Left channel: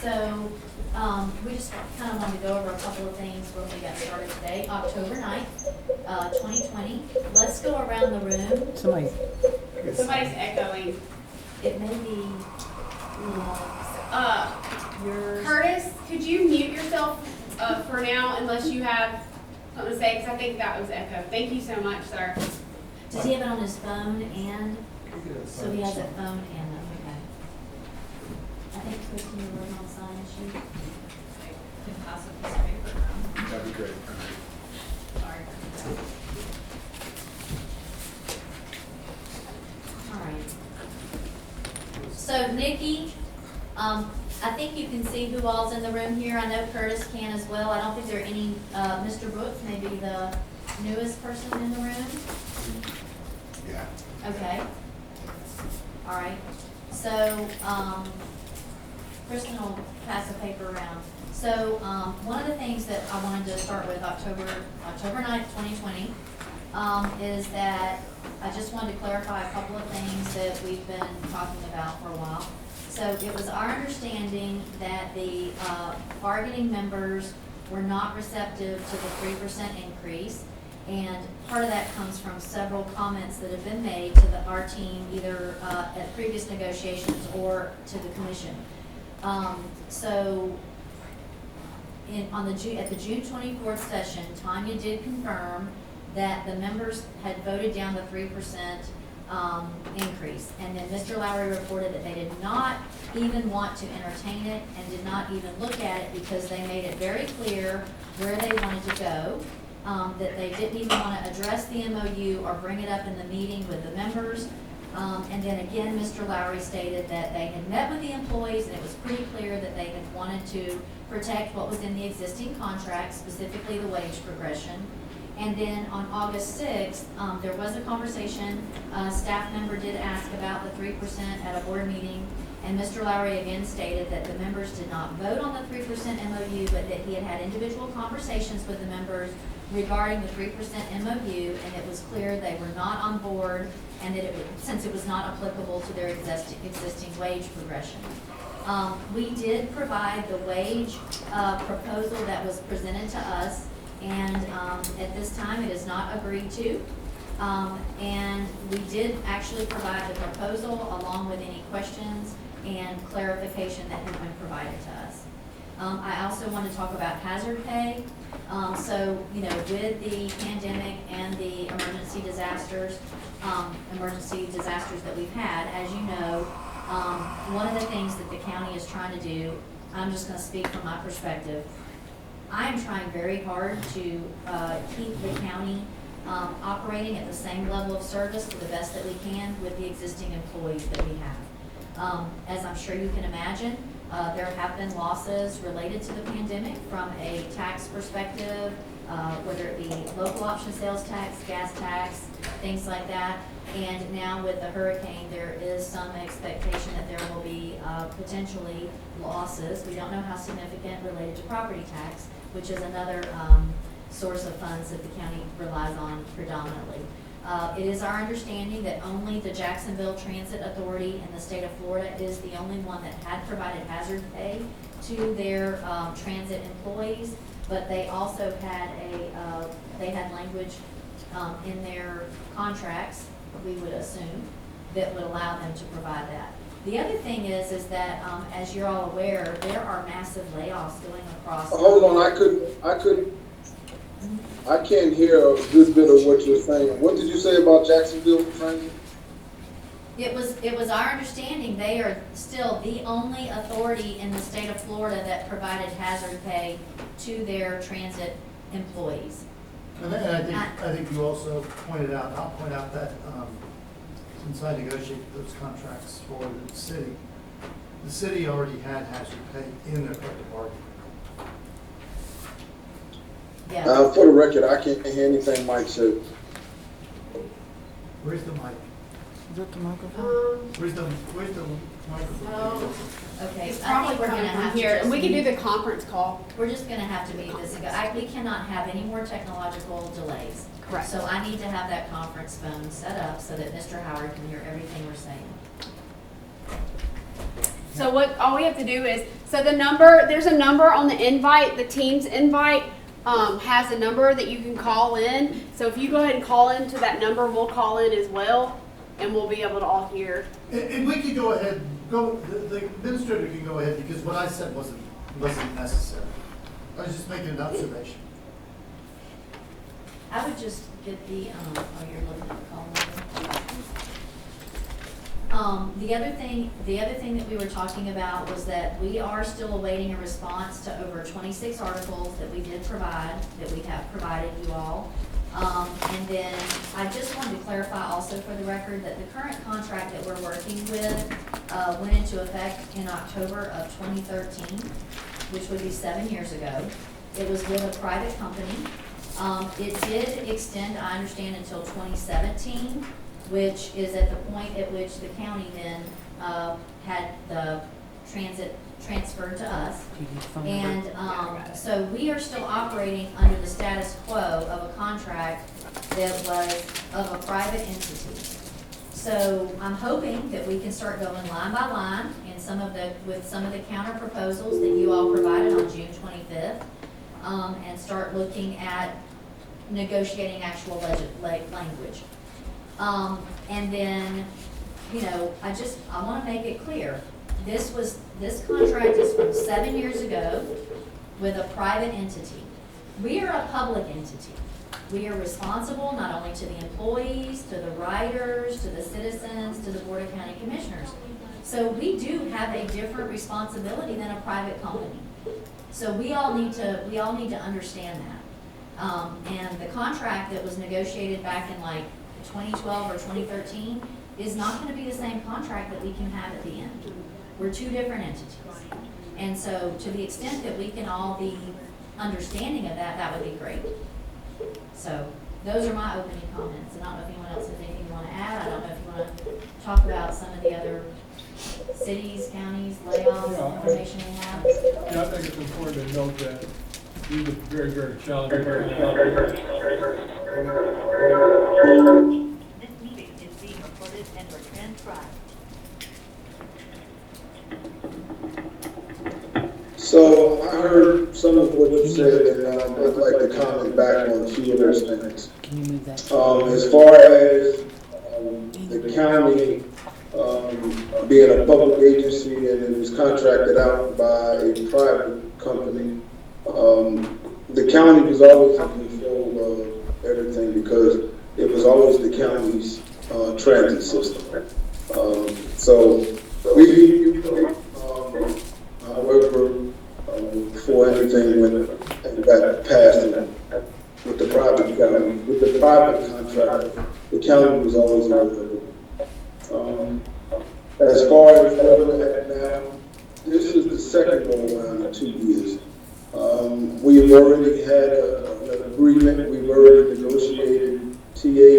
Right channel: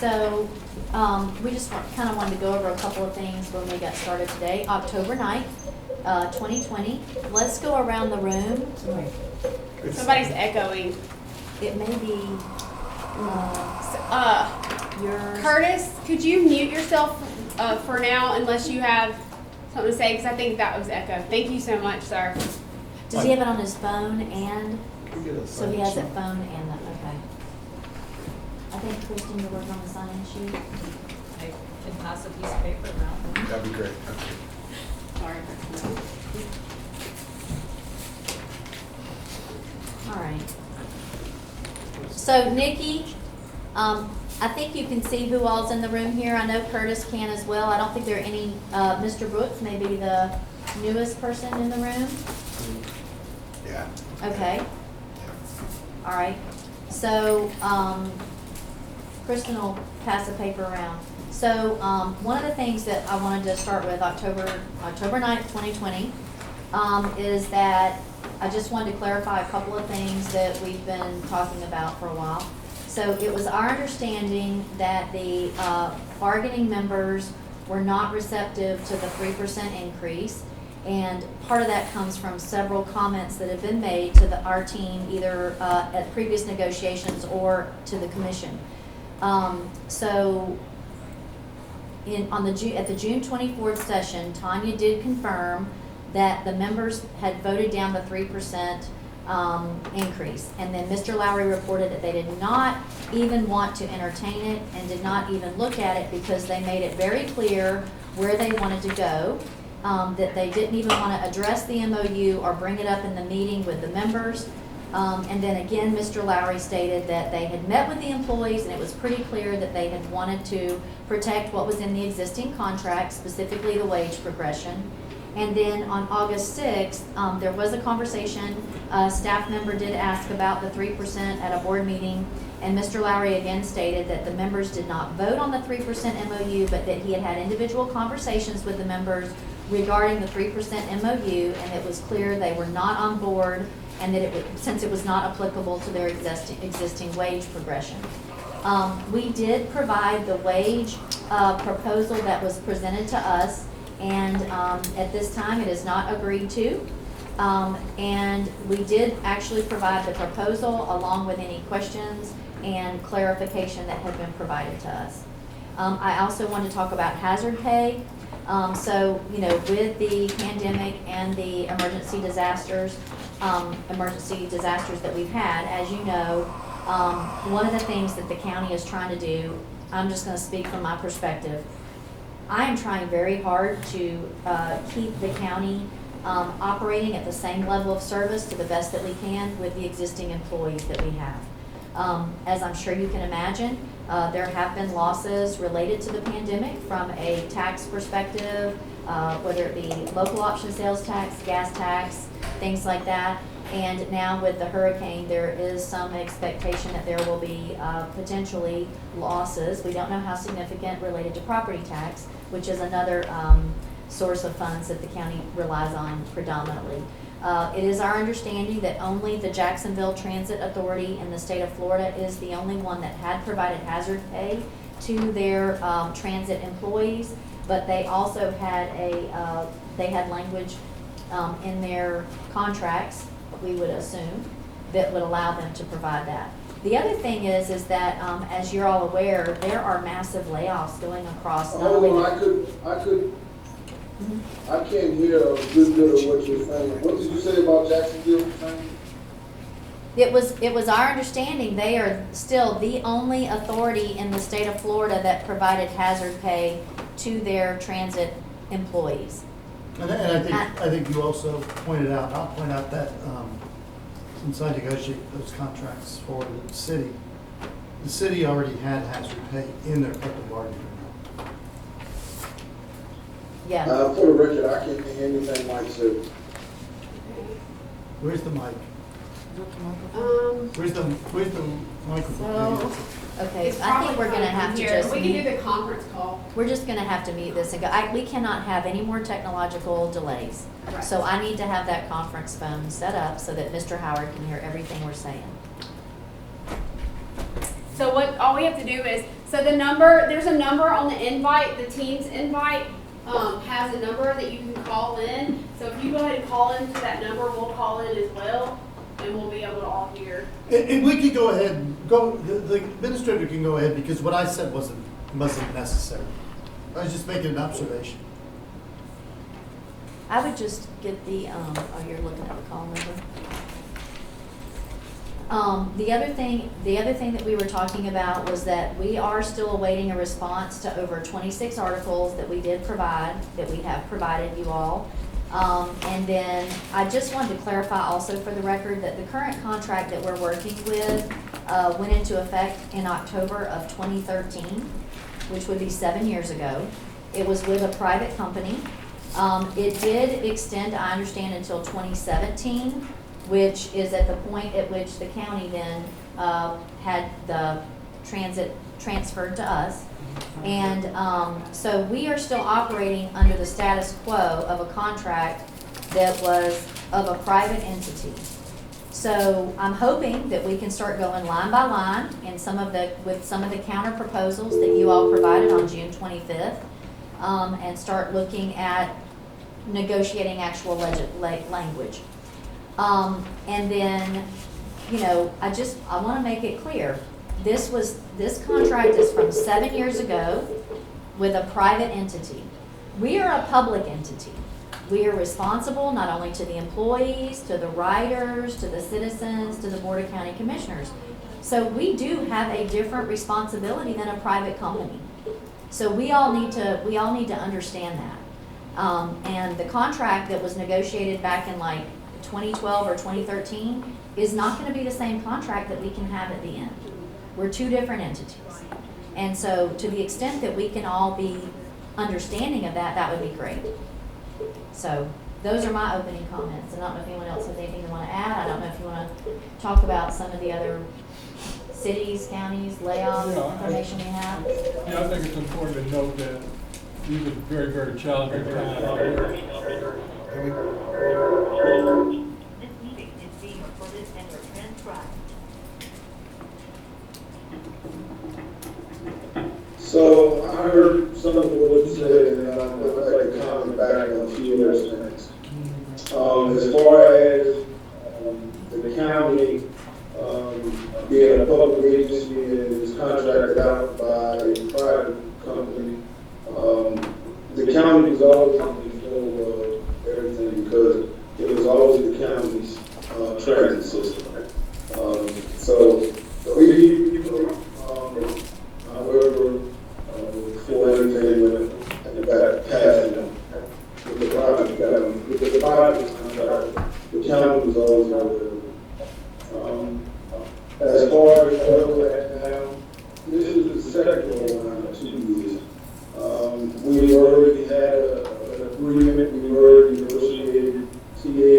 So, we just kind of wanted to go over a couple of things when we got started today. October 9th, 2020. Let's go around the room. Somebody's echoing. It may be, yours. Curtis, could you mute yourself for now unless you have something to say? Because I think that was echo. Thank you so much, sir. Does he have it on his phone and, so he has it phone and, okay. I think Kristen, you're working on the sign sheet. I can pass a piece of paper around. That'd be great. Sorry. All right. So Nikki, I think you can see who all's in the room here. I know Curtis can as well. I don't think there are any, Mr. Brooks may be the newest person in the room. Yeah. Okay. All right. So, Kristen will pass the paper around. So, one of the things that I wanted to start with October 9th, 2020, is that I just wanted to clarify a couple of things that we've been talking about for a while. So it was our understanding that the bargaining members were not receptive to the 3% increase. And part of that comes from several comments that have been made to our team, either at previous negotiations or to the commission. So at the June 24th session, Tanya did confirm that the members had voted down the 3% increase. And then Mr. Lowry reported that they did not even want to entertain it and did not even look at it because they made it very clear where they wanted to go, that they didn't even want to address the MOU or bring it up in the meeting with the members. And then again, Mr. Lowry stated that they had met with the employees and it was pretty clear that they had wanted to protect what was in the existing contract, specifically the wage progression. And then on August 6th, there was a conversation. A staff member did ask about the 3% at a board meeting, and Mr. Lowry again stated that the members did not vote on the 3% MOU, but that he had had individual conversations with the members regarding the 3% MOU, and it was clear they were not on board, and that since it was not applicable to their existing wage progression. We did provide the wage proposal that was presented to us, and at this time it is not agreed to. And we did actually provide the proposal along with any questions and clarification that had been provided to us. I also want to talk about hazard pay. So, you know, with the pandemic and the emergency disasters that we've had, as you know, one of the things that the county is trying to do, I'm just going to speak from my perspective. I am trying very hard to keep the county operating at the same level of service to the best that we can with the existing employees that we have. As I'm sure you can imagine, there have been losses related to the pandemic from a tax perspective, whether it be local option sales tax, gas tax, things like that. And now with the hurricane, there is some expectation that there will be potentially losses. We don't know how significant related to property tax, which is another source of funds that the county relies on predominantly. It is our understanding that only the Jacksonville Transit Authority in the state of Florida is the only one that had provided hazard pay to their transit employees, but they also had they had language in their contracts, we would assume, that would allow them to provide that. The other thing is that, as you're all aware, there are massive layoffs going across. Hold on, I can't hear a good bit of what you're saying. What did you say about Jacksonville Transit? It was our understanding they are still the only authority in the state of Florida that provided hazard pay to their transit employees. And I think you also pointed out, I'll point out that since I negotiated those contracts for the city already had hazard pay in their collective bargaining. Yeah. For the record, I can't hear anything Mike said. Where's the mic? Is that the microphone? Where's the microphone? So, Okay, it's I think probably we're gonna have to here, just and we can do mute- the conference call. we're just gonna have to mute this and go. We cannot have any more technological delays. Correct. So I need to have that conference phone set up so that Mr. Howard can hear everything we're saying. So all we have to do is, so there's a number on the invite, the team's invite, has a number that you can call in. So if you go ahead and call into that number, we'll call in as well, and we'll be able to all hear. And we can go ahead, the administrator can go ahead, because what I said wasn't necessary. I was just making an observation. I would just get the, oh, you're looking at the call number. The other thing that we were talking about was that we are still awaiting a response to over 26 articles that we did provide, that we have provided you all. And then I just wanted to clarify also for the record that the current contract that we're working with went into effect in October of 2013, which would be 7 years ago. It was with a private company. It did extend, I understand, until 2017, which is at the point at which the county then had the transit transferred to us. And so we are still operating under the status quo of a contract that was of a private entity. So I'm hoping that we can start going line by line and with some of the counter proposals that you all provided on June 25th, and start looking at negotiating actual language. And then, you know, I want to make it clear, this contract is from 7 years ago with a private entity. We are a public entity. We are responsible not only to the employees, to the riders, to the citizens, to the Board of County Commissioners. So we do have a different responsibility than a private company. So we all need to understand that. And the contract that was negotiated back in like 2012 or 2013 is not going to be the same contract that we can have at the end. We're two different entities. And so to the extent that we can all be understanding of that, that would be great. So those are my opening comments. And I don't know if anyone else has anything they want to add. I don't know if you want to talk about some of the other cities, counties, layoffs, information you have. Yeah, I think it's important to note that these are very, very challenging. This meeting is being recorded and transcribed. So I heard some of what you said, and I'd like to comment back on a few of those things. As far as the county being a public agency and is contracted out by a private company, the county was always in control of everything because it was always the county's transit system. So we however, before anything went and got passed with the private county, with the private contract, the county was always available. As far as we're looking at now, this is the second go around in 2 years. We've already had an agreement, we've already negotiated TA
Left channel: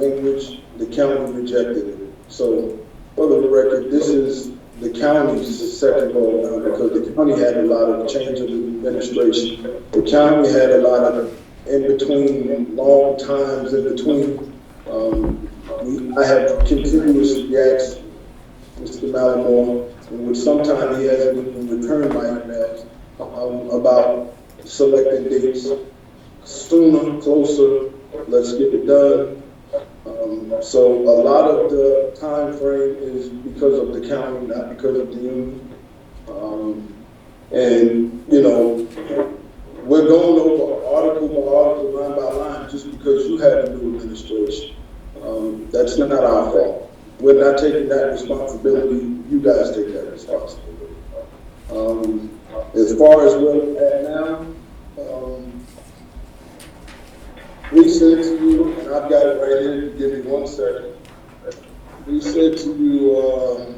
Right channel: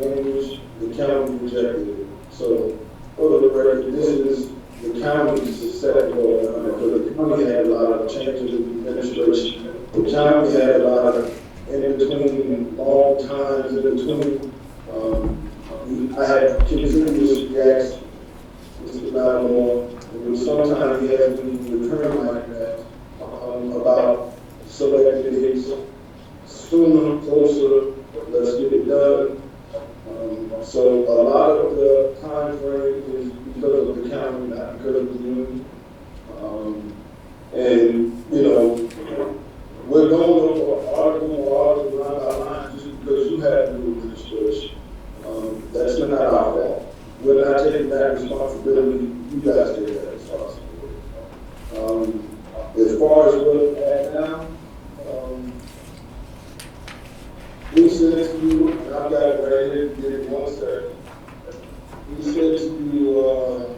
language, the county rejected it. So, for the record, this is the county's second go around because the county had a lot of changes in administration. The county had a lot of in-between, long times in between. I have continuously asked Mr. Malamore, and sometimes he has been returned like that, about selected dates. Sooner, closer, let's get it done. So a lot of the time frame is because of the county, not because of the union. And, you know, we're going over article, line by line, just because you have new administration. That's not our fault. We're not taking that responsibility. You guys take that responsibility. As far as where we're at now, we said to you, and I've got it right here, give it 1 second. We said to you, on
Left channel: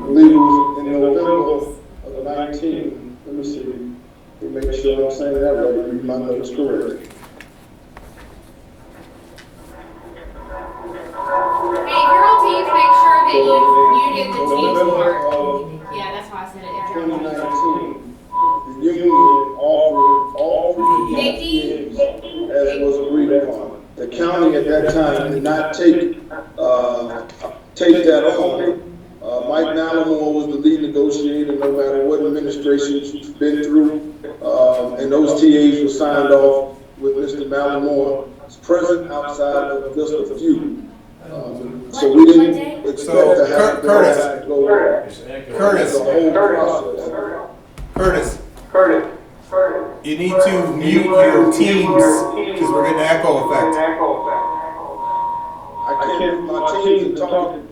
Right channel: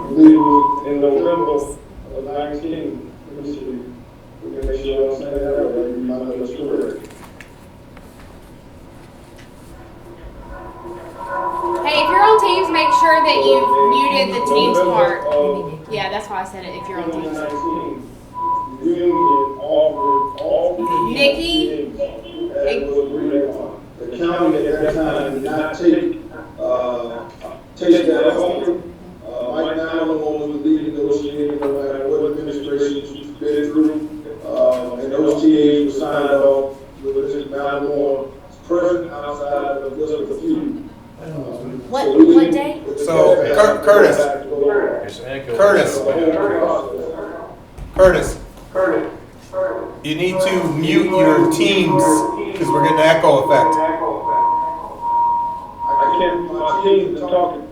I believe it was in November of 19, let me see, to make sure I'm saying that right, you might know the story. Hey, if you're on Teams, make sure that you've muted the Teams part. start. of Yeah, that's why I said it, if you're on the start. 2019, the union offered all three Nikki? teams as was agreed upon. The county at that time did not take that offer. Mike Nalimore was the lead negotiator, no matter what administration she's been through. And those TAs were signed off with Mr. Nalimore present outside of just a few. So we What didn't day? expect So, to have Curtis. that go on. Curtis, The whole process. Curtis, you need to mute your teams because we're getting an echo effect. I can't, my teams are talking.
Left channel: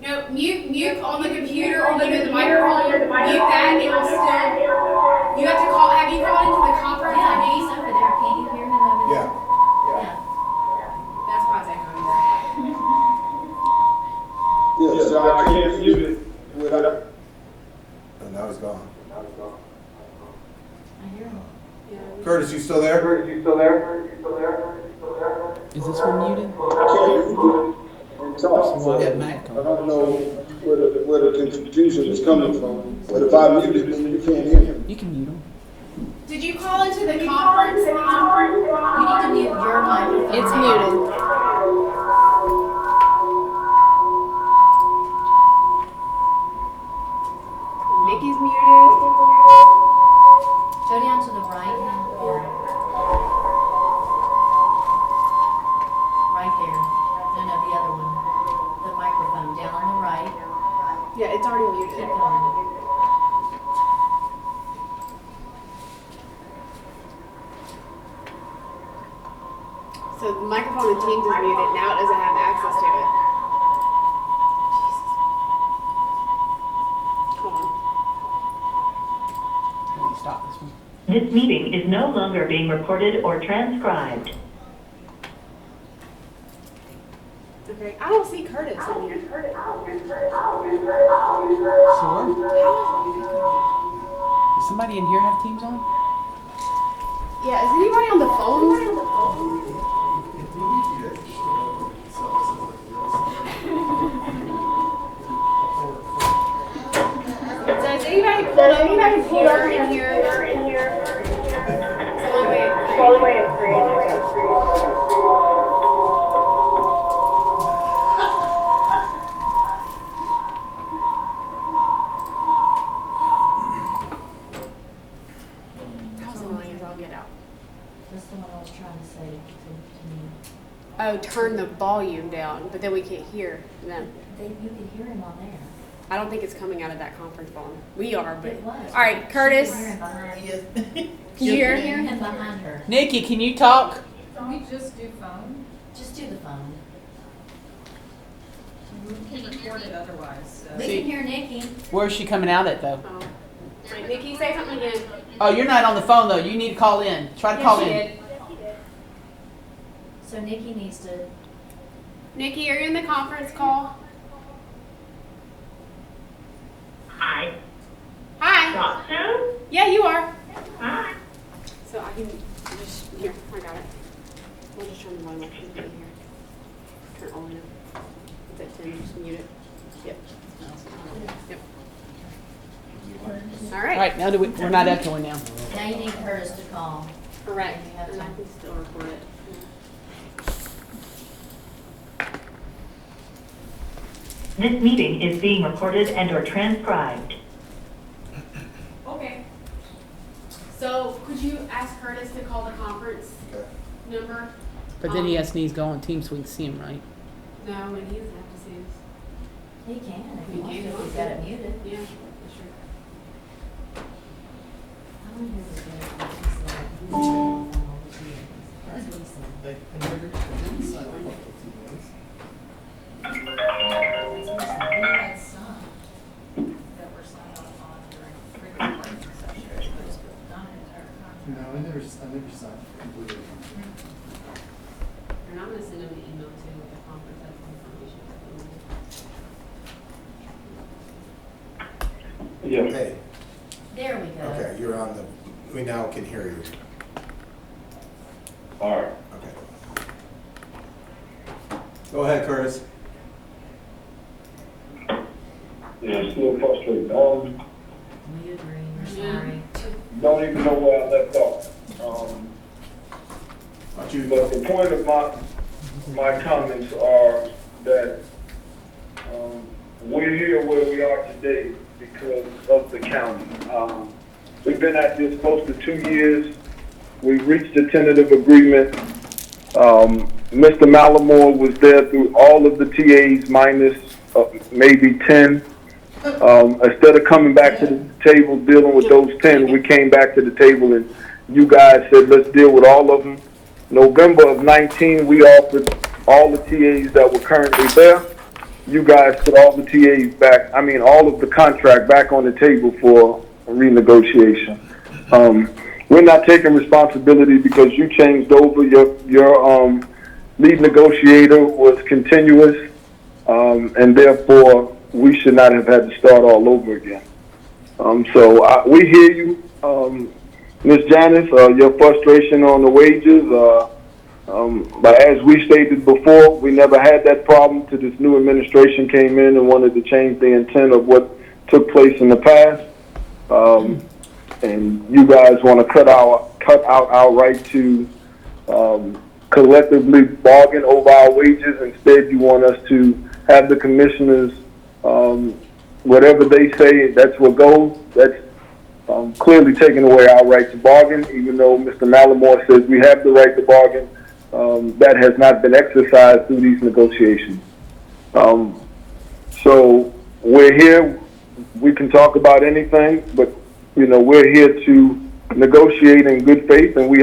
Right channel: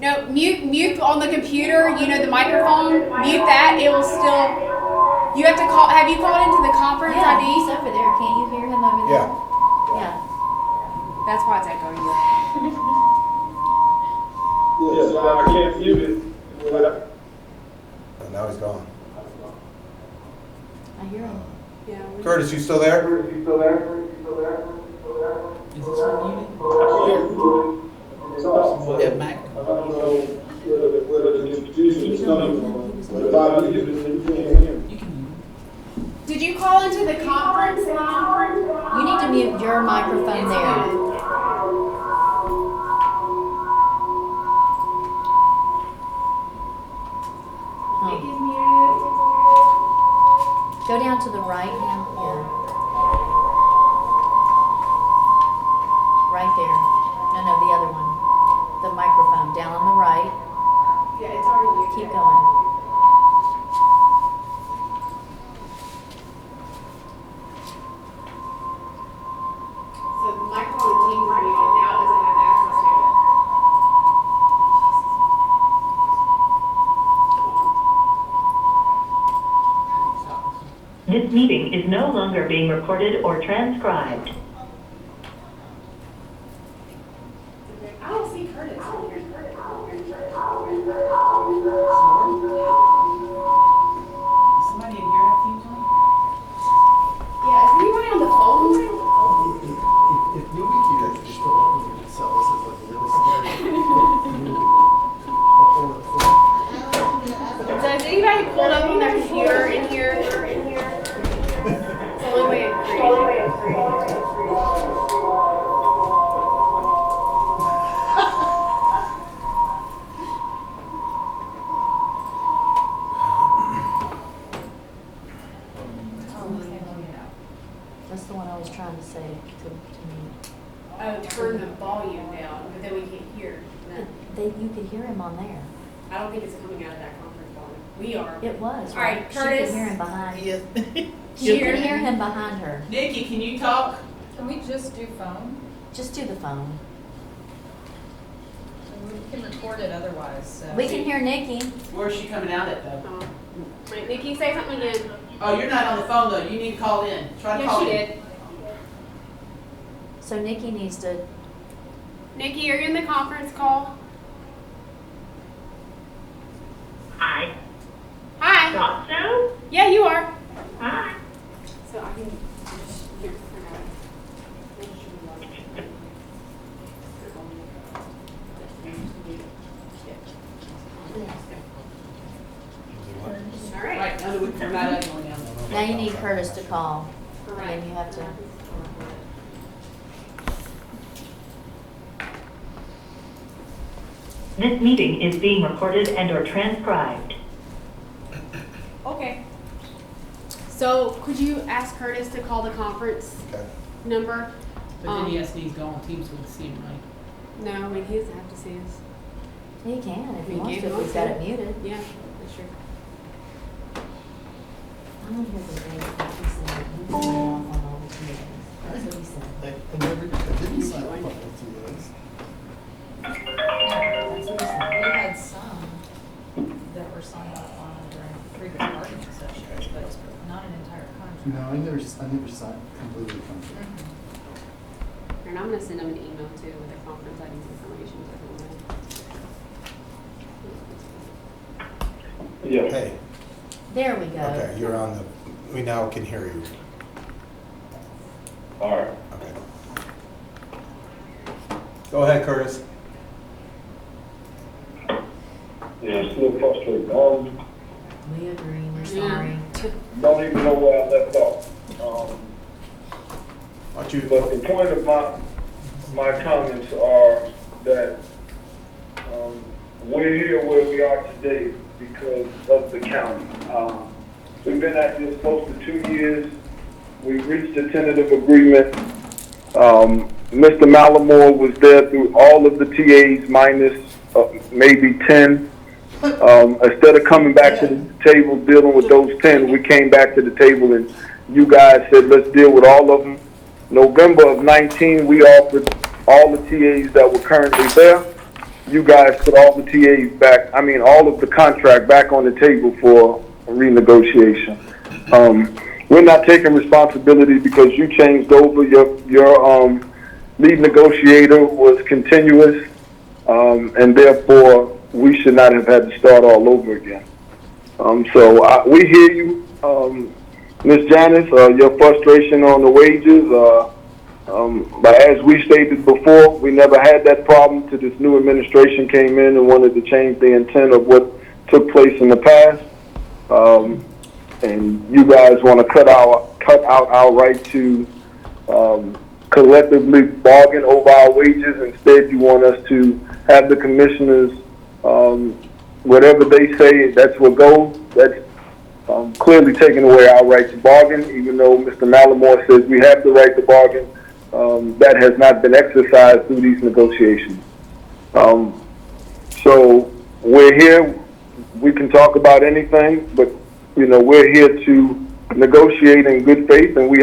No, mute on the computer, you know, the microphone, mute that, it will still, you have to call, have you called into the conference Yeah, he's ID? over there. Can't you hear him over there? Yeah. Yeah. That's why it's echoing. Yes, so I can't mute it without. And now he's gone. I hear him. Curtis, you still there? Is this one muted? Yeah, Mac. I don't know where the confusion is coming from, but if I mute it, then you can't hear him. You can mute him. Did you call into the conference line? You need to mute your microphone. It's now. muted. Nikki's muted. Go down to the right now. Yeah. Right there. No, the other one. The microphone down on the right. Yeah, it's already muted. Keep going. So the microphone in Teams is muted, now it doesn't have access to it. Hold on. Stop this one. This meeting is no longer being recorded or transcribed. Okay, I don't see Curtis in here. Does somebody in here have Teams on? Yeah, is anybody on the phone? If movie theaters just put it over themselves as like a real scary. So is anybody pulled up on their computer in here? It's the only way to create it. That's the one I was trying to say to me. Oh, turn the volume down, but then we can't hear them. You could hear him on there. I don't think it's coming out of that conference volume. We are. but- It was. All right, She could Curtis. hear him behind. Yes. She Hear could hear him? him behind her. Nikki, can you talk? Can we just do phone? Just do the phone. We can record it otherwise, so. We can hear Nikki. Where's she coming out at though? Oh. Right, Nikki, say something again. Oh, you're not on the phone though. You need to call in. Try to Yeah, call she in. did. So Nikki needs to. Nikki, are you in the conference call? Hi. Hi. Thought so? Yeah, you are. Hi. So I can just, here, I got it. We'll just turn the volume up. Turn on it. Then you just mute it. Yep. Yep. All All right. right, now we're not echoing now. Now you need Curtis to call. Correct. And you have to. And I can still record it. This meeting is being recorded and or transcribed. Okay. So could you ask Curtis to call the conference Okay. number? But then he has needs to go on Teams so we can see him, right? No, I mean, he doesn't have to see us. He can if he He wants to, can. if he's got it muted. Yeah, that's true. I don't hear the bell, but he said he was off on all the meetings. That's what he said. I didn't sign up for those. That's what he said. We had some that were signed off on during recording sessions, but not an entire conference. No, I never signed completely from it. And I'm gonna send them an email too with the conference ID information. Hey, There we go. okay, you're on the, we now can hear you. All right. Okay. Go ahead, Curtis. It's still frustrating. We agree, we're Yeah. sorry. Don't even know where I left off. Aren't you? But the point of my comments are that we're here where we are today because of the county. We've been at this close to 2 years. We've reached a tentative agreement. Mr. Malamore was there through all of the TAs minus maybe 10. Instead of coming back to the table dealing with those 10, we came back to the table and you guys said, let's deal with all of them. November of 19, we offered all the TAs that were currently there. You guys put all the TAs back, all of the contract back on the table for renegotiation. We're not taking responsibility because you changed over. Your lead negotiator was continuous, and therefore we should not have had to start all over again. So we hear you, Ms. Janice, your frustration on the wages. But as we stated before, we never had that problem till this new administration came in and wanted to change the intent of what took place in the past. And you guys want to cut out our right to collectively bargain over our wages. Instead, you want us to have the commissioners, whatever they say, that's what goes. That's clearly taking away our right to bargain, even though Mr. Malamore says we have the right to bargain. That has not been exercised through these negotiations. So we're here. We can talk about anything, but we're here to negotiate in good faith, and we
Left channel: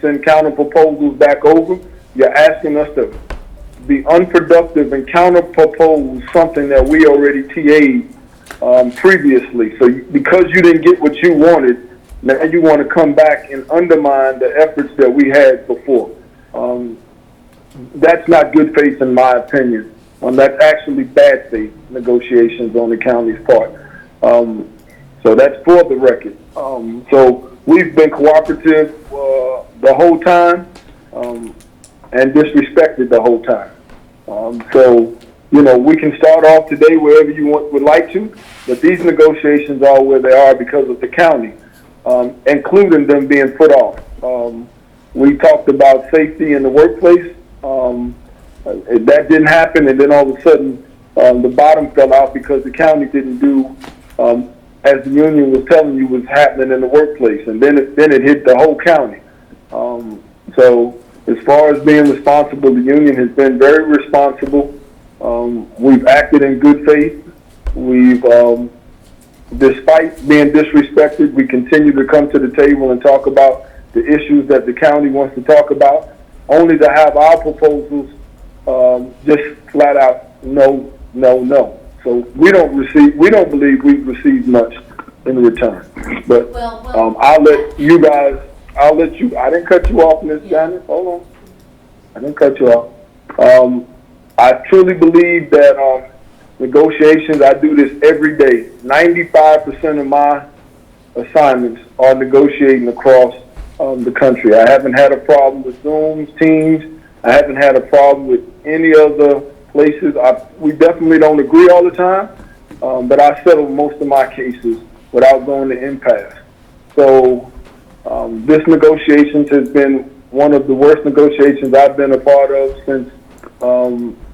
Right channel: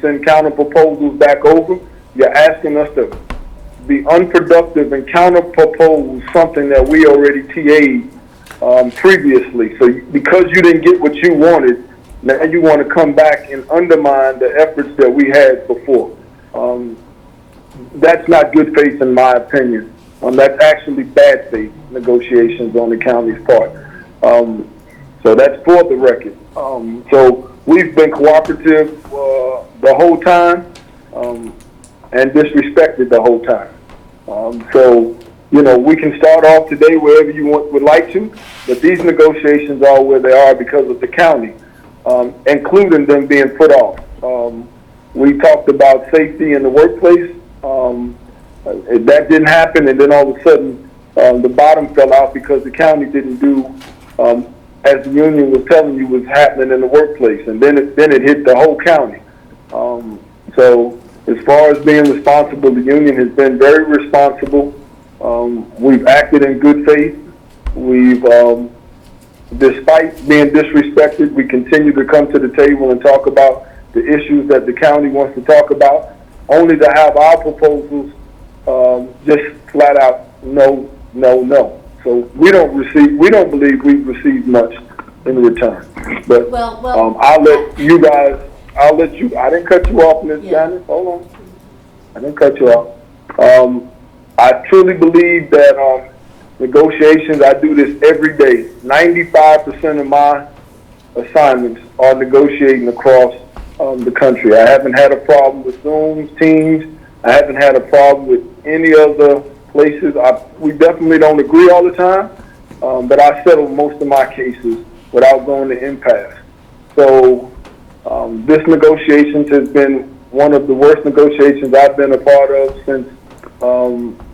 send counter proposals back over. You're asking us to be unproductive and counter propose something that we already TA'd previously. So because you didn't get what you wanted, now you want to come back and undermine the efforts that we had before. That's not good faith in my opinion. That's actually bad faith negotiations on the county's part. So that's for the record. So we've been cooperative the whole time and disrespected the whole time. So we can start off today wherever you would like to, but these negotiations are where they are because of the county, including them being put off. We talked about safety in the workplace. That didn't happen, and then all of a sudden the bottom fell out because the county didn't do as the union was telling you was happening in the workplace, and then it hit the whole county. So as far as being responsible, the union has been very responsible. We've acted in good faith. We've, despite being disrespected, we continue to come to the table and talk about the issues that the county wants to talk about, only to have our proposals just flat out no. So we don't believe we've received much in return. But I'll let you, I didn't cut you off, Ms. Janice. Hold on. I didn't cut you off. I truly believe that negotiations, I do this every day. 95% of my assignments are negotiating across the country. I haven't had a problem with Zooms, Teams. I haven't had a problem with any other places. We definitely don't agree all the time, but I settle most of my cases without going to impasse. So this negotiations has been one of the worst negotiations I've been a part of since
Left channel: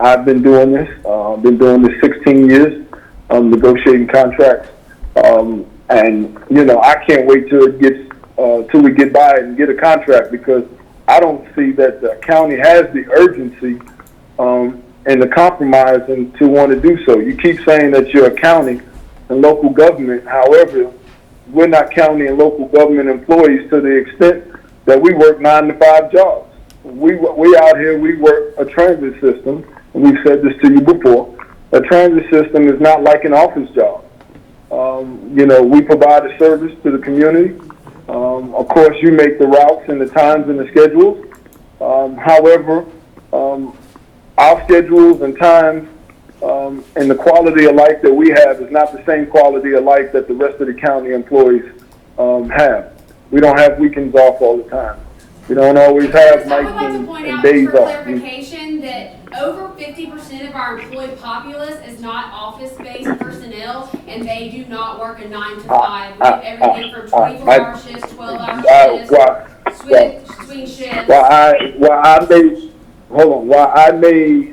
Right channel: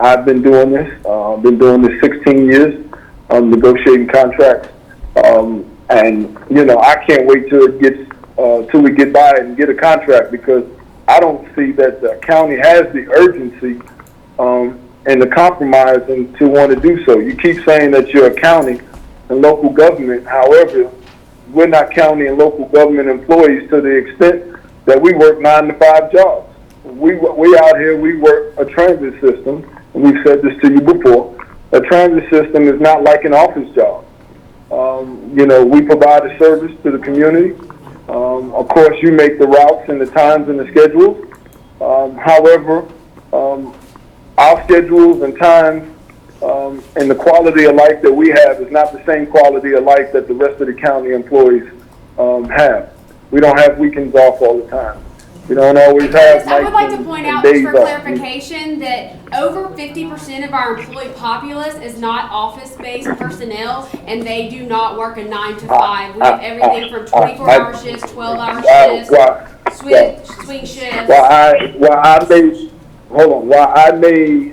I've been doing this. I've been doing this 16 years, negotiating contracts. And, I can't wait till we get by and get a contract, because I don't see that the county has the urgency and the compromise and to want to do so. You keep saying that you're a county and local government. However, we're not county and local government employees to the extent that we work 9 to 5 jobs. We out here, we work a transit system, and we've said this to you before. A transit system is not like an office job. We provide a service to the community. Of course, you make the routes and the times and the schedules. However, our schedules and times and the quality of life that we have is not the same quality of life that the rest of the county employees have. We don't have weekends off all the time. You don't always have I would nights like to and, point and out, just days for off. clarification, that over 50% of our employed populace is not office-based personnel, and they do not work a 9 to 5. We have everything from 24-hour shifts, 12-hour shifts, swing shifts. While I may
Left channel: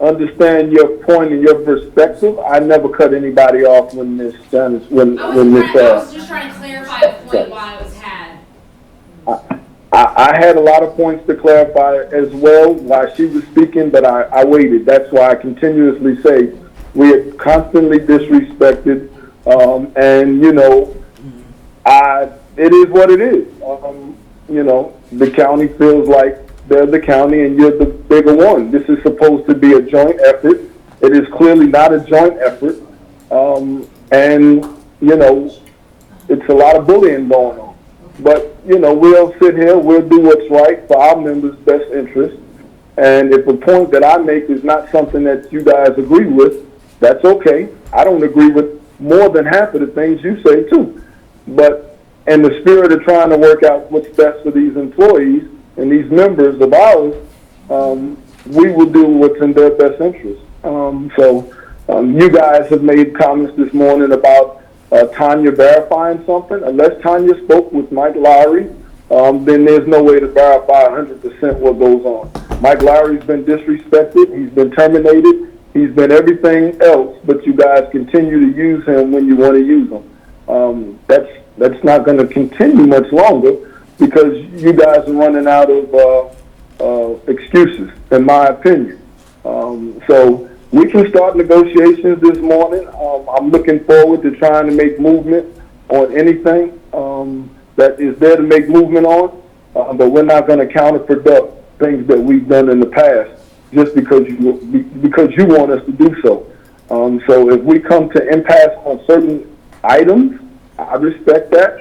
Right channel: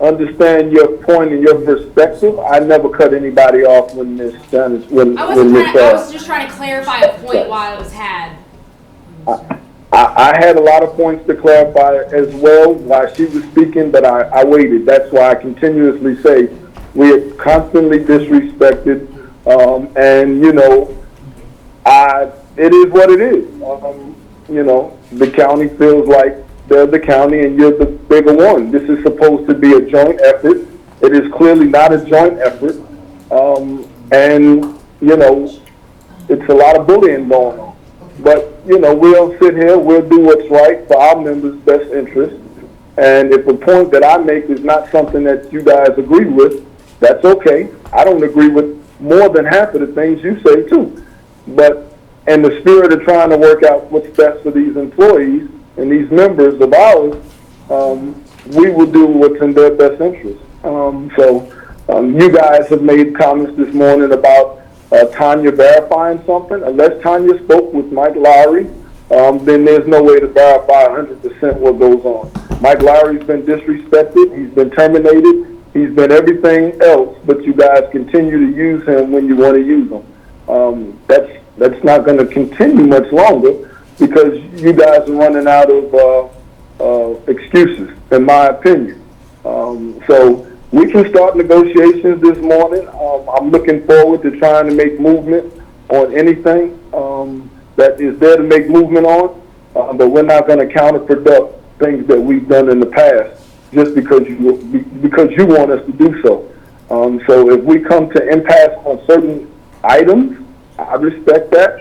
understand your point and your perspective, I never cut anybody off when this I was just trying to clarify a point while it was had. I had a lot of points to clarify as well while she was speaking, but I waited. That's why I continuously say we are constantly disrespected, and you know, it is what it is. You know, the county feels like they're the county and you're the bigger one. This is supposed to be a joint effort. It is clearly not a joint effort, and you know, it's a lot of bullying going on. But, you know, we'll sit here, we'll do what's right for our members' best interest. And if a point that I make is not something that you guys agree with, that's okay. I don't agree with more than half of the things you say, too. But in the spirit of trying to work out what's best for these employees and these members of ours, we will do what's in their best interest. You guys have made comments this morning about Tanya verifying something. Unless Tanya spoke with Mike Lowry, then there's no way to verify 100% what goes on. Mike Lowry's been disrespected. He's been terminated. He's been everything else, but you guys continue to use him when you want to use him. That's not going to continue much longer because you guys are running out of excuses, in my opinion. So we can start negotiations this morning. I'm looking forward to trying to make movement on anything that is there to make movement on, but we're not going to counterproduct things that we've done in the past just because you want us to do so. So if we come to impasse on certain items, I respect that.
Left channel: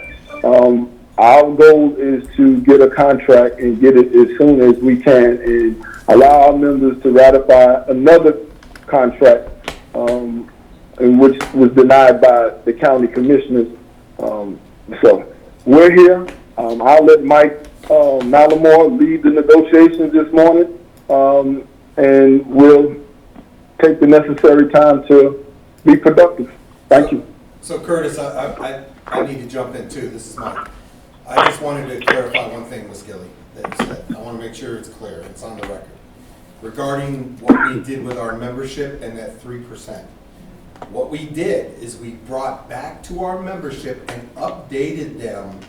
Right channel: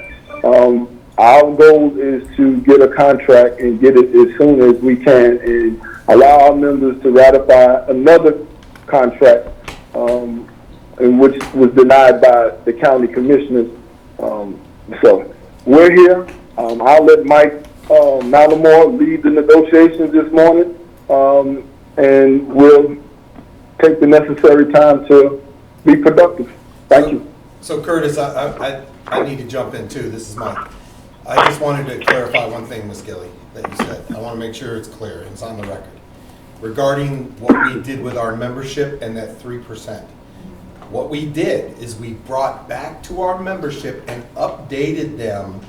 Our goal is to get a contract and get it as soon as we can and allow our members to ratify another contract in which was denied by the county commissioners. So we're here. I'll let Mike Malamore lead the negotiations this morning, and we'll take the necessary time to be productive. Thank you. So Curtis, I need to jump in too. This is Mike. I just wanted to clarify one thing, Ms. Gilly, that you said. I want to make sure it's clear and it's on the record. Regarding what we did with our membership and that 3%. What we did is we brought back to our membership and updated them.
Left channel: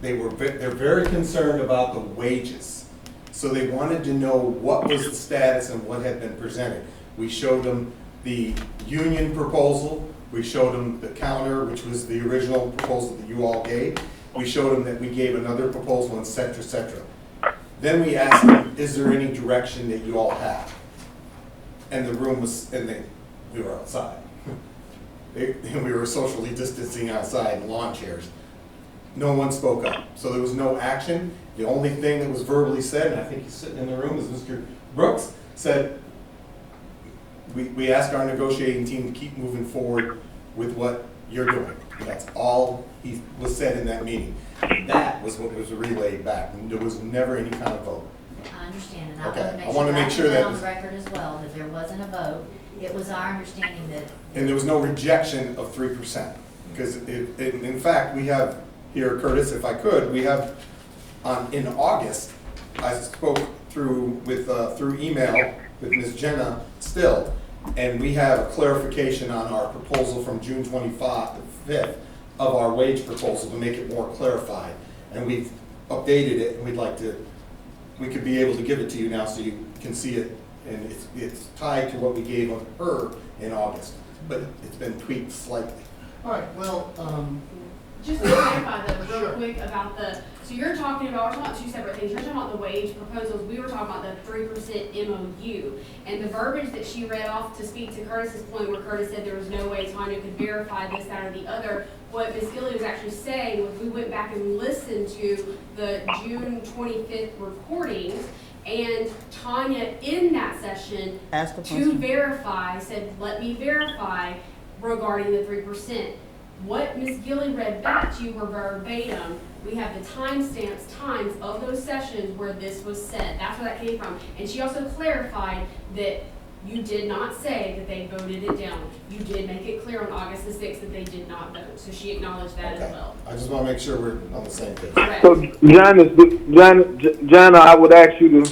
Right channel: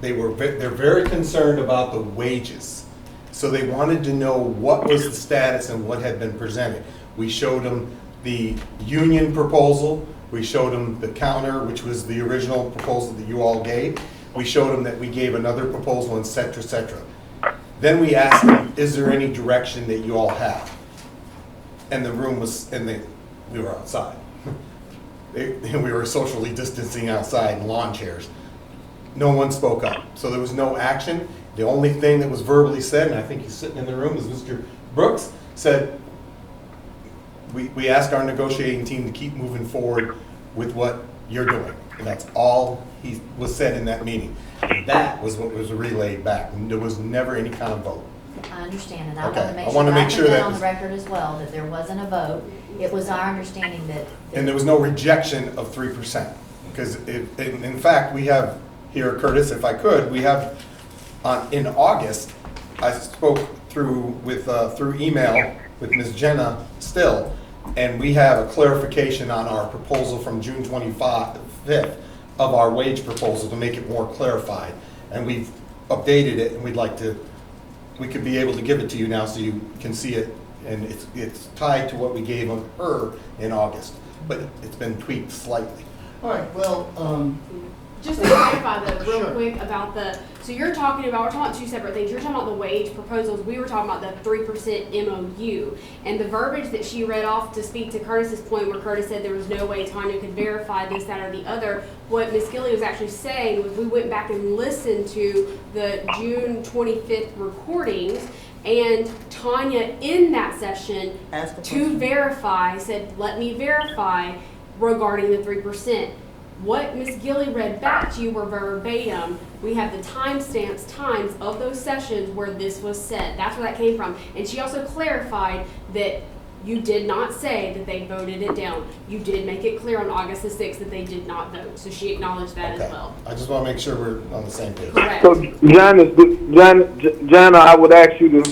They're very concerned about the wages. So they wanted to know what was the status and what had been presented. We showed them the union proposal. We showed them the counter, which was the original proposal that you all gave. We showed them that we gave another proposal, et cetera, et cetera. Then we asked them, is there any direction that you all have? And the room was, we were outside. We were socially distancing outside in lawn chairs. No one spoke up. So there was no action. The only thing that was verbally said, and I think he's sitting in the room, is Mr. Brooks said, we asked our negotiating team to keep moving forward with what you're doing. And that's all he was said in that meeting. And that was what was relayed back. There was never any kind of vote. I understand, and Okay. I I wanna make sure that on the was- record as well, that there wasn't a vote. It was our understanding that. And there was no rejection of 3%. Because in fact, we have here, Curtis, if I could, we have in August, I spoke through email with Ms. Jenna Still, and we have a clarification on our proposal from June 25th of our wage proposal to make it more clarified. And we've updated it, and we could be able to give it to you now so you can see it. And it's tied to what we gave of her in August, but it's been tweaked slightly. All right, well, Just to clarify real Sure. quick about so we're talking about two separate things. You're talking about the wage proposals. We were talking about the 3% MOU. And the verbiage that she read off to speak to Curtis's point where Curtis said there was no way Tanya could verify this, that, or the other. What Ms. Gilly was actually saying was we went back and listened to the June 25th recordings, and Tanya in that session to verify said, let me verify regarding the 3%. What Ms. Gilly read back to you were verbatim. We have the timestamps, times of those sessions where this was said. That's where that came from. And she also clarified that you did not say that they voted it down. You did make it clear on August the 6th that they did not vote. So she acknowledged that as Okay. well. I just want to make sure we're on the same page. Correct. So Jana, I would ask you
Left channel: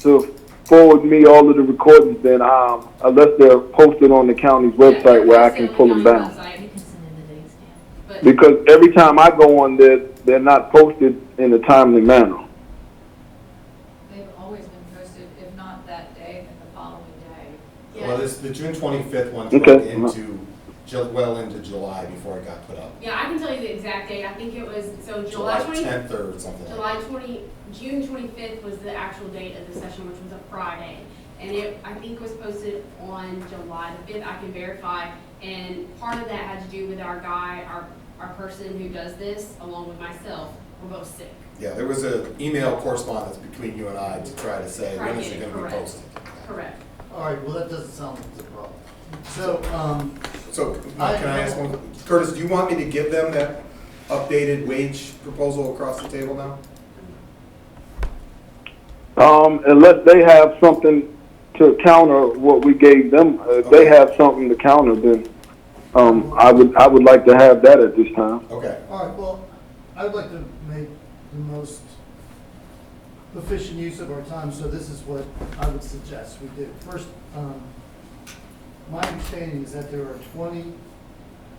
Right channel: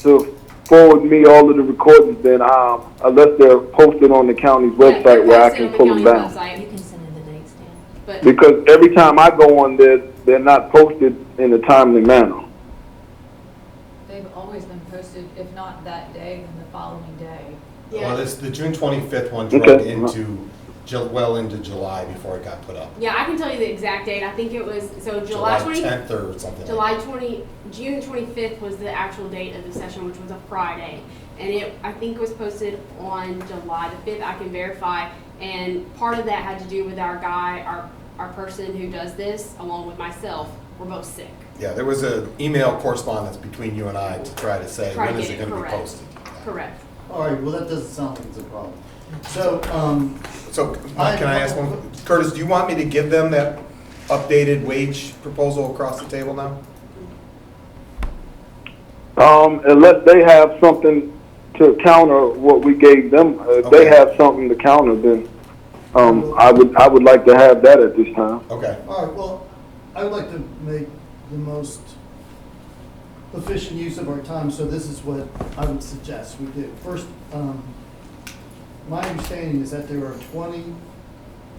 to forward me all of the recordings then, unless they're posted on the county's website where I can pull them down. You can send in the dates, Dan. But Because every time I go on there, they're not posted in a timely manner. They've always been posted, if not that day, then the following day. yeah. Well, the June 25th one Okay. drug into, well into July before it got put up. Yeah, I can tell you the exact date. I think it was, so July 20, 10th or something. June 25th was the actual date of the session, which was a Friday. And I think it was posted on July the 5th. I can verify. And part of that had to do with our guy, our person who does this, along with myself, we're both sick. Yeah, there was an email correspondence between you and I to try to say, Try to when is get it it going to be correct. posted? Correct. All right, well, that doesn't sound like it's a problem. So, So, Mike, can I ask one, Curtis, do you want me to give them that updated wage proposal across the table now? Unless they have something to counter what we gave them, if they Okay. have something to counter, then, I would like to have that at this time. Okay, all right, well, I would like to make the most efficient use of our time, so this is what I would suggest we do. First, my understanding is that there are 20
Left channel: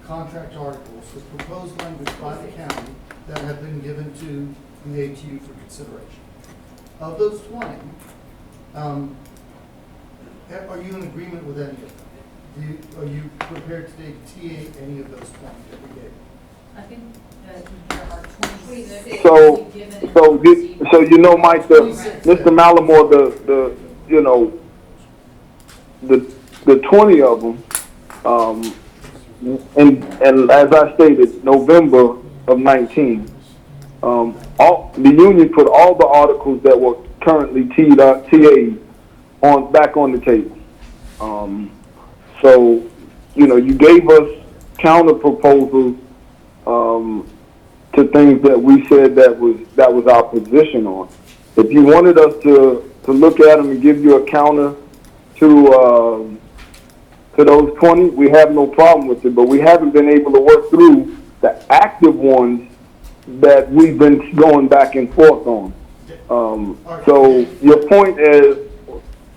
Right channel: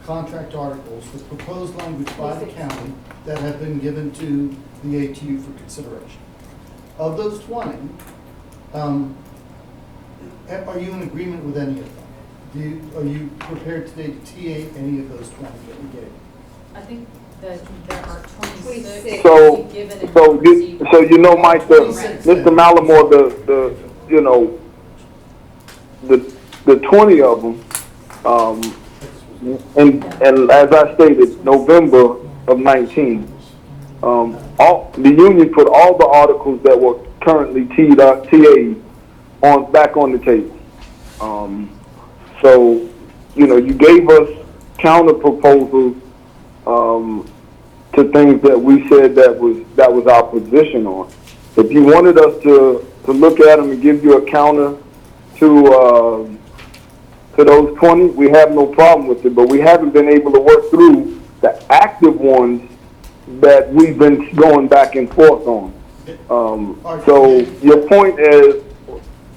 contract articles with proposed language by the county that have been given to the ATU for consideration. Of those 20, are you in agreement with any of them? Are you prepared today to TA any of those 20 that we gave? I think that there are 26. So, given and so received. you know, Mike, Mr. Malamore, the 20 of them, and as I stated, November of 19, the union put all the articles that were currently TA'd back on the table. So, you gave us counter proposals to things that we said that was our position on. If you wanted us to look at them and give you a counter to those 20, we have no problem with it, but we haven't been able to work through the active ones that we've been going back and forth on. So your point is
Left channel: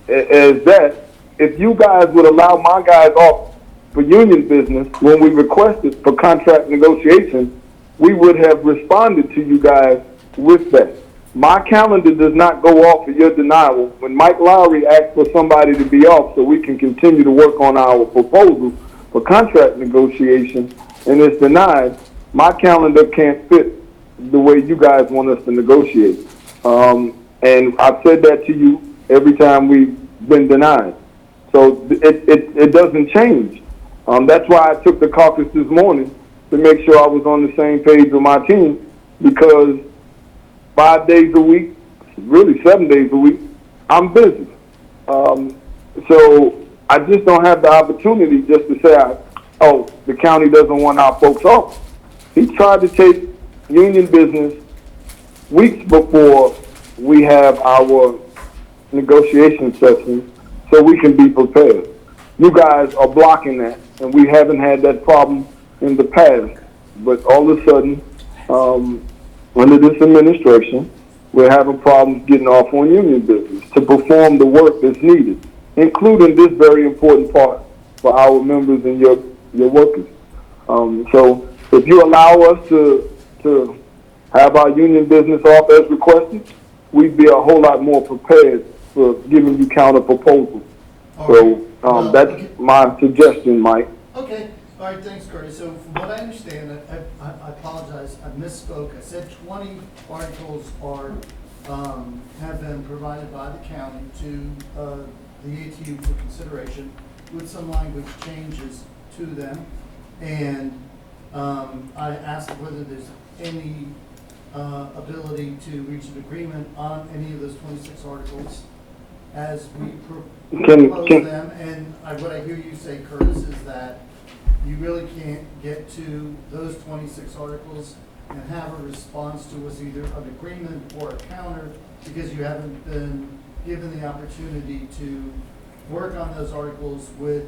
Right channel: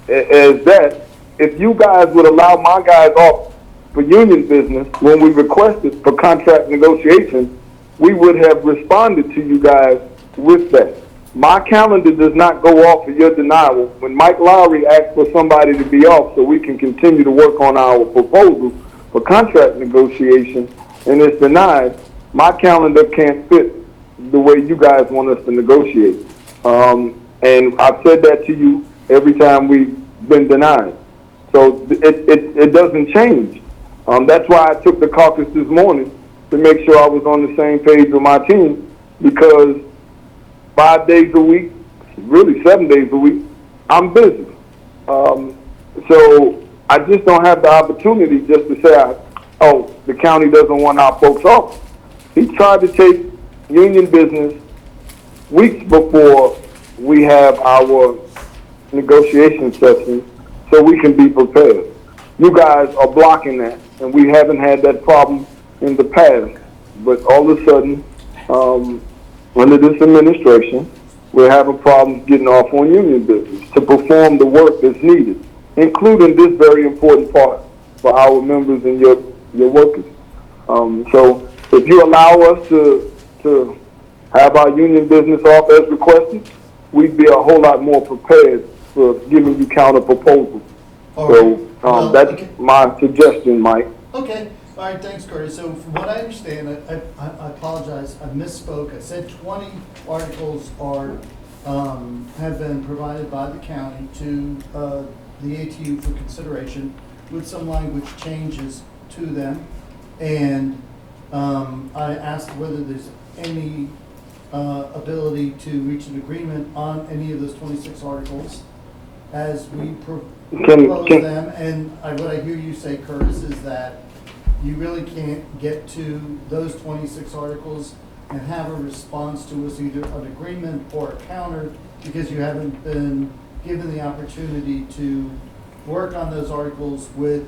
that if you guys would allow my guys off for union business when we requested for contract negotiations, we would have responded to you guys with that. My calendar does not go off of your denial. When Mike Lowry asked for somebody to be off so we can continue to work on our proposals for contract negotiations and it's denied, my calendar can't fit the way you guys want us to negotiate. And I've said that to you every time we've been denied. So it doesn't change. That's why I took the caucus this morning to make sure I was on the same page with my team, because 5 days a week, really 7 days a week, I'm busy. So I just don't have the opportunity just to say, the county doesn't want our folks off. He tried to take union business weeks before we have our negotiation sessions so we can be prepared. You guys are blocking that, and we haven't had that problem in the past. But all of a sudden, under this administration, we're having problems getting off on union business to perform the work that's needed, including this very important part for our members and your workers. So if you allow us to have our union business off as requested, we'd be a whole lot more prepared for giving you counter proposals. So that's my suggestion, Mike. Okay, all right, thanks, Curtis. So from what I understand, I apologize, I misspoke. I said 20 articles have been provided by the county to the ATU for consideration with some language changes to them. And I asked whether there's any ability to reach an agreement on any of those 26 articles as we propose them. And what I hear you say, Curtis, is that you really can't get to those 26 articles and have a response to us, either an agreement or a counter, because you haven't been given the opportunity to work on those articles with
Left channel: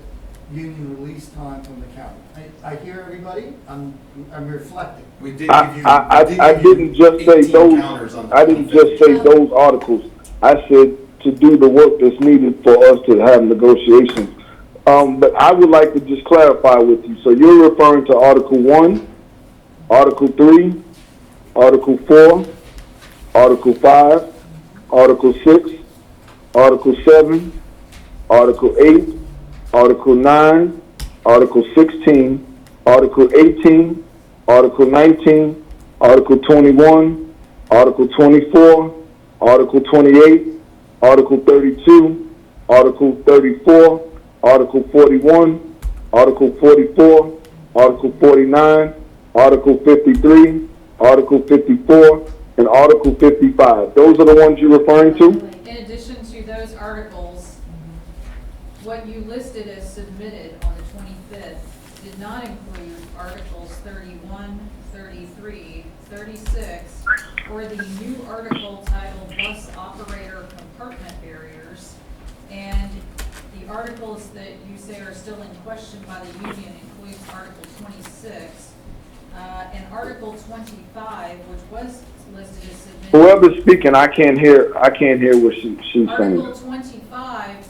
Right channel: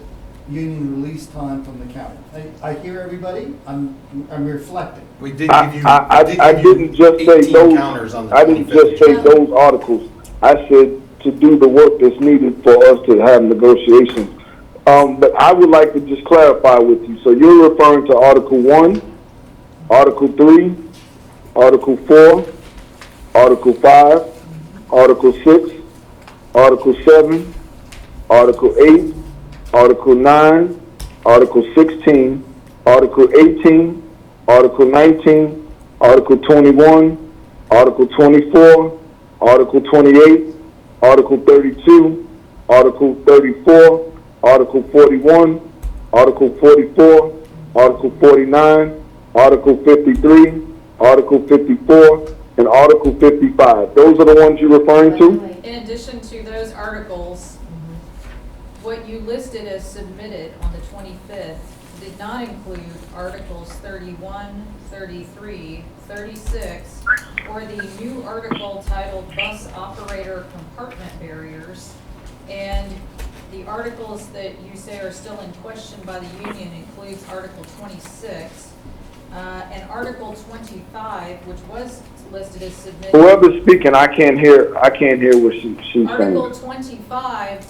union release time from the county. I hear everybody, I'm reflecting. We did I, give you. I, we did I give you didn't just say 18 those, counters on the I didn't 25th. just say those articles. I said to do the work that's needed for us to have negotiations. But I would like to just clarify with you. So you're referring to Article 1, Article 3, Article 4, Article 5, Article 6, Article 7, Article 8, Article 9, Article 16, Article 18, Article 19, Article 21, Article 24, Article 28, Article 32, Article 34, Article 41, Article 44, Article 49, Article 53, Article 54, and Article 55. Those are the ones you're referring to? In addition to those articles, what you listed as submitted on the 25th did not include Articles 31, 33, 36, or the new article titled Bus Operator Compartment Barriers, and the articles that you say are still in question by the union includes Article 26, and Article 25, which was listed as submitted. Whoever's speaking, I can't hear what she's Article saying. 25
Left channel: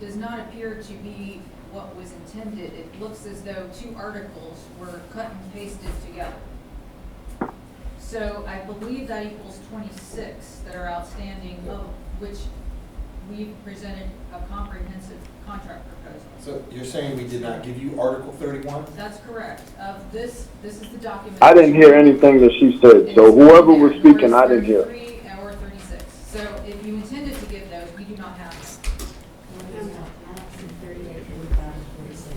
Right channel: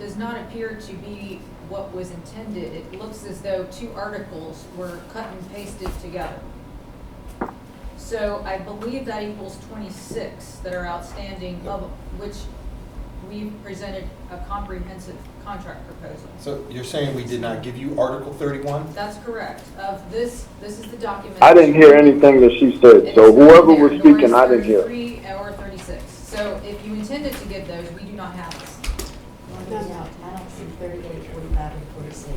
does not appear to be what was intended. It looks as though two articles were cut and pasted together. So I believe that equals 26 that are outstanding, of which we've presented a comprehensive contract proposal. So you're saying we did not give you Article 31? That's correct. This is the document. I didn't hear anything that she said, so whoever was speaking, I didn't hear. 33 or 36. So if you intended to give those, we do not have this. Annexing 38, 45, and 46.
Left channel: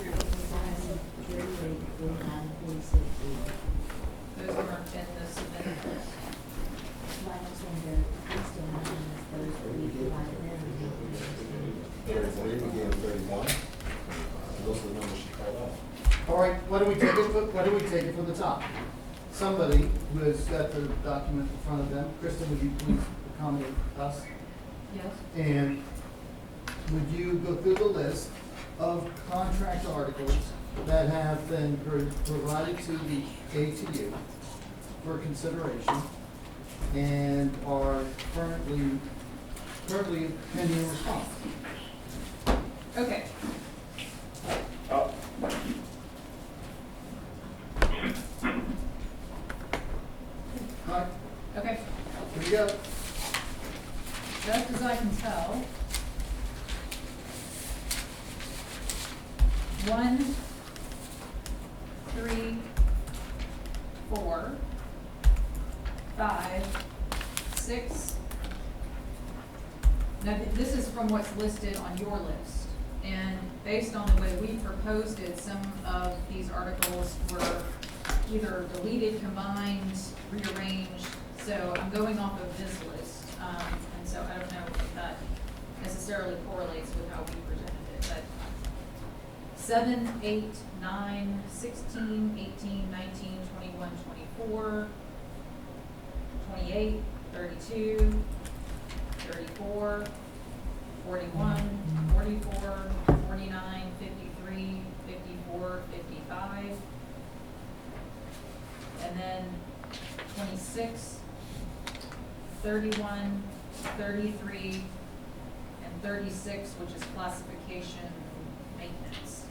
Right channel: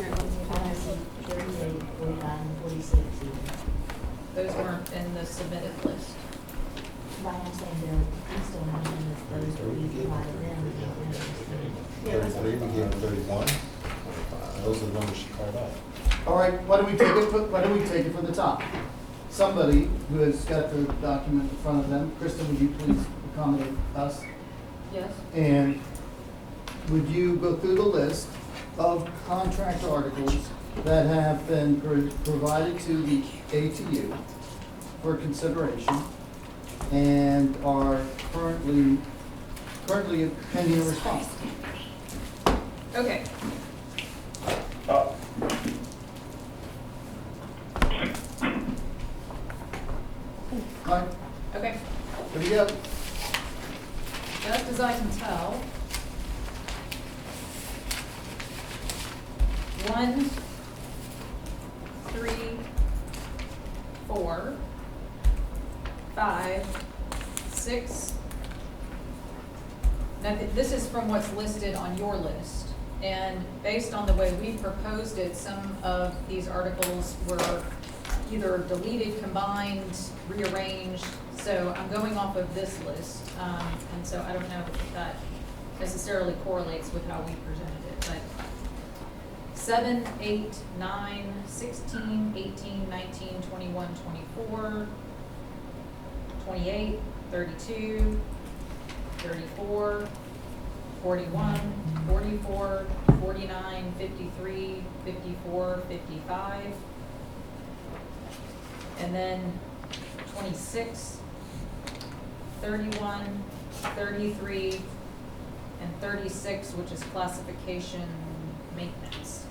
Annexing 38, 45, and 46. Those weren't in the submitted list. But I'm saying that it's still not in those that we provided them. 33, we gave them 31. Those are the numbers she called out. All right, why don't we take it from the top? Somebody who has got the document in front of them, Kristen, would you please accommodate us? Yes. And would you go through the list of contract articles that have been provided to the ATU for consideration and are currently pending a response? Okay. All right, Okay. there you go. Just as I can tell, 1, 3, 4, 5, 6. Now, this is from what's listed on your list. And based on the way we proposed it, some of these articles were either deleted, combined, rearranged. So I'm going off of this list. And so I don't know if that necessarily correlates with how we presented it. But 7, 8, 9, 16, 18, 19, 21, 24, 28, 32, 34, 41, 44, 49, 53, 54, 55, and then 26, 31, 33, and 36, which is classification maintenance.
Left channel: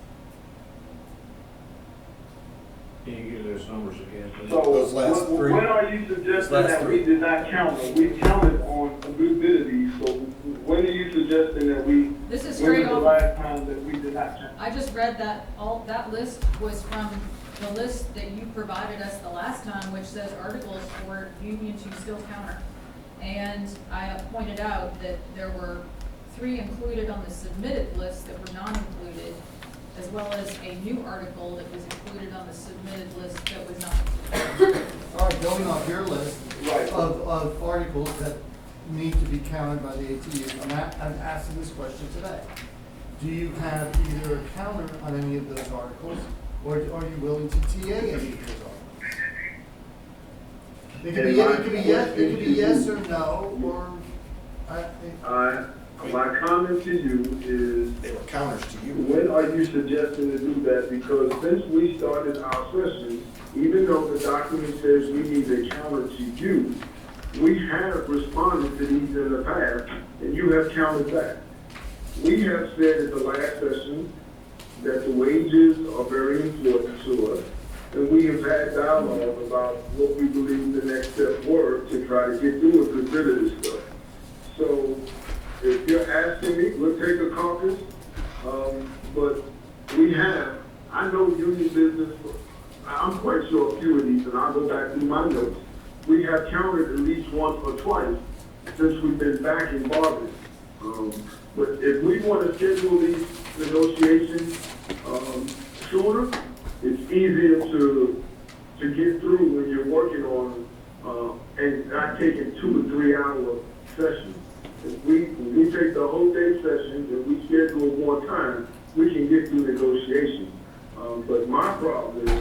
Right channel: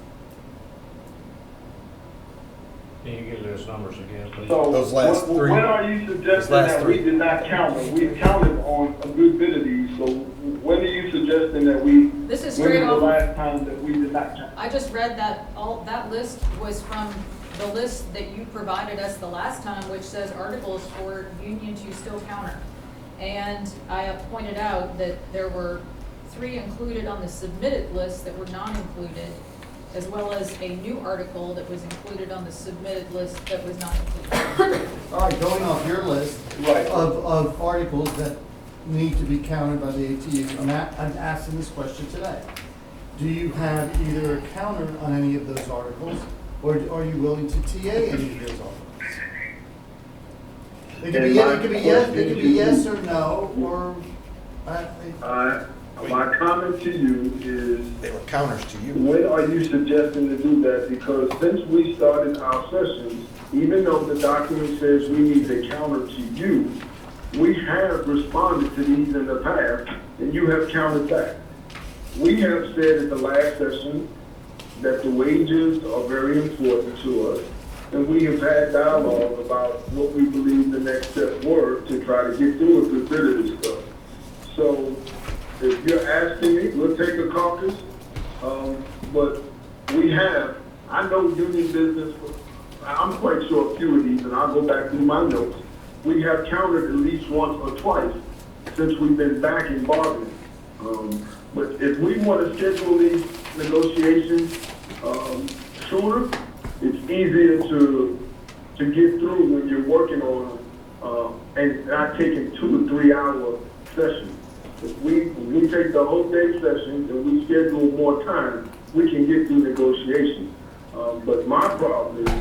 Can you give those numbers again, please? So, Those last when- three. When are you suggesting last that three. we did not count them? We counted on a good bit of these, so when are you suggesting that we, This is when straight was the off. last time that we did not count? I just read that, that list was from the list that you provided us the last time, which says articles for union to still counter. And I pointed out that there were 3 included on the submitted list that were not included, as well as a new article that was included on the submitted list that was not included. All right, going off your list Right. of articles that need to be counted by the ATU, I'm asking this question today. do you have either a counter on any of those articles, or are you willing to TA any of those articles? It could be yes or no, or, My comment to you is, They were counters to you. when are you suggesting to do that? Because since we started our sessions, even though the document says we need a counter to you, we have responded to these in the past, and you have countered back. We have said in the last session that the wages are very important to us, and we have had dialogue about what we believe the next steps were to try to get through and consider this stuff. So, if you're asking me, we'll take a caucus, but I know union business, I'm quite sure a few of these, and I'll go back through my notes. We have countered at least once or twice since we've been back in bargaining. But if we want to schedule these negotiations, sooner, it's easier to get through when you're working on, and not taking 2 or 3 hour sessions. If we take the whole day sessions and we schedule more time, we can get through negotiations. But my problem is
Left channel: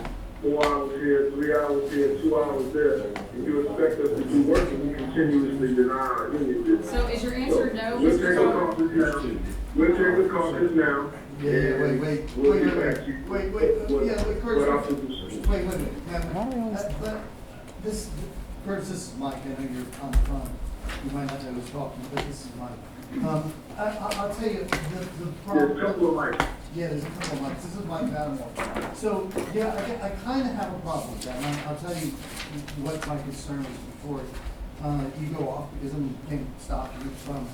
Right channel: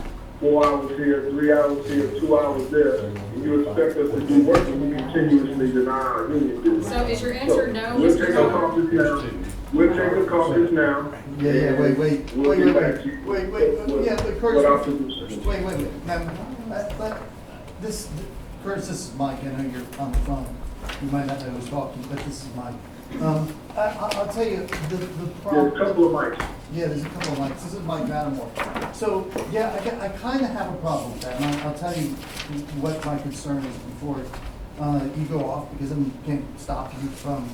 4 hours here, 3 hours here, 2 hours there. If you expect us to do work, we continuously deny our union business. So is your answer no, We'll Mr. take a Carter? caucus now. We'll take a caucus now. This, Curtis, this is Mike, I know you're on the phone, you might not know who's talking, but this is Mike. I'll tell you, the There's problem. a couple of mics. Yeah, there's a couple of mics. This is Mike Matamore. So, yeah, I kind of have a problem with that, and I'll tell you what my concern is before you go off, because then we can't stop you from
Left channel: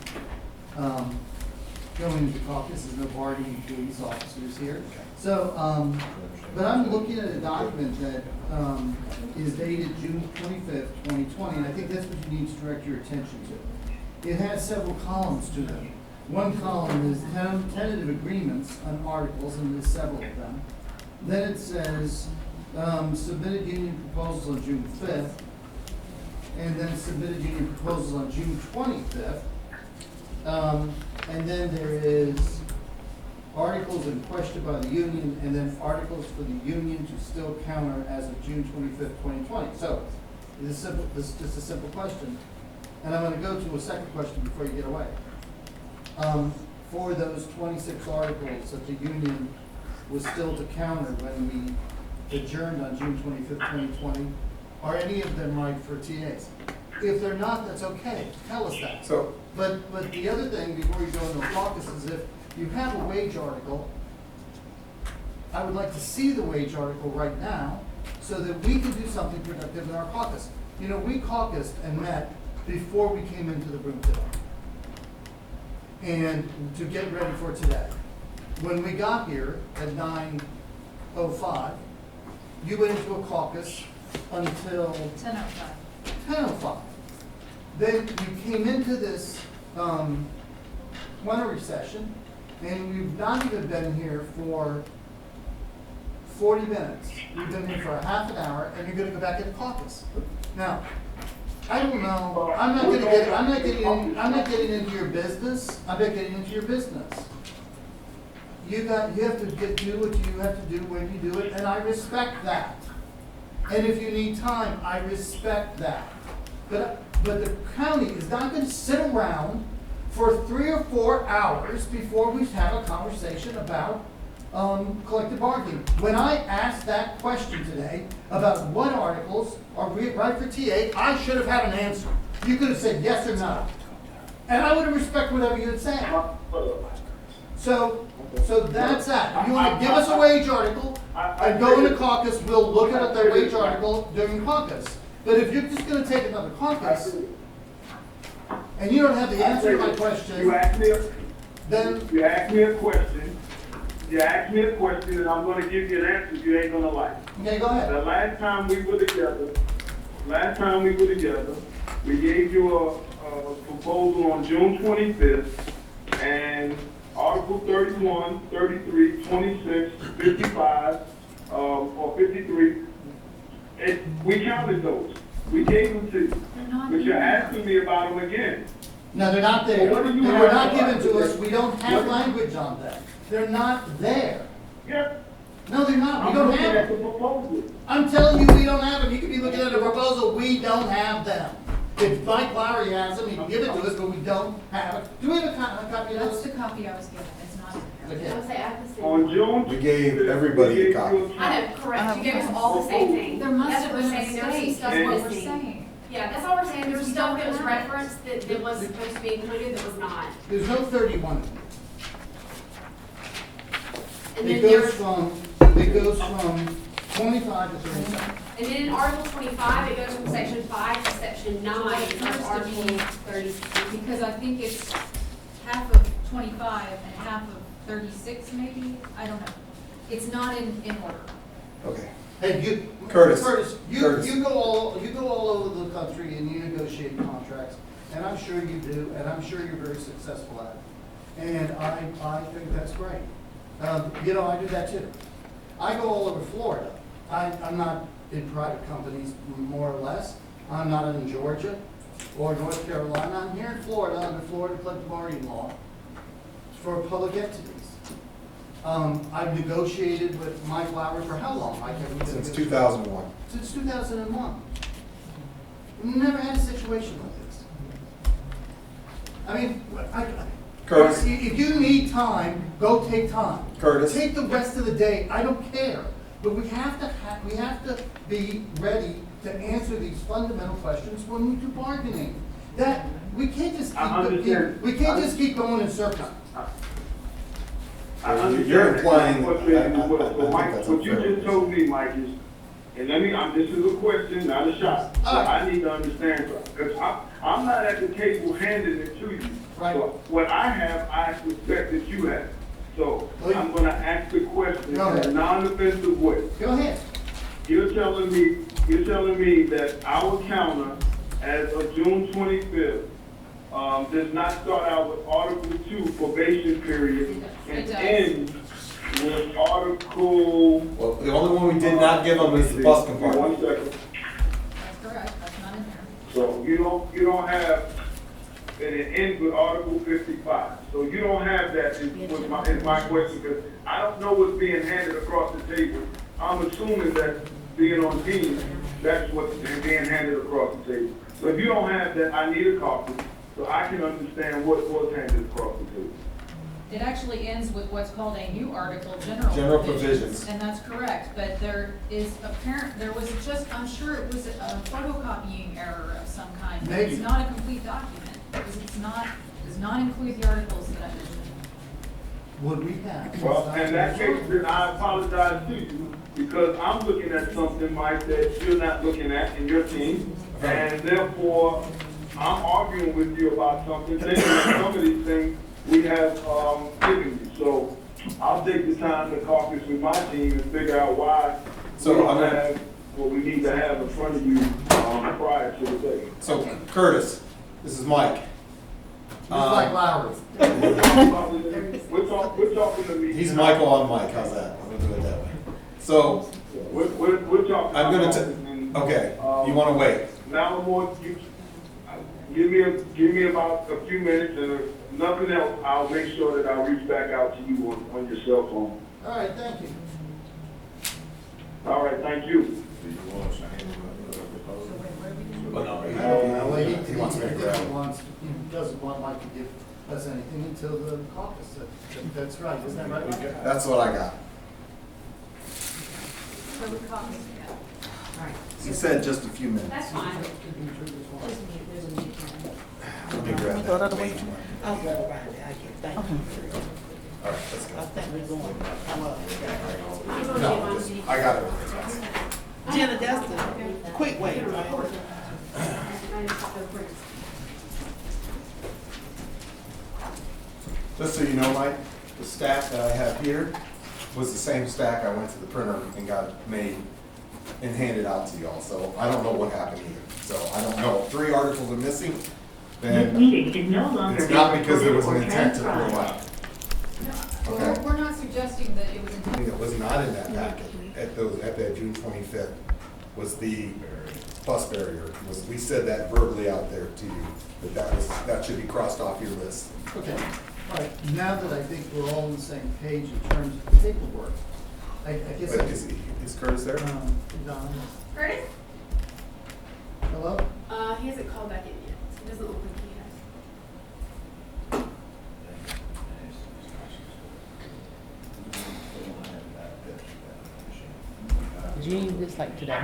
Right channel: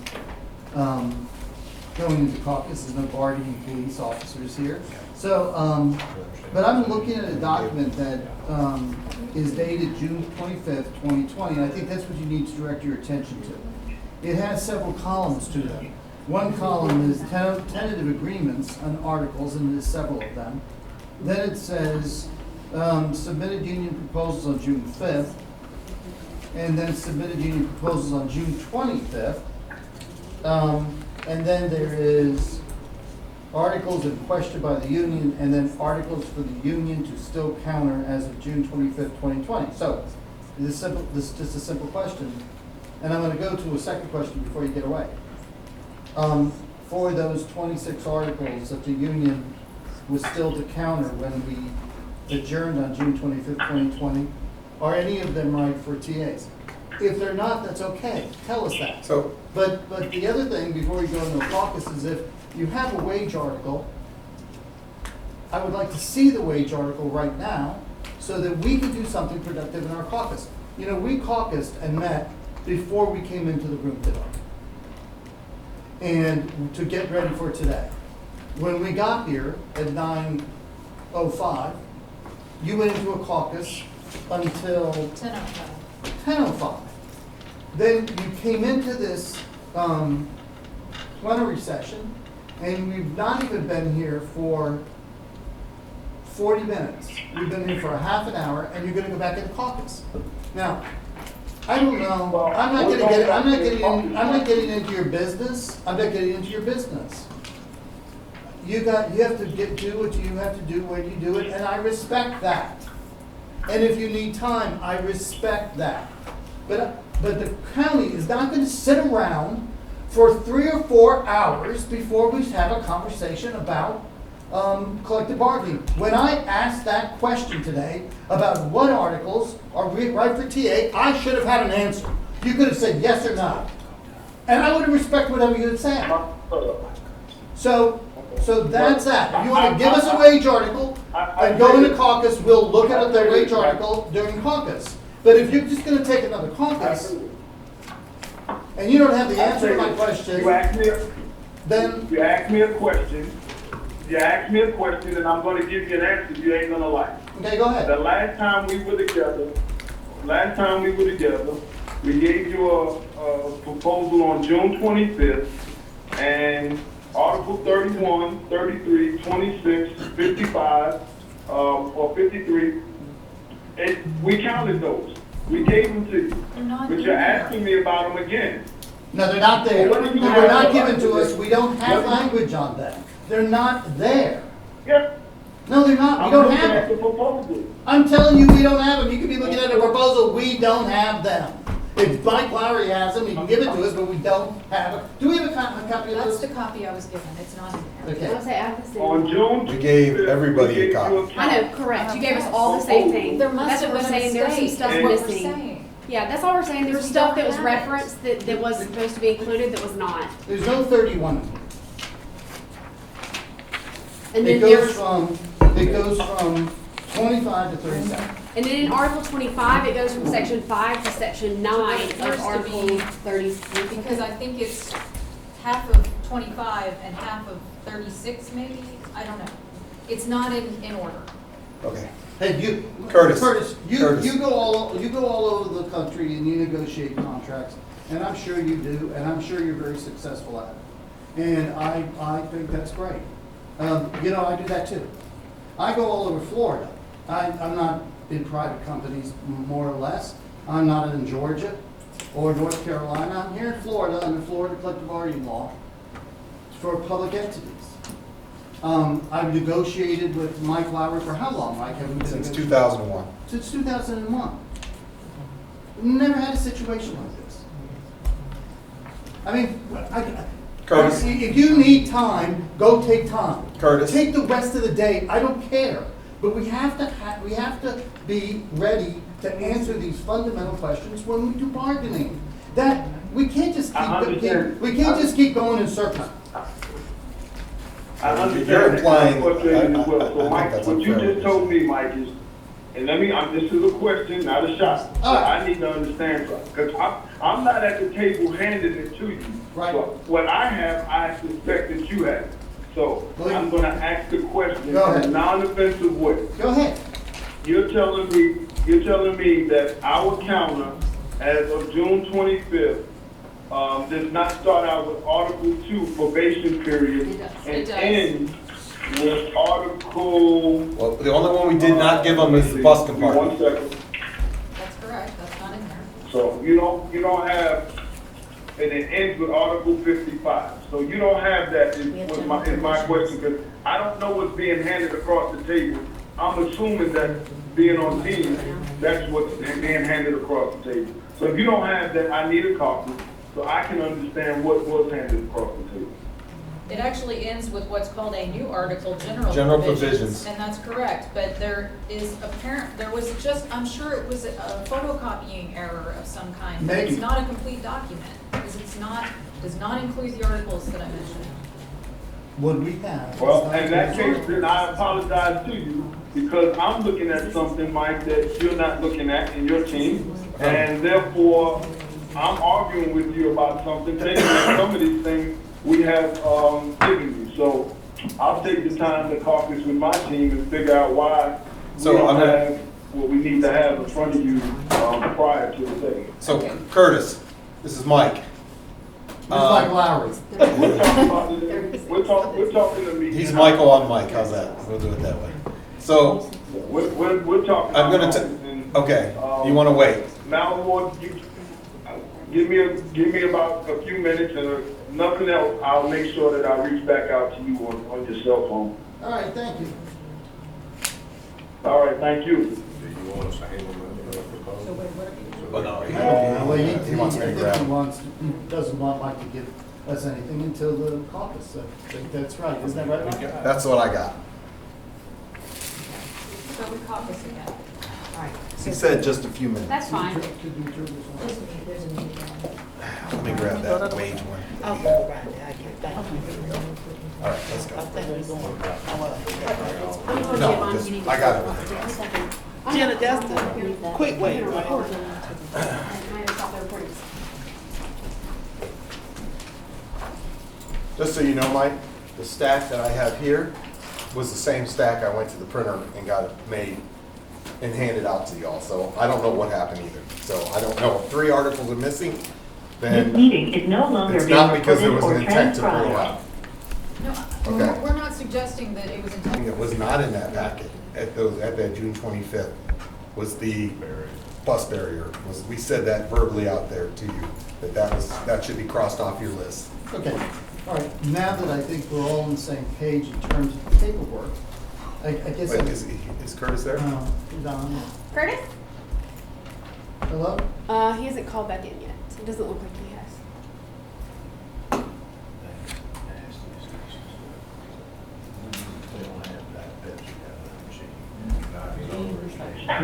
going into caucus. There's no guardian police officers here. So, but I'm looking at a document that is dated June 25th, 2020, and I think that's what you need to direct your attention to. It has several columns to it. One column is tentative agreements on articles, and there's several of them. Then it says, submitted union proposals on June 5th, and then submitted union proposals on June 25th. And then there is articles in question by the union, and then articles for the union to still counter as of June 25th, 2020. So, this is just a simple question. And I'm gonna go to a second question before you get away. For those 26 articles that the union was still to counter when we adjourned on June 25th, 2020, are any of them right for TAs? If they're not, that's okay, tell us that. So, But the other thing, before we go into the caucus, is if you have a wage article, I would like to see the wage article right now, so that we can do something productive in our caucus. You know, we caucused and met before we came into the room today, and to get ready for today. When we got here at 9:05, you went into a caucus until 10:05. 10:05. Then you came into this plenary session, and we've not even been here for 40 minutes. We've been here for a half an hour, and you're gonna go back into caucus. Now, I don't know, I'm not getting into your business. I'm not getting into your business. You have to do what you have to do when you do it, and I respect that. And if you need time, I respect that. But the county is not gonna sit around for 3 or 4 hours before we have a conversation about collective bargaining. When I asked that question today about what articles are right for TA, I should have had an answer. You could have said yes or no. And I would have respected whatever you had said. So that's that. If you want to give us a wage article and go into caucus, we'll look at the wage article during caucus. But if you're just gonna take another caucus, and you don't have the answer to my question, then, You ask me a question, and I'm gonna give you an answer you ain't gonna like. okay, go ahead. The last time we were together, we gave you a proposal on June 25th, and Article 31, 33, 26, 55, or 53, we counted those. We gave them to you. But you're asking me about them again. No, they're not there. They were not given to us. We don't have language on them. They're not there. Yeah. No, they're not. We I'm don't looking have at them. the proposal. I'm telling you, we don't have them. You could be looking at a proposal, we don't have them. If Mike Lowry has them, he can give it to us, but we don't have it. Do we have a copy of That's those? the copy I was given, it's not in there. Okay. I'll say I have the same. On June. We gave everybody a copy. I know, correct, you gave us all the same thing. There must That's have what we're been a saying, there's some mistake, stuff that's what we're missing. saying. Yeah, that's all we're saying, there's We stuff don't that was have it. referenced that was supposed to be included that was not. There's no 31. And It then there goes was, from 25 to 37. and then in Article 25, it goes from Section 5 to Section 9 It of appears to Article be- 36. Because I think it's half of 25 and half of 36 maybe, I don't know. It's not in order. Okay. Hey, you, Curtis. you Curtis. go all over the country and you negotiate contracts, and I'm sure you do, and I'm sure you're very successful at it. And I think that's great. You know, I do that too. I go all over Florida. I'm not in private companies, more or less. I'm not in Georgia or North Carolina. I'm here in Florida under Florida collective bargaining law for public entities. I've negotiated with Mike Lowry for how long, Mike? Have we been Since negotiating? 2001. Since 2001. Never had a situation like this. I mean, Curtis. if you need time, go take time. Curtis. Take the rest of the day, I don't care. But we have to be ready to answer these fundamental questions when we do bargaining. That, we can't just I understand. keep going in circles. I understand You're that implying- frustration as well. I So think Mike, that's what you unfair. just told me, Mike, is, and let me, this is a question, not a shot. So All right. I need to understand something, because I'm not at the table handing it to you. Right. So what I have, I suspect that you have. So Well, I'm gonna ask the question in Go a ahead. non-offensive way. Go ahead. You're telling me that our counter, as of June 25th, does not start out with Article 2 probation period It does. and It does. end with Article. Well, the only one we did not give them is the bus compartment. 1 second. That's correct, that's not in there. So you don't have, and it ends with Article 55. So you don't have that is my question, because I don't know what's being handed across the table. I'm assuming that being on team, that's what's being handed across the table. So if you don't have that, I need a copy, so I can understand what was handed across the table. It actually ends with what's called a new article, General provisions. And that's correct, but there was just, I'm sure it was a photocopying error of some kind. Maybe. It's not a complete document, because does not include the articles that I mentioned. What we have. Well, in that case, then I apologize to you, because I'm looking at something, Mike, that you're not looking at in your team, and therefore, I'm arguing with you about something, taking some of these things we have, given you. So I'll take the time to caucus with my team and figure out why we So don't I'm gonna- have what we need to have in front of you, prior to the day. So Curtis, this is Mike. Just like Lowry. We're talking to me. He's Michael on Mike, how's that? We'll do it that way. So, We're talking. I'm gonna okay, you wanna wait? Now, Lord, give me about a few minutes, and if nothing else, I'll make sure that I reach back out to you on your cell phone. All right, thank you. All right, thank you. Do you want us to handle the proposal? Well, no, Well, he wants me to I think grab. he doesn't want Mike to give us anything until the caucus. That's right, isn't that right, Mike? That's what I got. So we caucus again. All right. He said just a few minutes. That's fine. There's a meeting. Let me grab that wage one. I'll go around there, I get, thank you. Here we go. All right, let's I go. think we're going, No, just, I got everything else. Jenna, that's the quick way, right? Just so you know, Mike, the stack that I have here was the same stack I went to the printer and got it made and handed out to y'all. So I don't know what happened either. So I don't know if 3 articles are missing, This then meeting is no longer it's being not because there recorded was an or intent to pull transcribed. out. No, Okay. we're not suggesting that it was intended. It was not in that packet at that June 25th was the bus barrier. We said that verbally out there to you, that should be crossed off your list. Okay. All right, now that I think we're all on the same page in terms of the paperwork, I guess. Wait, is Curtis there? Don, Curtis? hello? He hasn't called back in yet, so it doesn't look like he has. Do you need this like today?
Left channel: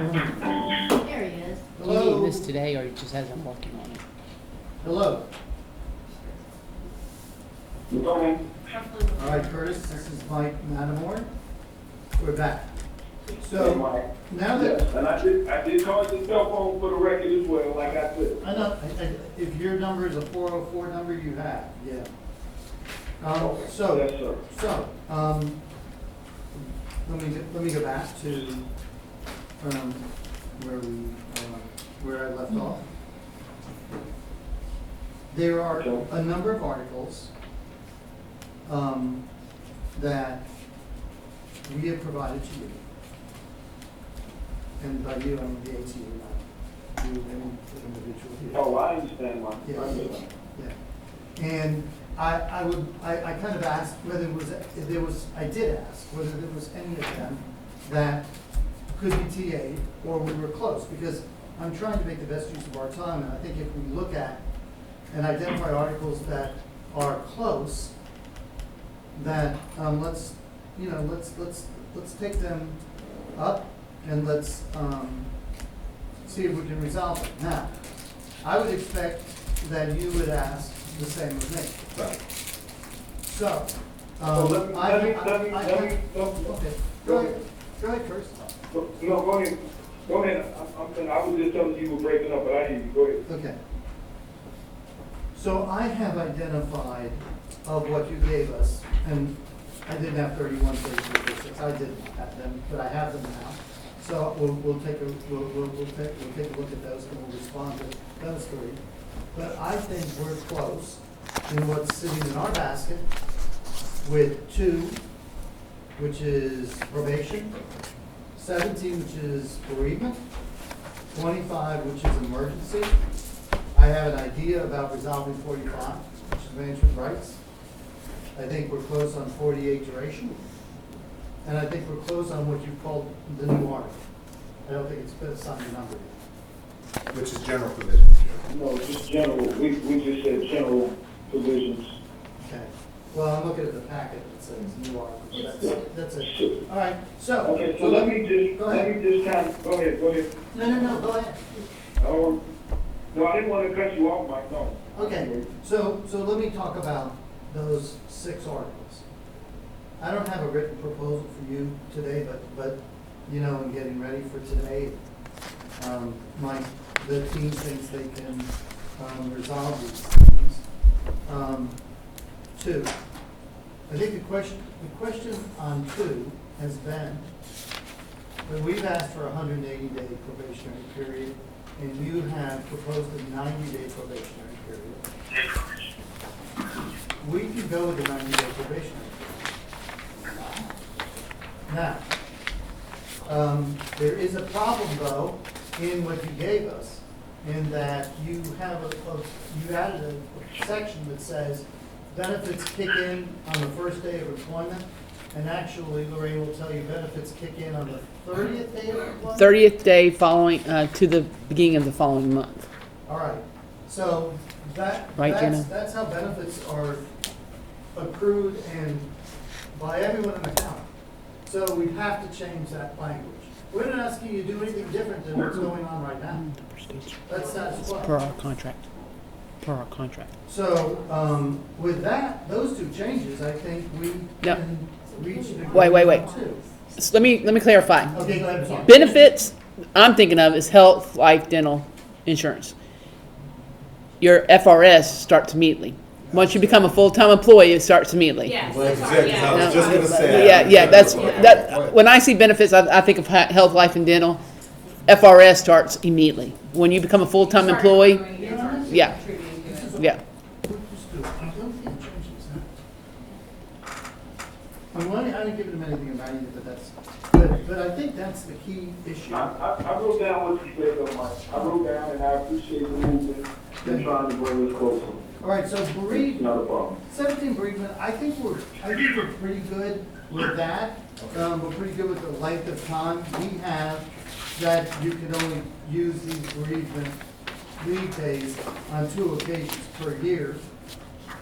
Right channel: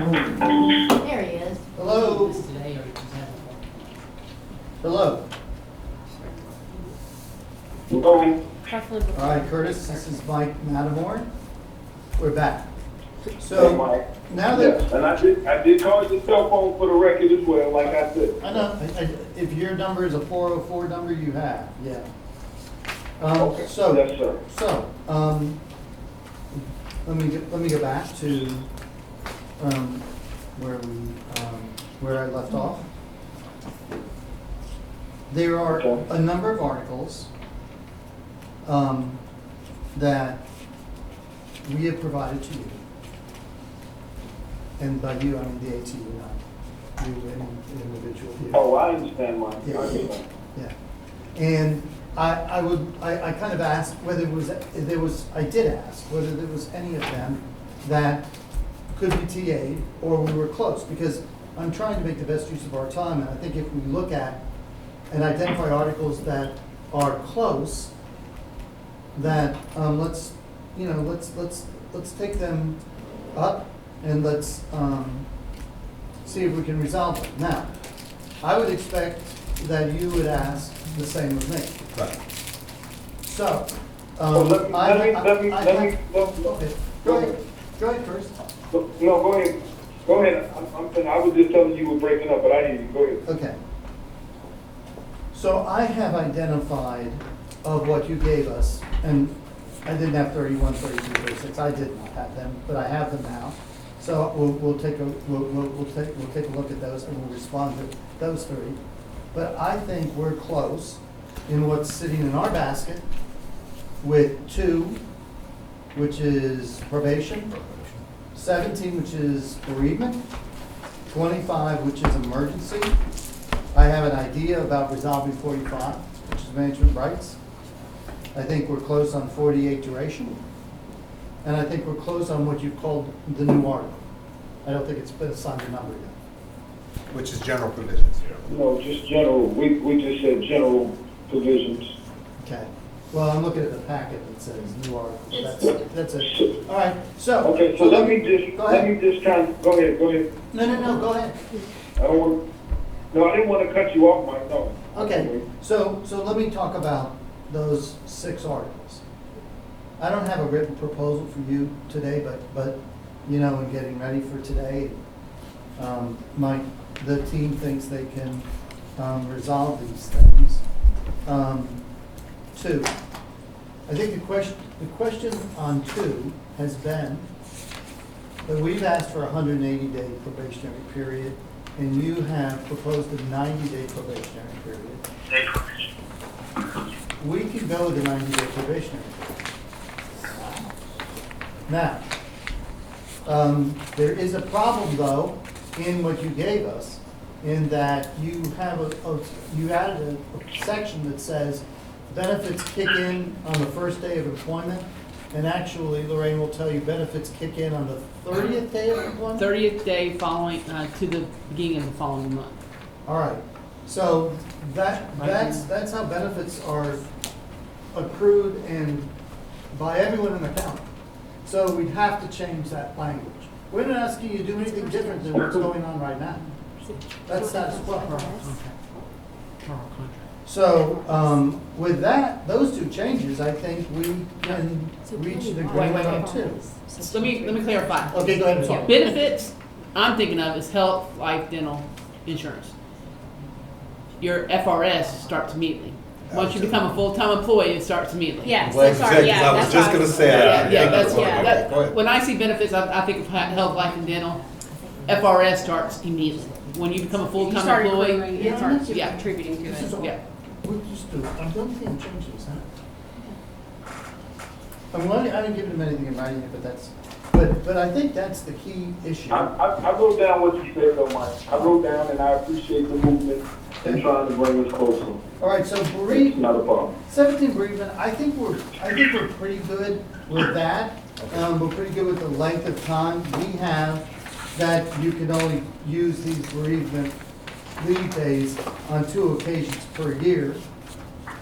There he is. Do you Hello? need this today or you just have one working on it? Hello? Okay. All right, Curtis, this is Mike Mattermore. We're back. So, now that, Yes, and I did call your cell phone for the record as well, like I said. I know, if your number is a 404 number, you have, yeah. Okay. So, Yes, sir. let me go back to, where I left off. There are Okay. a number of articles, that we have provided to you. And by you, I mean the ATU, not you, any individual here. Oh, I understand, Mike. Yeah. I understand. Yeah, and I kind of asked whether I did ask whether there was any of them that could be TA'd or we were close, because I'm trying to make the best use of our time, and I think if we look at and identify articles that are close, that, let's take them up and let's, see if we can resolve them. Now, I would expect that you would ask the same of me. Right. So, Well, let me, okay, go ahead first. No, go ahead. Go ahead. I was just telling you were breaking up, but I didn't even go ahead. Okay. So I have identified of what you gave us, and I didn't have 31, 32, 36, I did not have them, but I have them now. So we'll take a look at those and we'll respond to those three. But I think we're close in what's sitting in our basket with 2, which is probation, 17, which is bereavement, 25, which is emergency. I have an idea about resolving 45, which is management rights. I think we're close on 48 duration. And I think we're close on what you called the new article. I don't think it's been assigned a number yet. Which is general provisions. No, just general. We just said general provisions. Okay. Well, I'm looking at the packet that says new article. That's it. All right, so. Okay, so let me Go ahead. just kind of, go ahead. No, go ahead. No, I didn't want to cut you off, Mike, no. Okay, so let me talk about those 6 articles. I don't have a written proposal for you today, but you know, in getting ready for today, the team thinks they can resolve these things. 2, I think the question on 2 has been that we've asked for a 180-day probationary period, and you have proposed a 90-day probationary period. We can go with a 90-day probationary period. Now, there is a problem, though, in what you gave us, in that you have you added a section that says benefits kick in on the first day of employment, and actually, Lorraine will tell you benefits kick in on the 30th day of employment? 30th day following, to the beginning of the following month. All right, so Right, Gina? that's how benefits are accrued and by everyone in the county. So we have to change that language. We're not asking you to do anything different than what's going on right now. That's status Per quo. our contract. Per our contract. So, with that, those 2 changes, I think we can reach an agreement Wait. on 2. So let me clarify. Okay, go ahead, I'm sorry. Benefits I'm thinking of is health, life, dental, insurance. Your FRS starts immediately. Once you become a full-time employee, it starts immediately. Yes, Glad you sorry, said, 'cause I was just gonna say. Yeah, that's, Go ahead. that, when I see benefits, I think of health, life, and dental. FRS starts immediately. When you become a full-time Start employee, accruing and start Yeah. contributing to it. yeah. We'll just do it. I don't think change this, huh? I didn't give them anything in writing, but I think that's the key issue. I wrote down what you said, though, Mike. I wrote down, and I appreciate the movement. and trying to bring us closer. All right, so bereavement, Not a problem. 17 bereavement, I think we're pretty good with that. We're pretty good with the length of time we have that you can only use these bereavement leave days on 2 occasions per year.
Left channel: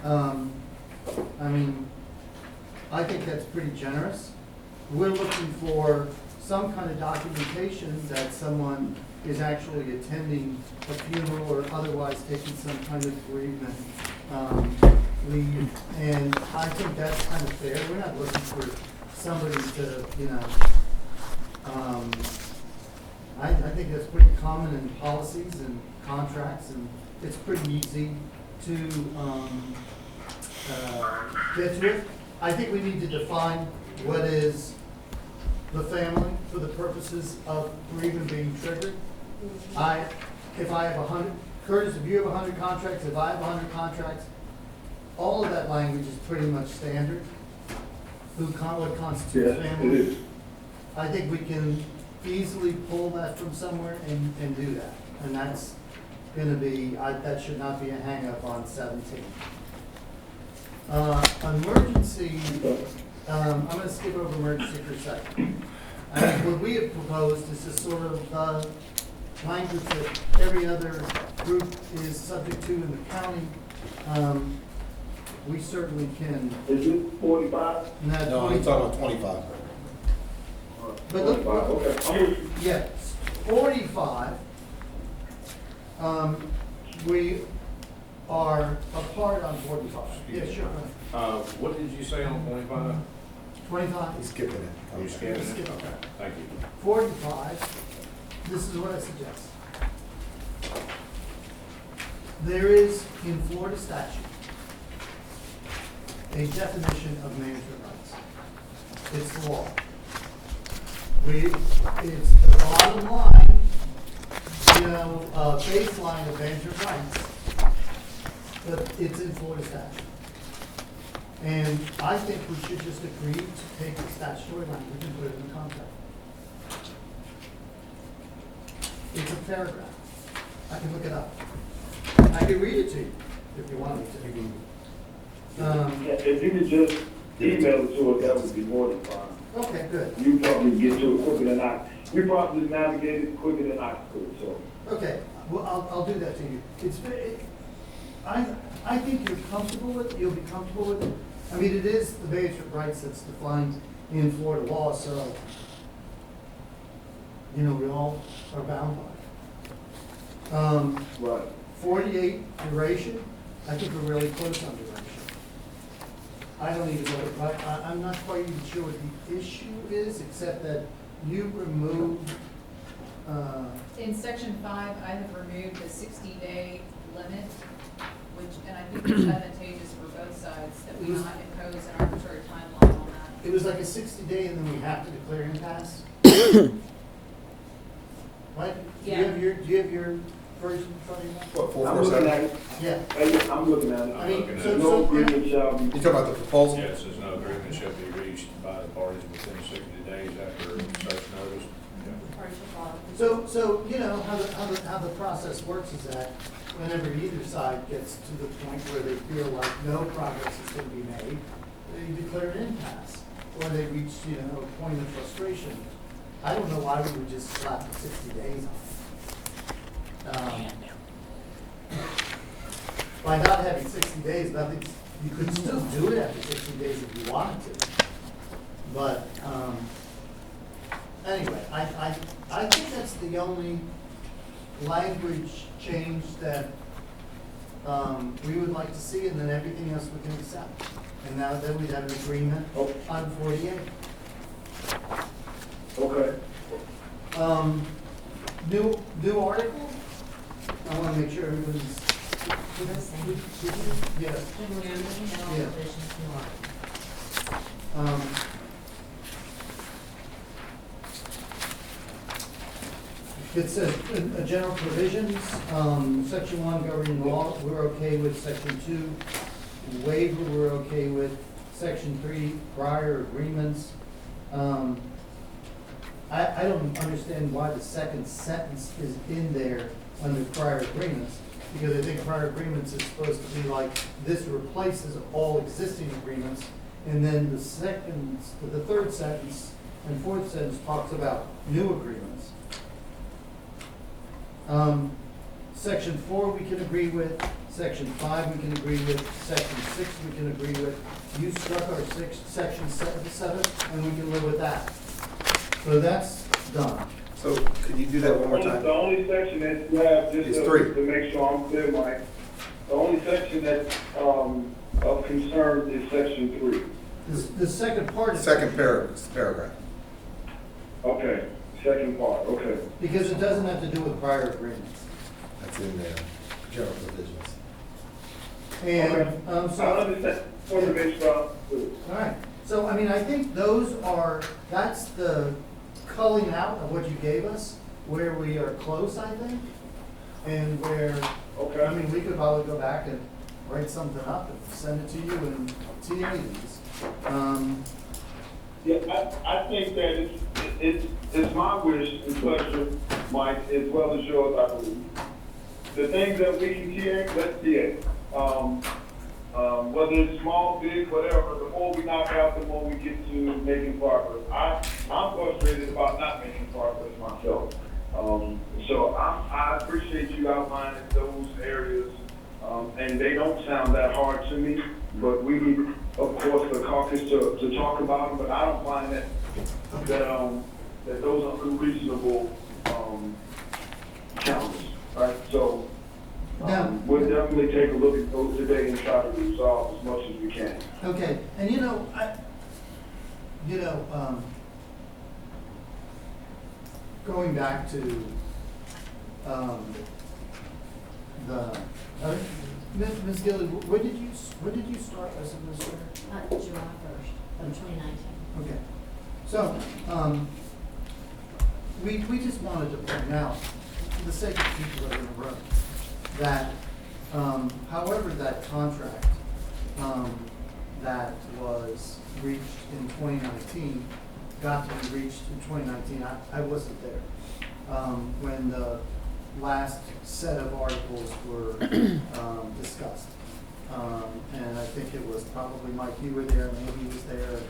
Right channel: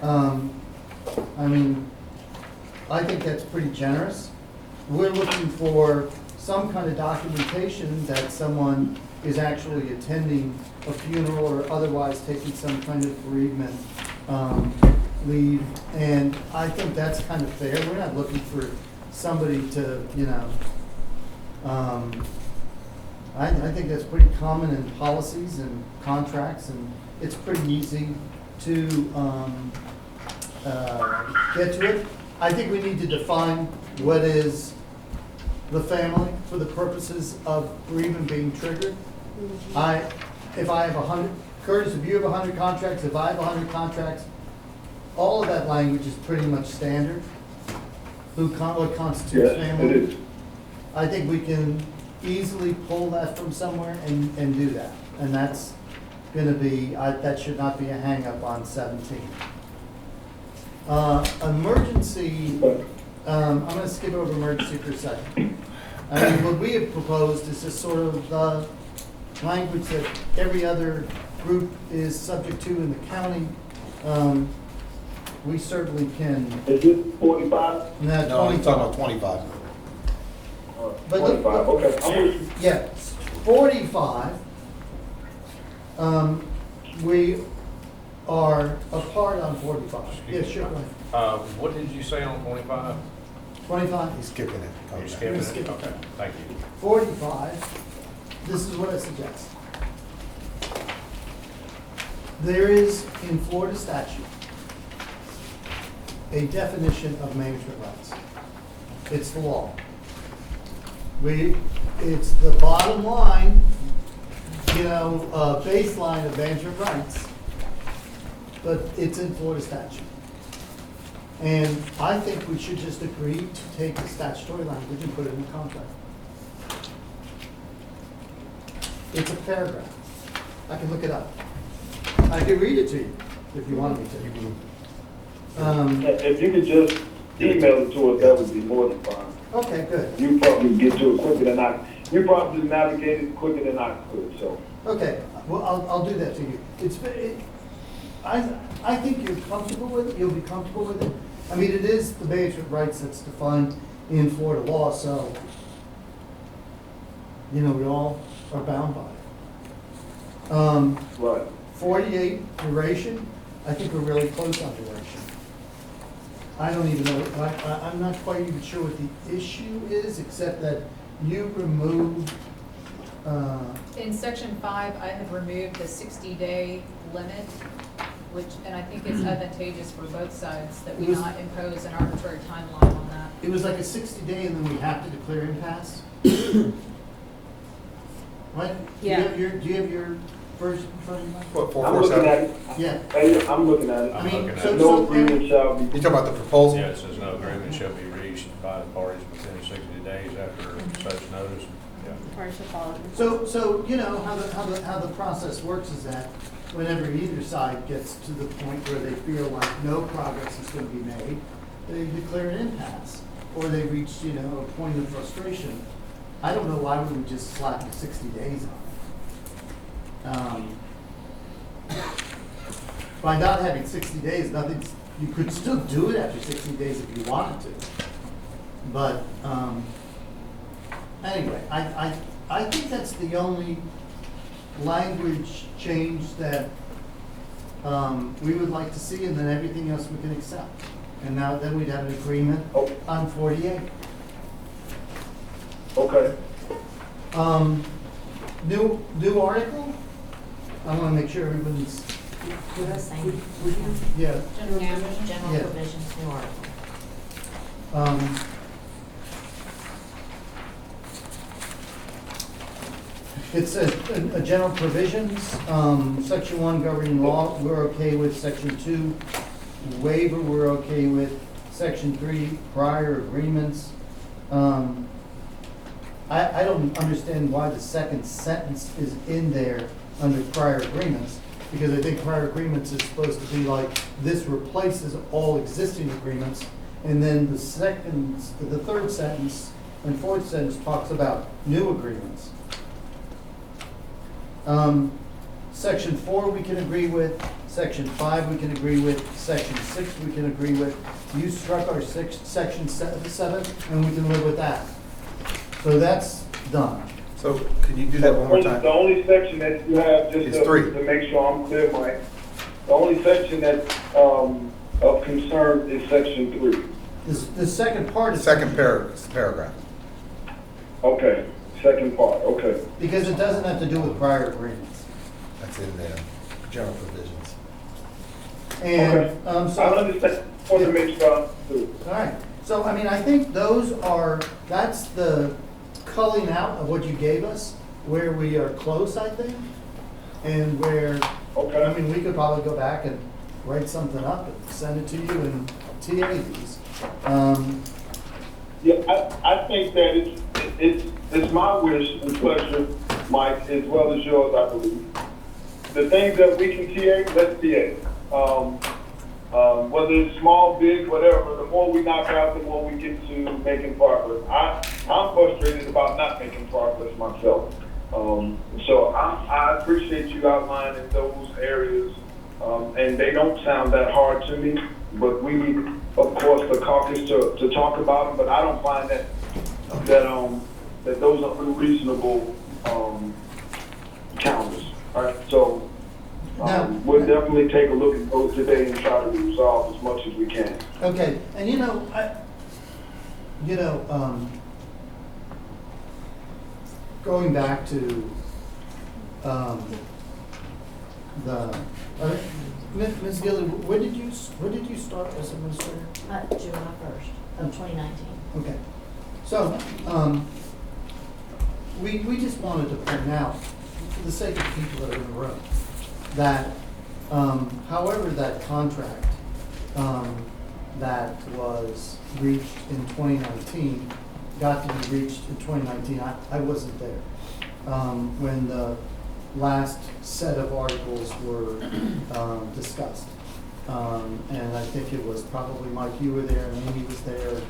I mean, I think that's pretty generous. We're looking for some kind of documentation that someone is actually attending a funeral or otherwise taking some kind of bereavement leave. And I think that's kind of fair. We're not looking for somebody to, you know, I think that's pretty common in policies and contracts, and it's pretty easy to get to it. I think we need to define what is the family for the purposes of bereavement being triggered. If I have 100, Curtis, if you have 100 contracts, if I have 100 contracts, all of that language is pretty much standard. What constitutes Yes, family? it is. I think we can easily pull that from somewhere and do that. And that's gonna be, that should not be a hang-up on 17. Emergency, I'm gonna skip over emergency for a second. I mean, what we have proposed is this sort of language that every other group is subject to in the county. We certainly can. Is it 45? No, I'm talking about 25. But look- 25, okay. I'm with you. Yeah, 45, we are apart on 45. Yeah, sure. What did you say on 25? 25, He's skipping it. You're Okay. skipping Skip it? it. Okay, thank you. 45, this is what I suggest. There is, in Florida statute, a definition of management rights. It's the law. It's the bottom line, you know, baseline of management rights, but it's in Florida statute. And I think we should just agree to take the statutory language and put it in the contract. It's a paragraph. I can look it up. I can read it to you if you want me You to. can, If you could just email it to us, that would be more than fine. Okay, good. You probably get to it quicker than I, you probably navigate it quicker than I could, so. Okay, well, I'll do that to you. I think you're comfortable with it, you'll be comfortable with it. I mean, it is the management rights that's defined in Florida law, so, you know, we all are bound by it. Right. 48 duration, I think we're really close on duration. I don't even know, I'm not quite even sure what the issue is, except that you removed, In section 5, I have removed the 60-day limit, which, and I think it's advantageous for both sides that we not impose an arbitrary timeline on that. it was like a 60-day and then we have to declare impasse? Right? Yeah. Do you have your version in front of you? what, I'm looking 447? at it. Yeah. Hey, I'm looking at it. I mean, looking at so, it. No so, agreement shall be. You talking about the proposal? Yeah, it says no agreement shall be reached by the parties within 60 days after such notice. Yeah. so, you know, how the process works is that whenever either side gets to the point where they feel like no progress is going to be made, they declare an impasse, or they reach, you know, a point of frustration. I don't know why we would just slap the 60 days on it. By not having 60 days, nothing, you could still do it after 60 days if you wanted to. But, anyway, I think that's the only language change that, we would like to see, and then everything else we can accept. And now then we'd have an agreement on 48. Okay. New article? I wanna make sure everybody's. Same. Yeah. General Yeah. provisions, new article. It says, general provisions, section 1 governing law, we're okay with. Section 2 waiver, we're okay with. Section 3 prior agreements. I don't understand why the second sentence is in there under prior agreements. because I think prior agreements is supposed to be like, this replaces all existing agreements, and then the third sentence and fourth sentence talks about new agreements. Section 4 we can agree with, Section 5 we can agree with, Section 6 we can agree with. You struck our Section 7, and we can live with that. So that's done. So could you do that one more time? The only section that you have, It's just 3. to make sure I'm clear, Mike, the only section that's of concern is section 3. The second part is. Second paragraph. Okay, second part, okay. Because it doesn't have to do with prior agreements. That's in there, general provisions. And, I so, understand, want to make sure I'm clear. all right. So, I mean, I think that's the culling out of what you gave us, where we are close, I think. And where, Okay. I mean, we could probably go back and write something up and send it to you and TA these. Yeah, I think that it's my wish and pleasure, Mike, as well as yours, I believe. The things that we can TA, let's TA. Whether it's small, big, whatever, the more we knock out, the more we get to making progress. I'm frustrated about not making progress myself. So I appreciate you outlining those areas, and they don't sound that hard to me, but we need, of course, the caucus to talk about them, but I don't find that those are unreasonable challenges. All right, so we'll definitely take a look at those today and try to resolve as much as we can. Okay, and going back to, Ms. Gilly, when did you start as administrator? July 1st of 2019. Okay, so, we just wanted to point out, for the sake of people that are in the room, that, however that contract, that was reached in 2019, got to be reached in 2019, I wasn't there, when the last set of articles were, discussed. And I think it was probably Mike, you were there, and Amy was there.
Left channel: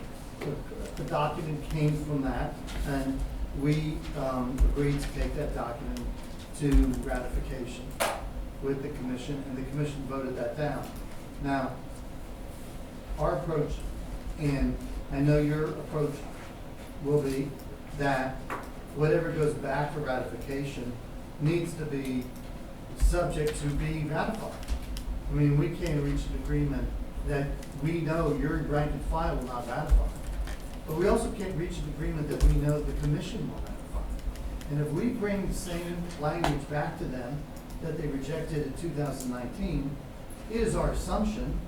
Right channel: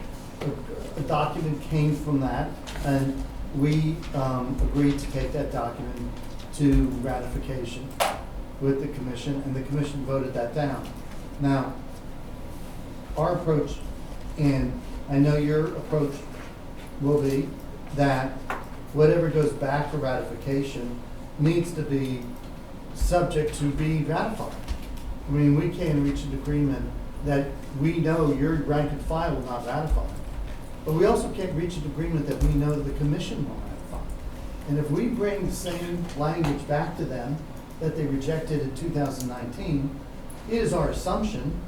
A document came from that, and we agreed to take that document to ratification with the commission, and the commission voted that down. Now, our approach, and I know your approach will be that whatever goes back for ratification needs to be subject to be ratified. I mean, we can't reach an agreement that we know your rank and file will not ratify. But we also can't reach an agreement that we know the commission will ratify. And if we bring the same language back to them that they rejected in 2019, it is our assumption,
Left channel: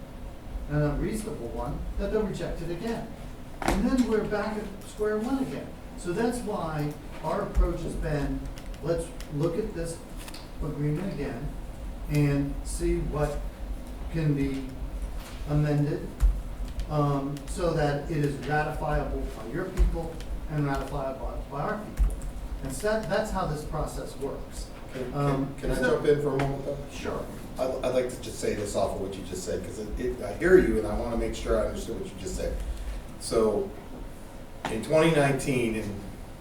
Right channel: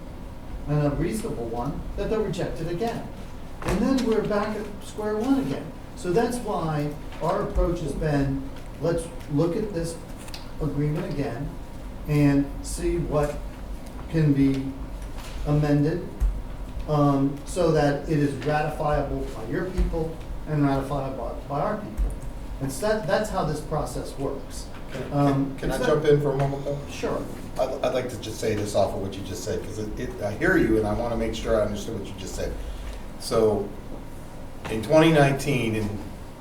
and a reasonable one, that they'll reject it again. And then we're back at square one again. So that's why our approach has been, let's look at this agreement again and see what can be amended, so that it is ratifiable by your people and ratifiable by our people. And so that's how this process works. Can I jump in for a moment though? Sure. I'd like to just say this off of what you just said, because I hear you and I want to make sure I understood what you just said. So in 2019, in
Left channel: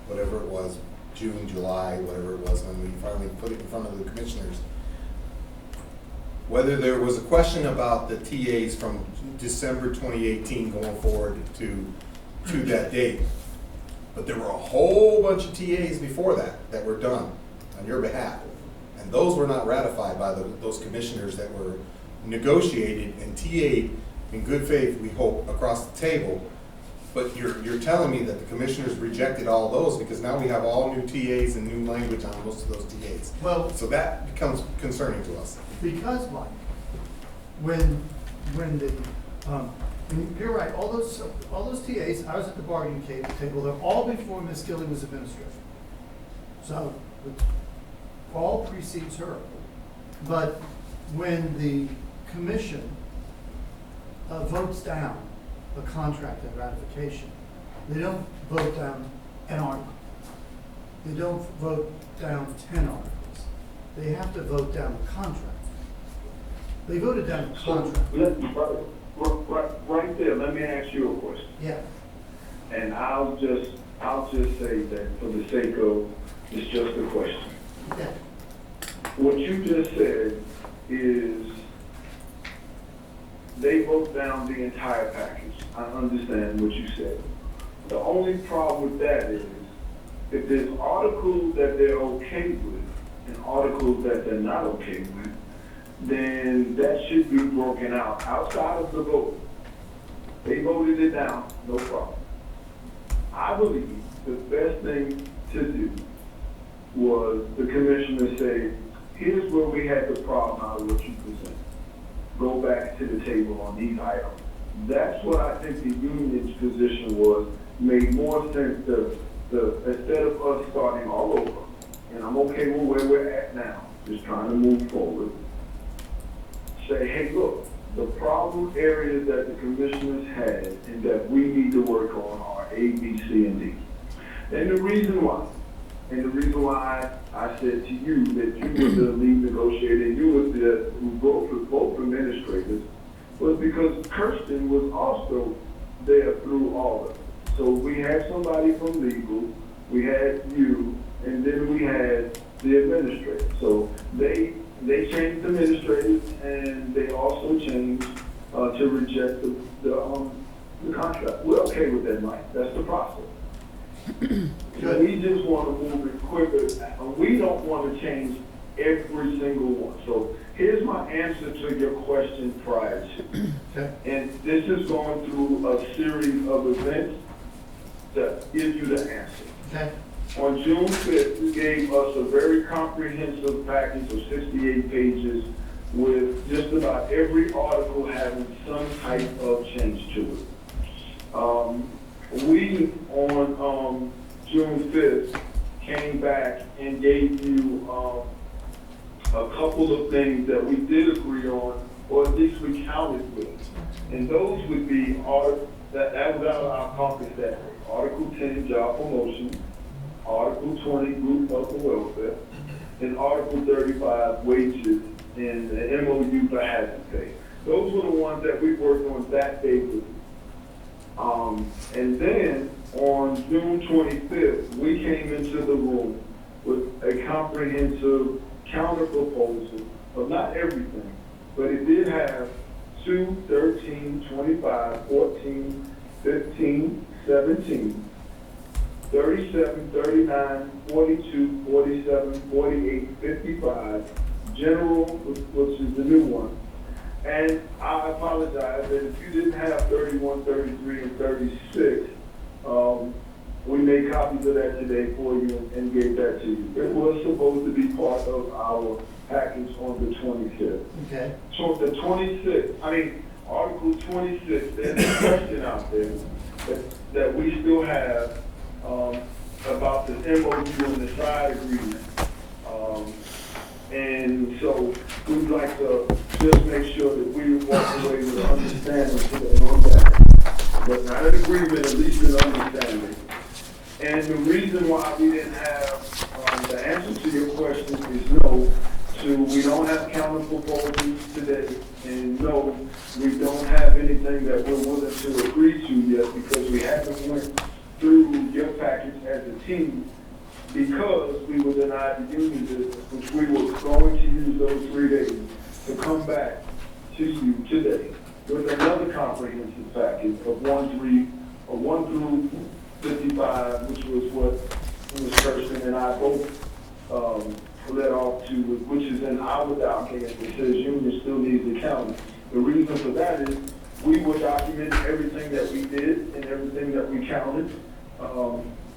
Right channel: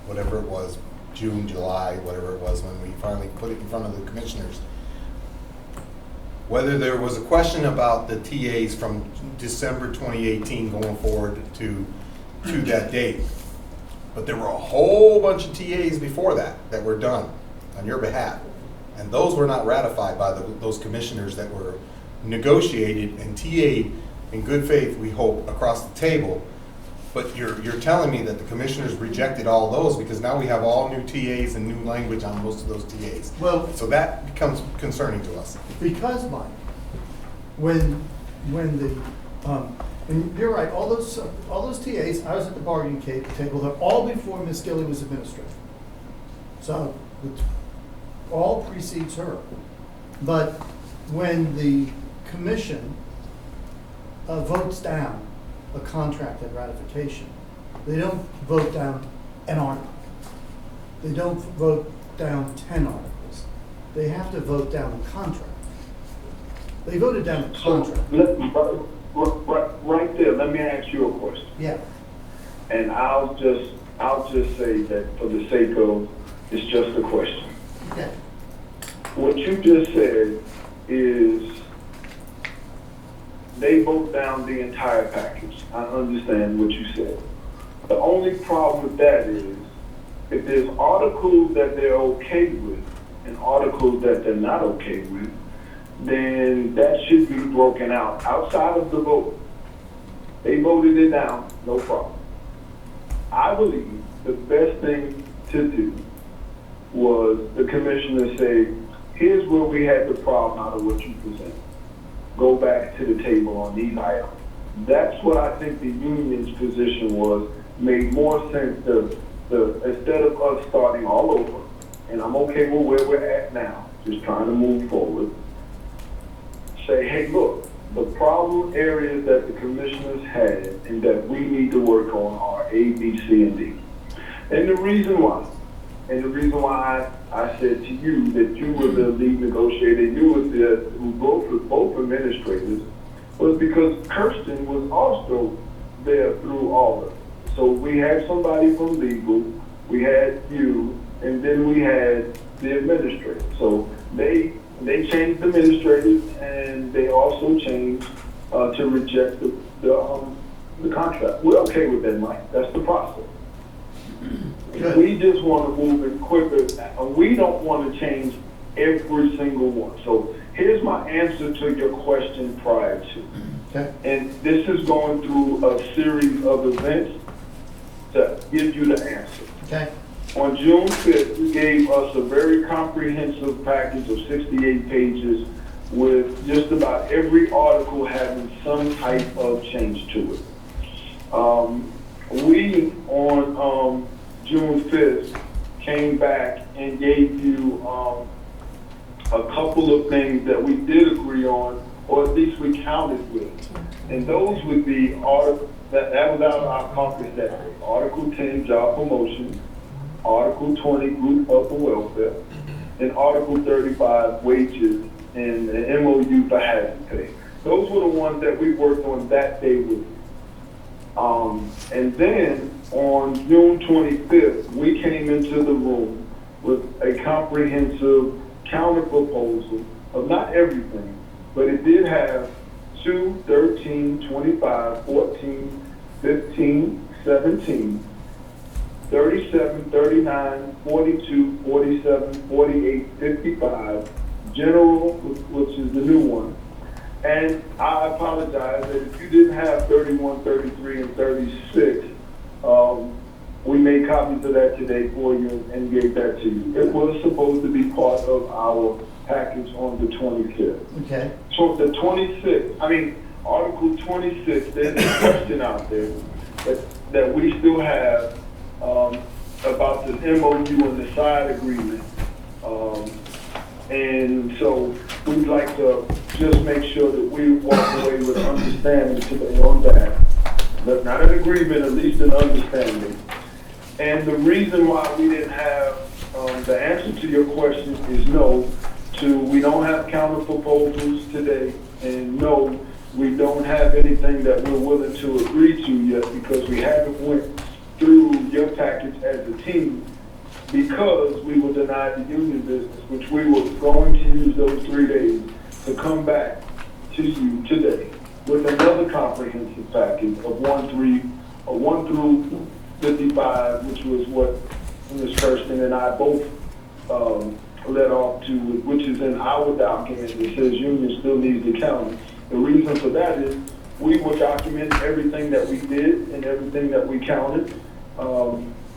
whatever it was, June, July, whatever it was, when we finally put it in front of the commissioners, whether there was a question about the TAs from December 2018 going forward to that date, but there were a whole bunch of TAs before that were done on your behalf. And those were not ratified by those commissioners that were negotiated and TA'd in good faith, we hope, across the table. But you're telling me that the commissioners rejected all those because now we have all new TAs and new language on most of those TAs. Well, So that becomes concerning to us. because, Mike, when and you're right, all those TAs, I was at the bargaining table, they're all before Ms. Gilly was administrator. So, it all precedes her. But when the commission votes down a contract at ratification, they don't vote down an article. They don't vote down 10 articles. They have to vote down the contract. They voted down the contract. Right there, let me ask you a question. Yeah, And I'll just say that for the sake of, it's just a question. yeah. What you just said is they vote down the entire package. I understand what you said. The only problem with that is if there's articles that they're okay with and articles that they're not okay with, then that should be broken out outside of the vote. They voted it down, no problem. I believe the best thing to do was the commissioner say, here's where we had the problem out of what you presented. Go back to the table on these items. That's what I think the union's position was, made more sense instead of us starting all over, and I'm okay with where we're at now, just trying to move forward. Say, hey, look, the problem areas that the commissioners had and that we need to work on are A, B, C, and D. And the reason why I said to you that you were the lead negotiator, you were the who wrote with both administrators, was because Kirsten was also there through all of it. So we had somebody from legal, we had you, and then we had the administrator. So they changed the administrators, and they also changed to reject the contract. We're okay with that, Mike. That's the process. We just want to move it quicker. We don't want to change every single one. So here's my answer to your question prior to. Okay. And this is going through a series of events to give you the answer. Okay. On June 5th, you gave us a very comprehensive package of 68 pages with just about every article having some type of change to it. We, on June 5th, came back and gave you a couple of things that we did agree on, or at least we counted with. And those would be, that was out of our caucus that day. Article 10, job promotion. Article 20, group health and welfare. And Article 35, wages and the MOU for hazard pay. Those were the ones that we worked on that day with. And then on June 25th, we came into the room with a comprehensive counter proposal of not everything, but it did have 2, 13, 25, 14, 15, 17, 37, 39, 42, 47, 48, 55, general, which is the new one. And I apologize that if you didn't have 31, 33, and 36, we made copies of that today for you and gave that to you. It was supposed to be part of our package on the 25th. Okay. So the 26th, Article 26, there's a question out there that we still have about the MOU and the side agreement. And so we'd like to just make sure that we walk away with understanding today on that. But not an agreement, at least an understanding. And the reason why we didn't have the answer to your question is no. We don't have counter proposals today. And no, we don't have anything that we're willing to agree to yet because we haven't went through your package as a team because we were denied the union business, which we were going to use those 3 days to come back to you today with another comprehensive package of 1 through 55, which was what Ms. Kirsten and I both led off to, which is in our document that says union still needs the county. The reason for that is we will document everything that we did and everything that we counted.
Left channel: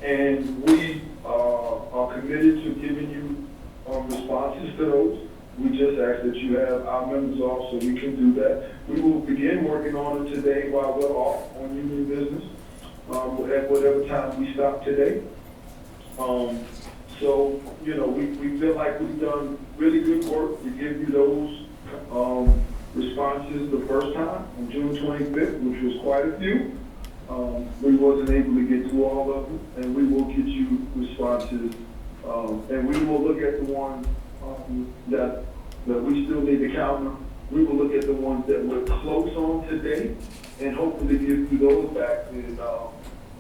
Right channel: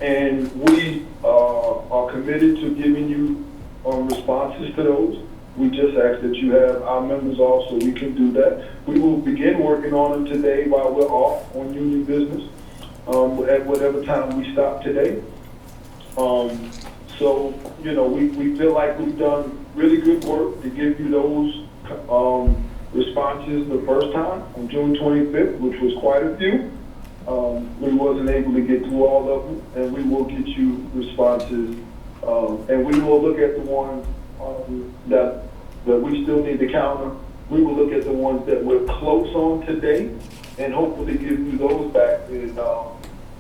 And we are committed to giving you responses to those. We just ask that you have our members off so we can do that. We will begin working on them today while we're off on union business, at whatever time we stop today. So, we feel like we've done really good work to give you those responses the first time on June 25th, which was quite a few. We wasn't able to get through all of them, and we will get you responses, and we will look at the ones that we still need to counter, We will look at the ones that we're close on today and hopefully give you those back and,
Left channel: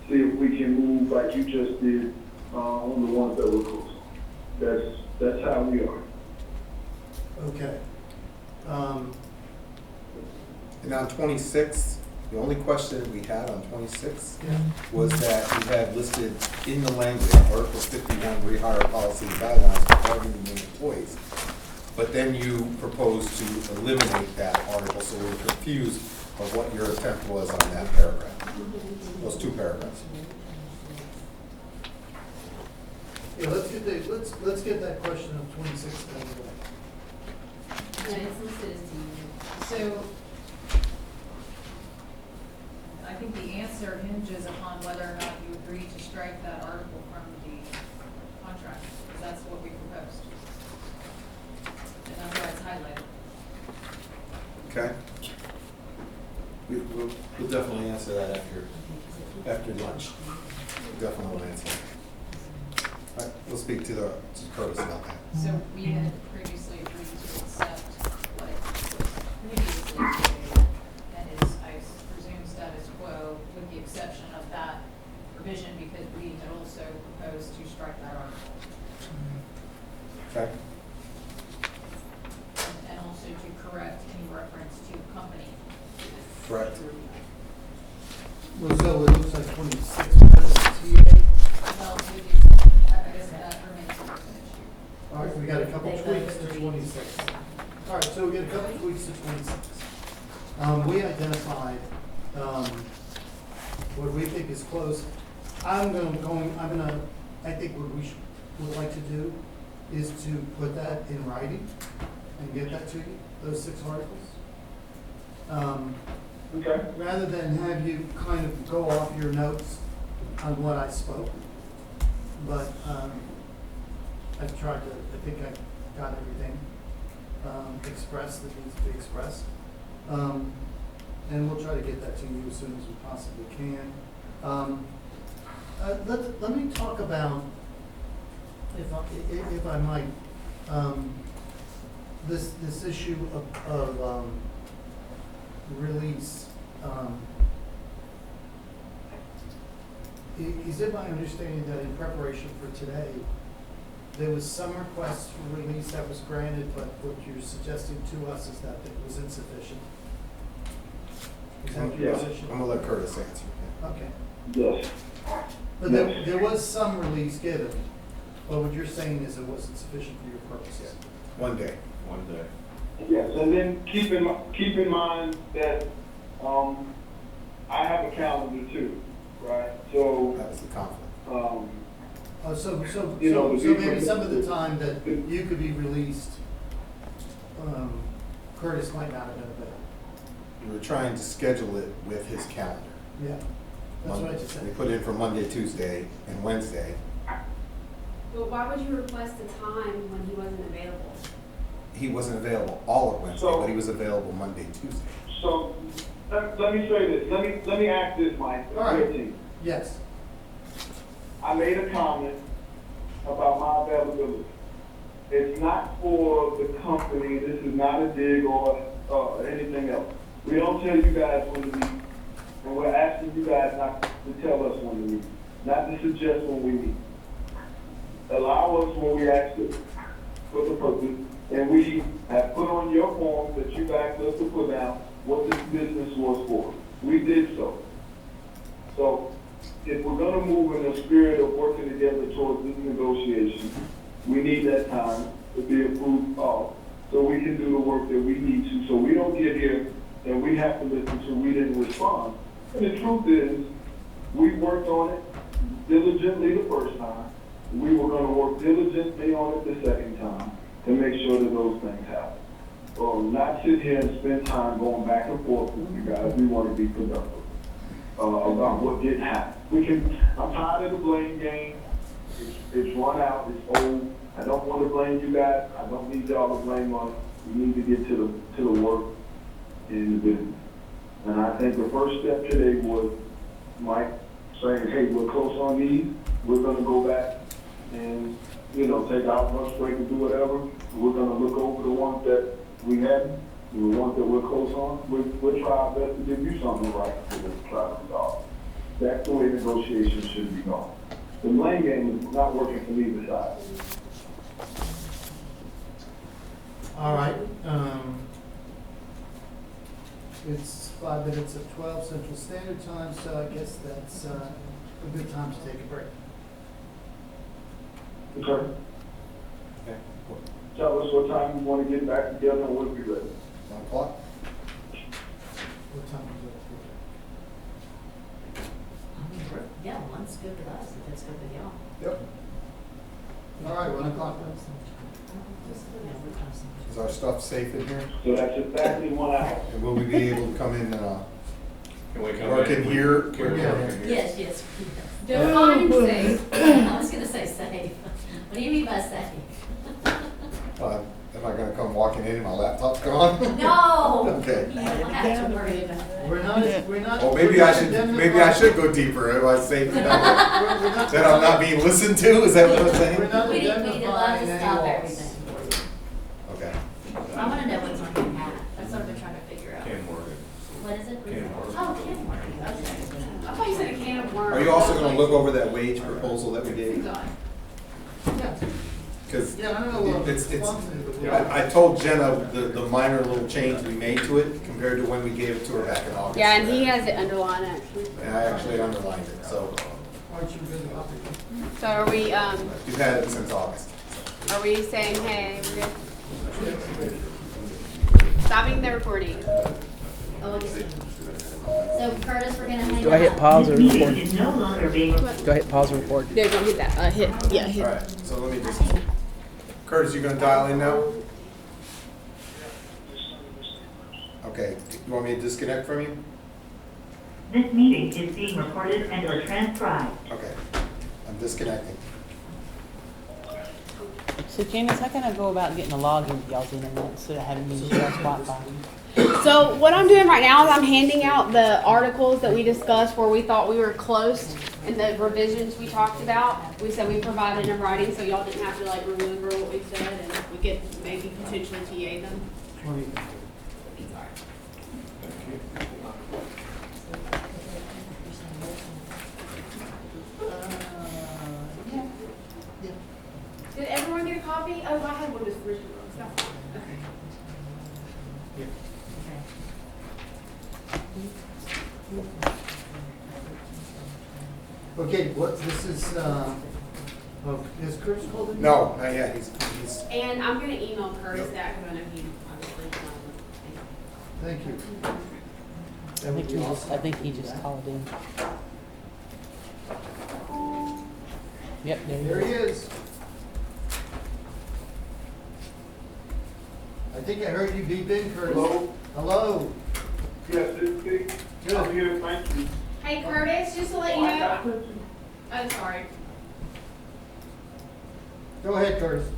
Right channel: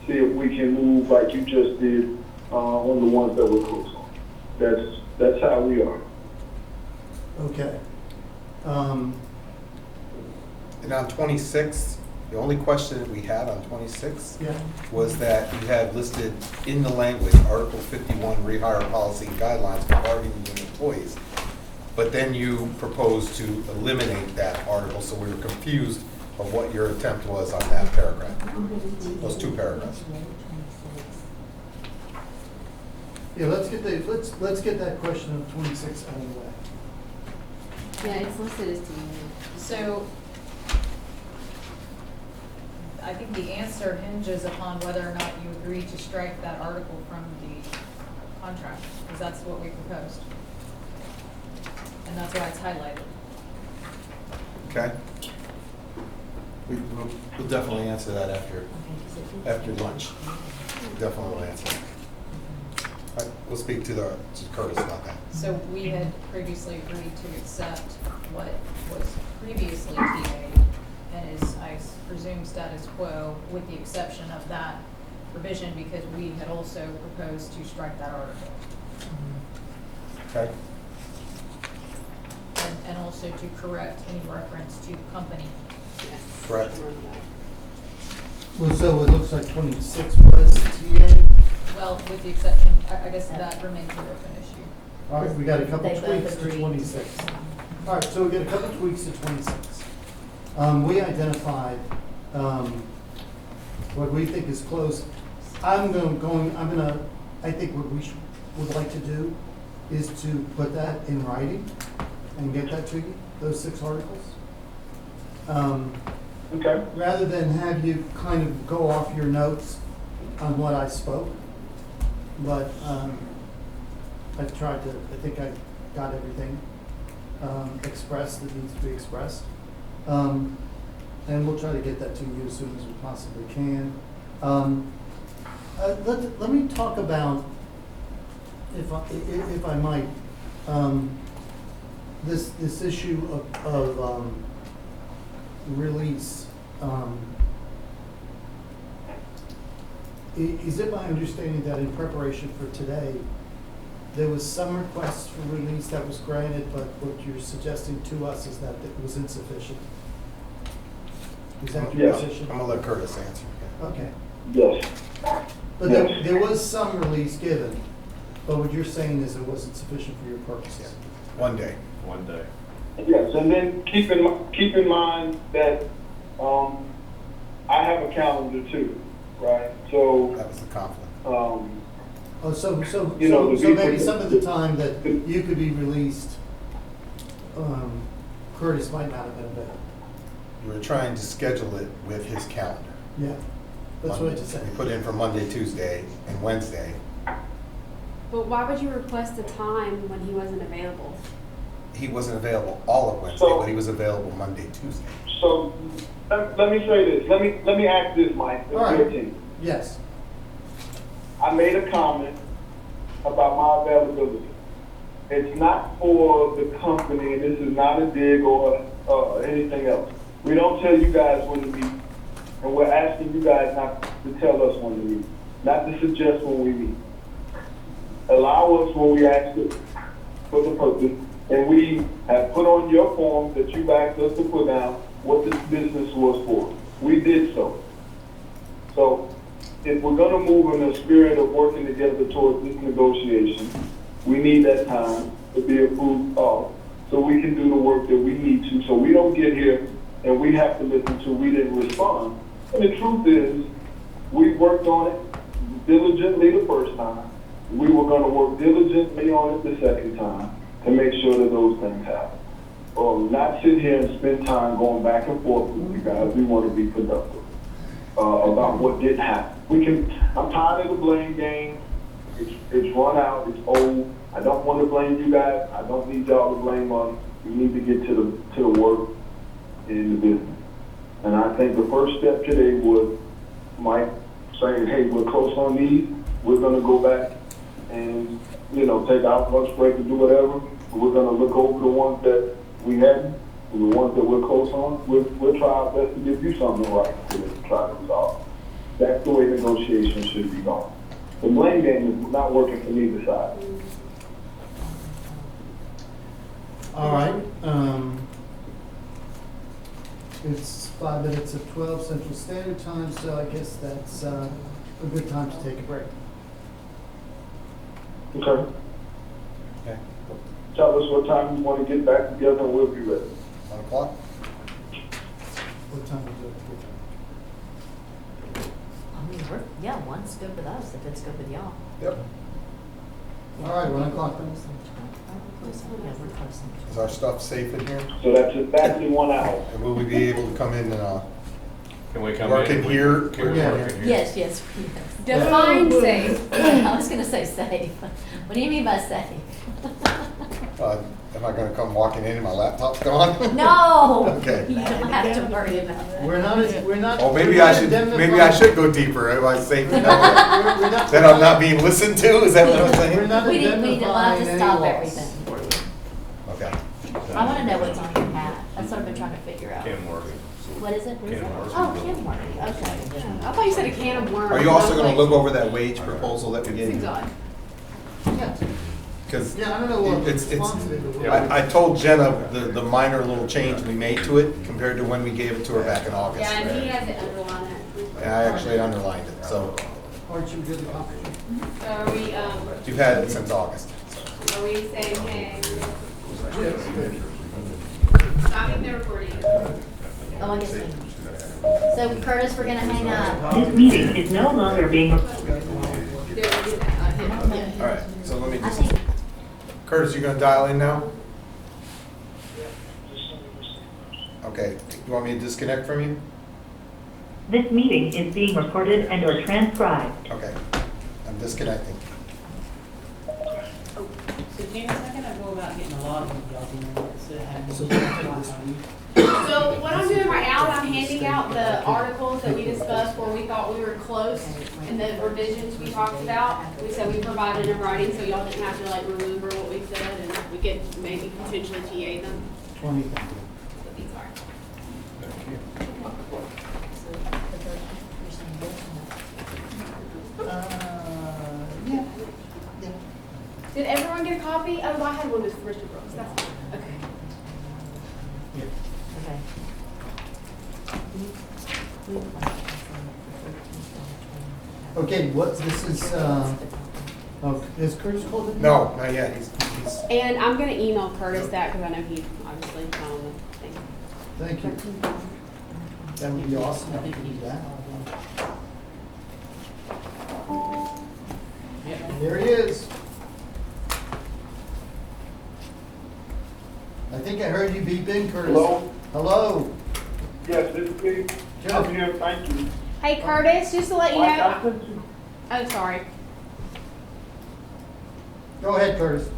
see if we can move like you just did, on the ones that we're close on. That's how we are. Okay. And on 26, the only question that we had on 26 Yeah. was that you had listed in the language, Article 51 rehire policy and guidelines for bargaining unit employees. But then you proposed to eliminate that article, so we were confused of what your attempt was on that paragraph, those two paragraphs. Yeah, let's get that question of 26 out of the way. Yeah, it's listed as team. So, I think the answer hinges upon whether or not you agree to strike that article from the contract, because that's what we proposed. And that's why it's highlighted. Okay? We'll definitely answer that after lunch. We'll definitely answer that. All right, we'll speak to Curtis about that. So we had previously agreed to accept what was previously TA and is, I presume, status quo, with the exception of that provision, because we had also proposed to strike that article. Okay? And also to correct any reference to company. Correct. Well, so it looks like 26 was TA. Well, with the exception, I guess that remains an open issue. All right, we got a couple They both tweaks to agreed. 26. All right, so we got a couple tweaks to 26. We identified what we think is close. I think what we would like to do is to put that in writing and get that to you, those 6 articles. Okay. Rather than have you kind of go off your notes on what I spoke. But I think I got everything expressed that needs to be expressed. And we'll try to get that to you as soon as we possibly can. Let me talk about, if I might, this issue of release. Is it my understanding that in preparation for today, there was some requests for release that was granted, but what you're suggesting to us is that it was insufficient? Is that your Yeah. position? I'm gonna let Curtis answer. Okay. Yes. But there was some release given, but what you're saying is it wasn't sufficient for your purposes? One day. One day. Yes, and then keep in mind that, I have a calendar too, right? So, That was the conflict. Oh, so You know, the people- maybe some of the time that you could be released, Curtis might not have been available. We were trying to schedule it with his calendar. Yeah, that's what I Monday. just said. We put in for Monday, Tuesday, and Wednesday. But why would you request a time when he wasn't available? He wasn't available all of Wednesday, but he was available Monday, Tuesday. so, let me say this, let me ask this, Mike, the All right. 13th. Yes, I made a comment about my availability. It's not for the company, this is not a dig or anything else. We don't tell you guys when to meet, and we're asking you guys not to tell us when to meet, not to suggest when we meet. Allow us when we ask it for the purpose, and we have put on your forms that you asked us to put down what this business was for. We did so. So, if we're gonna move in a spirit of working together towards this negotiation, we need that time to be approved of, so we can do the work that we need to, so we don't get here and we have to listen to, we didn't respond. And the truth is, we worked on it diligently the first time. We were gonna work diligently on it the second time to make sure that those things happen. Not sit here and spend time going back and forth with you guys, we wanna be productive about what did happen. I'm tired of the blame game. It's run out, it's old. I don't want to blame you guys. I don't need y'all to blame us. We need to get to the work in the business. And I think the first step today was Mike saying, hey, we're close on these. We're gonna go back and, take our lunch break and do whatever. We're gonna look over the ones that we hadn't the ones that we're close on, we'll try our best to give you something right to try to resolve. That's the way negotiations should be going. The blame game is not working for neither side. All right, it's 5 minutes of 12 Central Standard Time, so I guess that's a good time to take a break. Okay. Okay. Tell us what time you want to get back together and we'll be ready. 1 o'clock? What time is it? I mean, yeah, one's good with us, if it's good with y'all. Yep. All right, 1 o'clock. Is our stuff safe in here? So that's exactly 1 hour. And will we be able to come in and, Can we come in? work in here? Can we work in here? Yes, yes. Define safe. I was gonna say safe. What do you mean by safe? Am I gonna come walking in and my laptop's gone? No! Okay. You don't have to worry about that. We're not. Oh, maybe I should go deeper. Am I safe to know that I'm not being listened to? Is that what I'm We're saying? not We need a lot identifying to any stop laws. everything for you. Okay. I wanna know what's on your hat. That's what I've been trying to figure out. Ken Worthy. What is it? Ken Worthy. Oh, Ken Worthy, okay. I thought you said a can of worms. Are you also gonna look over that wage proposal that we gave you? God. Because Yeah, I don't know what it's, response to do. I told Jenna the minor little change we made to it compared to when we gave it to her back in August. Yeah, and he has it underlined actually. And I actually underlined it, so Aren't you good at copy? So are we, you've had it since August. are we saying, hey, we're good? Stopping the recording. Oh, I see. So Curtis, we're gonna hang Go ahead, up. pause This and meeting record. is no longer being. Go ahead, pause and record. There, go get that, hit, yeah, hit. All right, so let me I just, think, Curtis, you gonna dial in now? Okay, you want me to disconnect from you? This meeting is being recorded and or transcribed. Okay, I'm disconnecting. So James, how can I go about getting a login with y'all's internet instead of having to use Wi-Fi? So what I'm doing right now is I'm handing out the articles that we discussed where we thought we were close and the revisions we talked about. We said we provided in writing so y'all didn't have to like remember what we said and we could maybe potentially TA them. 20. Did everyone get a copy? Oh, I had one with Richard Brooks. That's fine. Okay. Okay, this is, is Curtis pulled it? No, not yet, he's, And I'm gonna email Curtis that because I know he obviously found the thing. Thank you. That would be awesome. I think he just called in. Yep. There he is. I think I heard you beep in, Curtis. Hello? Hello. Yes, this is me. I'm Good. here, thank you. Hey Curtis, just to let you Mike, I know. sent you- Oh, sorry. Go ahead, Curtis.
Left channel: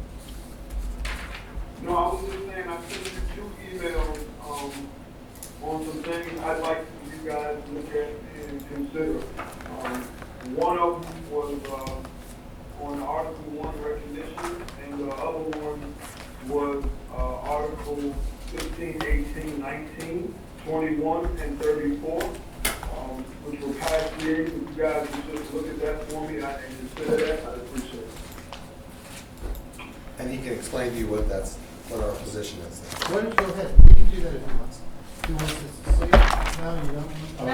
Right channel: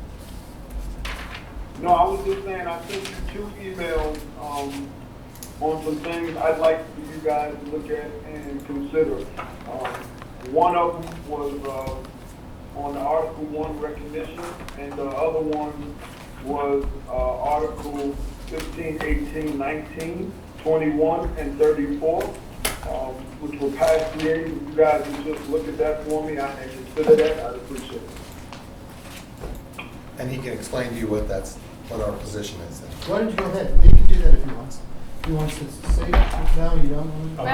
No, I was just saying, I sent you 2 emails, on some things I'd like for you guys to look at and consider. One of them was, on the Article 1 recognition, and the other one was, Article 15, 18, 19, 21, and 34, which were past created. If you guys would just look at that for me and consider that, I'd appreciate it. and he can explain to you what our position is then. Why don't you go ahead? You can do that if you want. You want to say, no, you don't? Oh, no,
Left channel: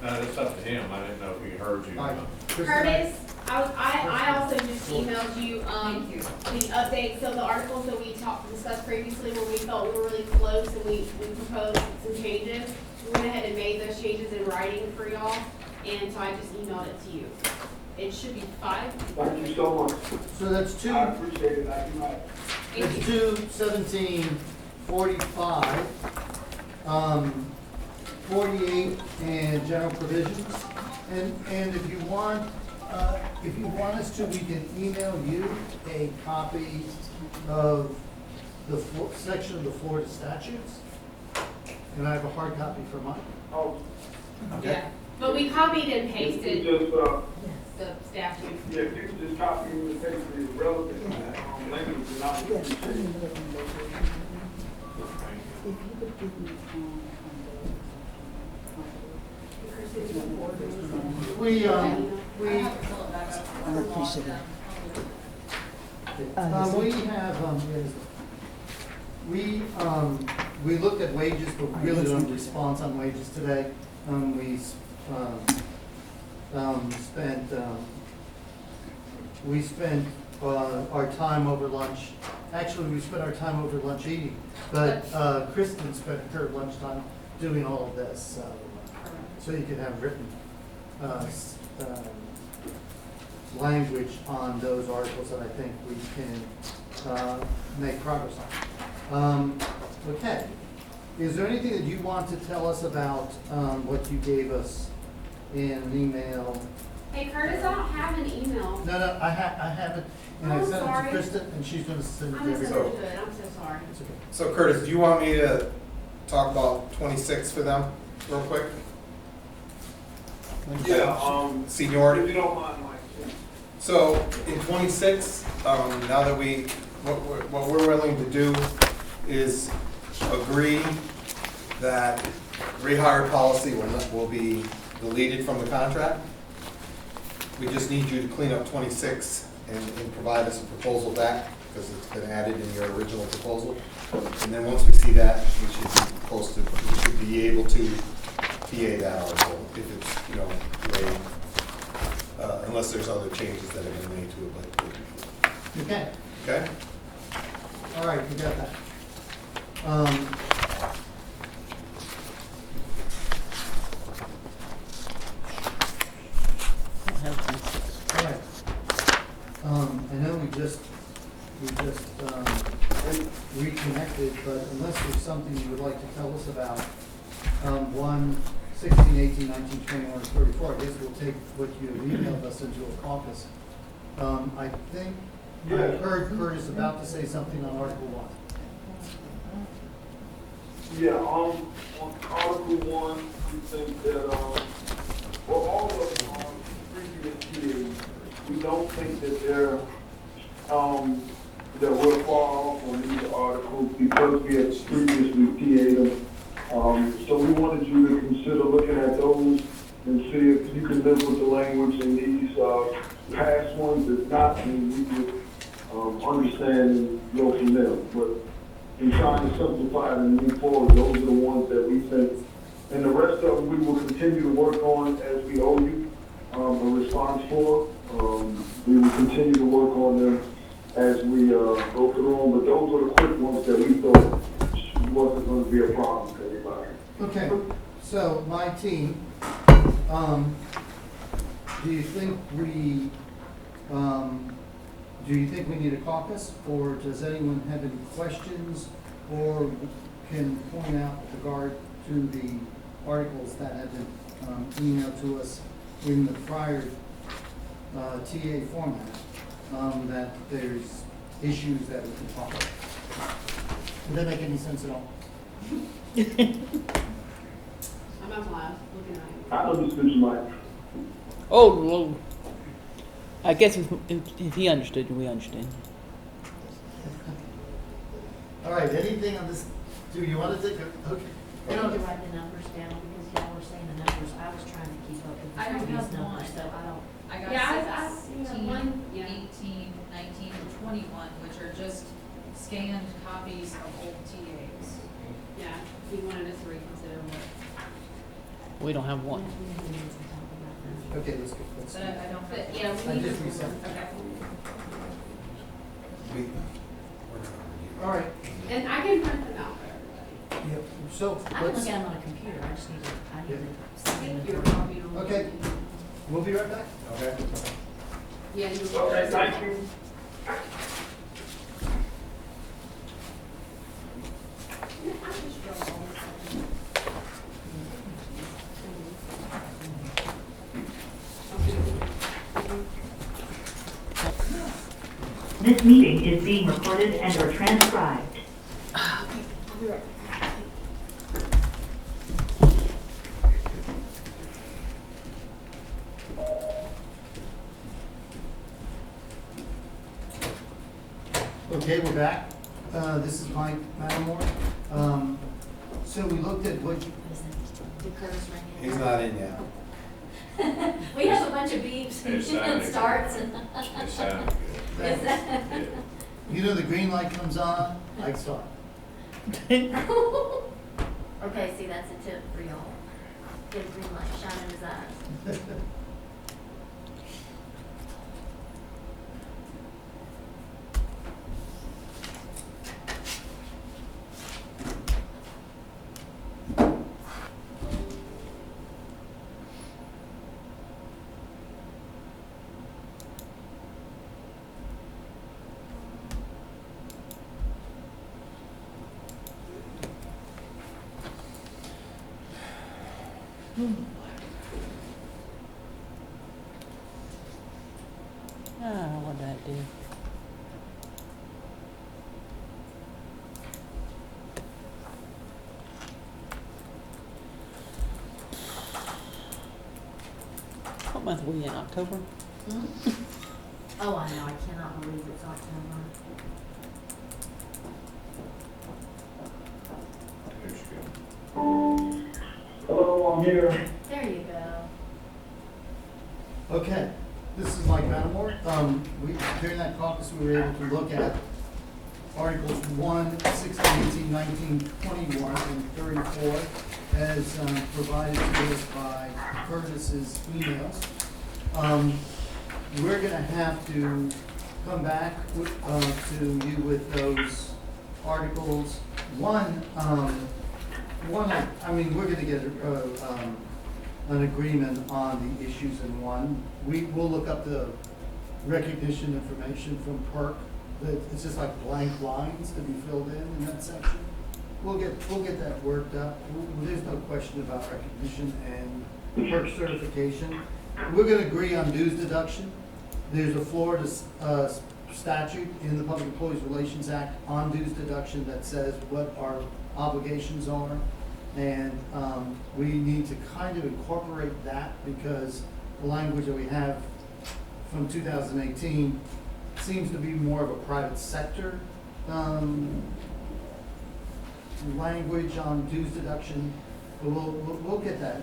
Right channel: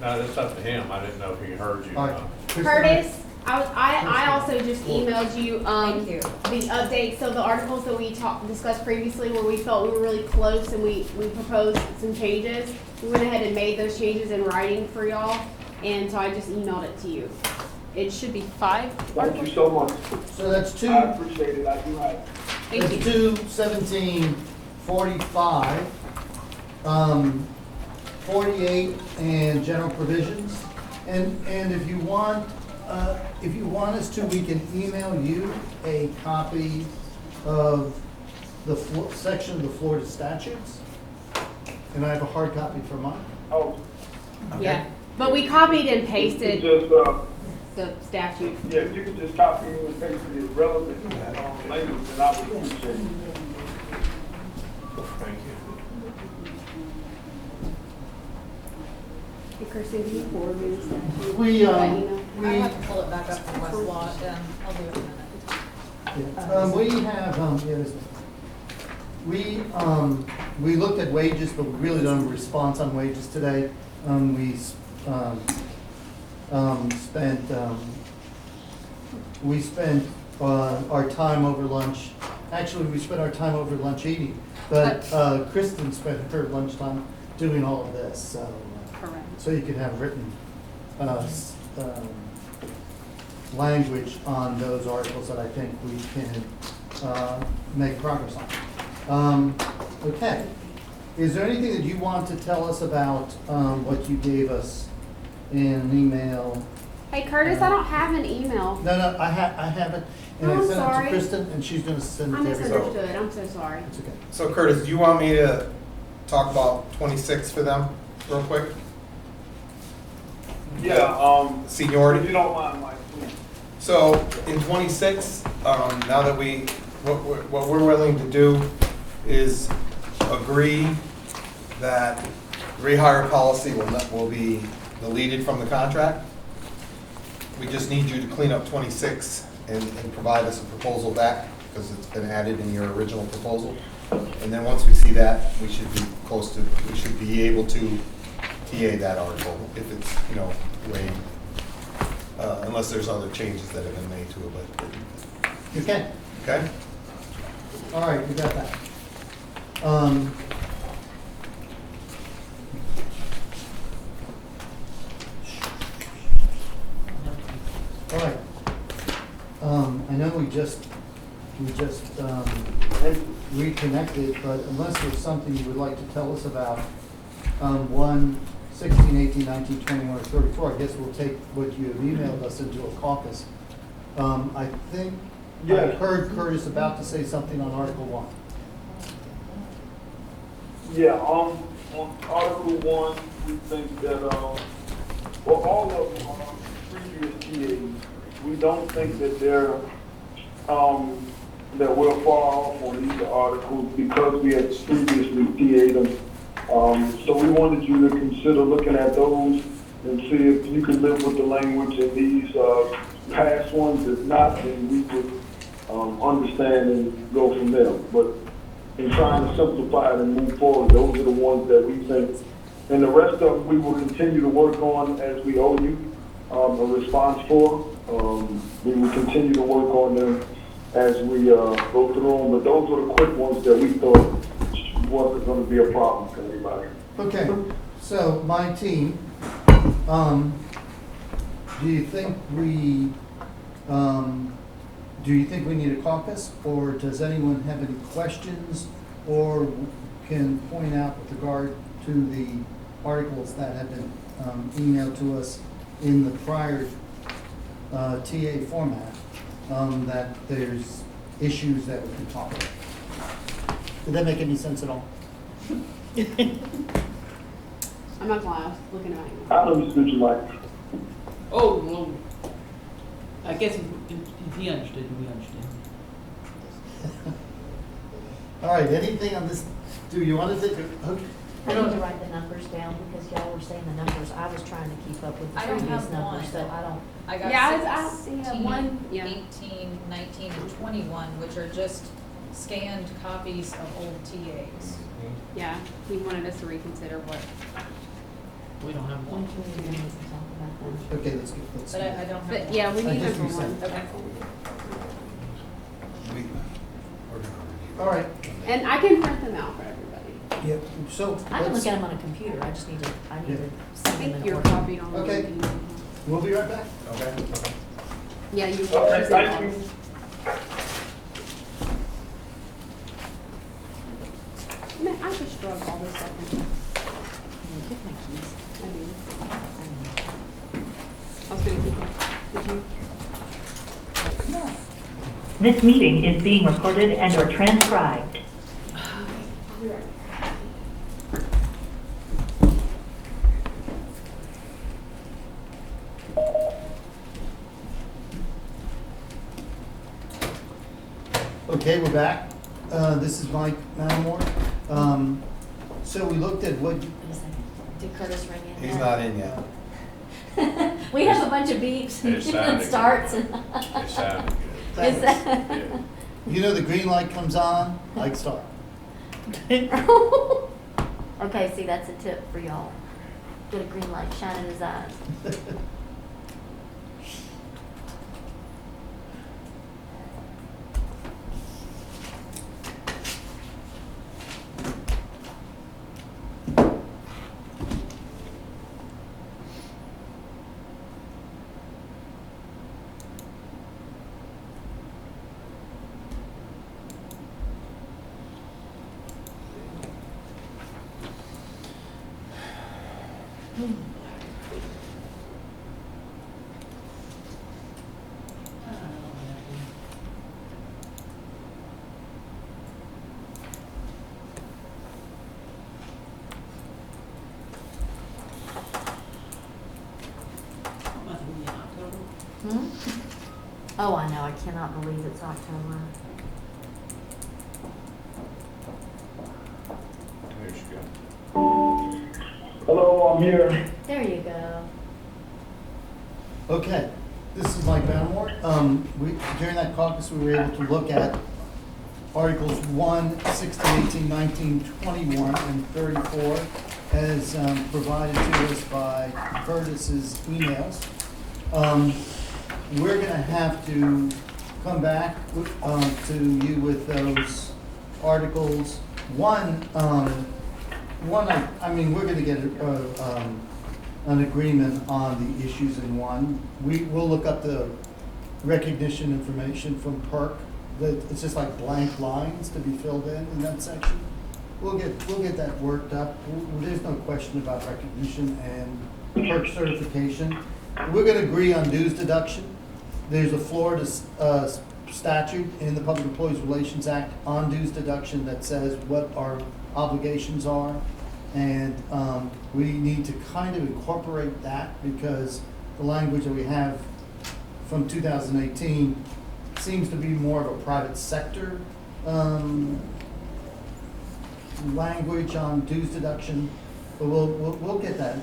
no, that's up to him. I didn't know if he heard you. All right. Curtis, I also just emailed you, the updates of the articles that we discussed previously where we felt we were really close and we proposed some changes. We went ahead and made those changes in writing for y'all, and so I just emailed it to you. It should be 5. Thank you so much. So that's two. I appreciate it, I do have. Thank It's you. 2/17/45, 48 and general provisions. And if you want us to, we can email you a copy of the section of the Florida statutes. And I have a hard copy for mine. Oh, Yeah, but we copied and you pasted can just, the statute. yeah, you can just copy and paste the relevant, language, and I would appreciate it. Thank you. We, I we, have to pull it back up from my slot, yeah, I'll do it. we have, we looked at wages, but really don't have a response on wages today. We spent our time over lunch, actually, we spent our time over lunch eating, but Kristen spent her lunchtime doing all of this, so. So you could have written language on those articles that I think we can make progress on. Okay. Is there anything that you want to tell us about what you gave us in an email? Hey Curtis, I don't have an email. No, I have it, and I I'm sent it to sorry. Kristen, and she's gonna send it I to everybody. misunderstood, I'm so sorry. It's okay. So Curtis, do you want me to talk about 26 for them real quick? Yeah, if Seniority? you don't mind, Mike. So in 26, now that what we're willing to do is agree that rehire policy will be deleted from the contract. We just need you to clean up 26 and provide us a proposal back, because it's been added in your original proposal. And then once we see that, we should be able to TA that article if it's, way, unless there's other changes that have been made to it, but, Okay, okay? all right, we got that. All right. I know we just reconnected, but unless there's something you would like to tell us about, 1, 16, 18, 19, 21, or 34, I guess we'll take what you have emailed us into a caucus. I think I Yes. heard Curtis about to say something on Article 1. Yeah, on Article 1, we think that, all of the previous TAs, we don't think that they're, that we're far off on either article because we had previously TA'd them. So we wanted you to consider looking at those and see if you can live with the language in these, past ones. If not, then we would, understand and go from there. But in trying to simplify it and move forward, those are the ones that we think. And the rest of them, we will continue to work on as we owe you, a response for. We will continue to work on them as we, go through them, but those are the quick ones that we thought wasn't gonna be a problem for anybody. Okay, so my team, do you think we need a caucus, or does anyone have any questions, or can point out with regard to the articles that have been emailed to us in the prior TA format, that there's issues that we can talk about? Did that make any sense at all? I'm not lying, I was looking at you. I understood you, Mike. Oh, well, I guess if he understood, we understand. All right, anything on this, do you want to take, okay? I need to write the numbers down because y'all were saying the numbers. I was trying to keep up with the I don't previous have numbers, one. so I don't. I Yeah, got I see that 16, one. Yeah. 18, 19, and 21, which are just scanned copies of old TAs. Yeah, he wanted us to reconsider what. We don't have one. Okay, let's go. But I don't have. But yeah, we I need just number resent one. it. Okay. We're gonna review. All right, And I can print them out for everybody. yeah, so I can let's, look at them on a computer. I just need to, I see think them. you're copied on. Okay. we'll be right back. Okay? Yeah, you. Okay, thank you. Man, I just drove all this up. This meeting is being recorded and/or transcribed. Okay, we're back. This is Mike Matamore. So we looked at what, Did Curtis ring in? He's not in yet. We have a bunch of beeps It sounded and good. starts and. It sounded good. Is that? Yeah. You know the green light comes on, like start. Okay, see, that's a tip for y'all. Get a green light, shine in his eyes. Ah, I love that thing. What month are we in, October? Hmm? Oh, I know, I cannot believe it's October. There you go. Hello, I'm here. There you go. Okay, this is Mike Vanamore. During that caucus, we were able to look at Articles 1, 16, 18, 19, 21, and 34 as provided to us by Curtis's emails. We're gonna have to come back to you with those articles. One, I mean, we're gonna get an agreement on the issues in one. We'll look up the recognition information from PERC. It's just like blank lines to be filled in that section. We'll get that worked up. There's no question about recognition and PERC certification. We're gonna agree on dues deduction. There's a Florida statute in the Public Employees Relations Act on dues deduction that says what our obligations are. And we need to kind of incorporate that because the language that we have from 2018 seems to be more of a private sector language on dues deduction. But we'll get that.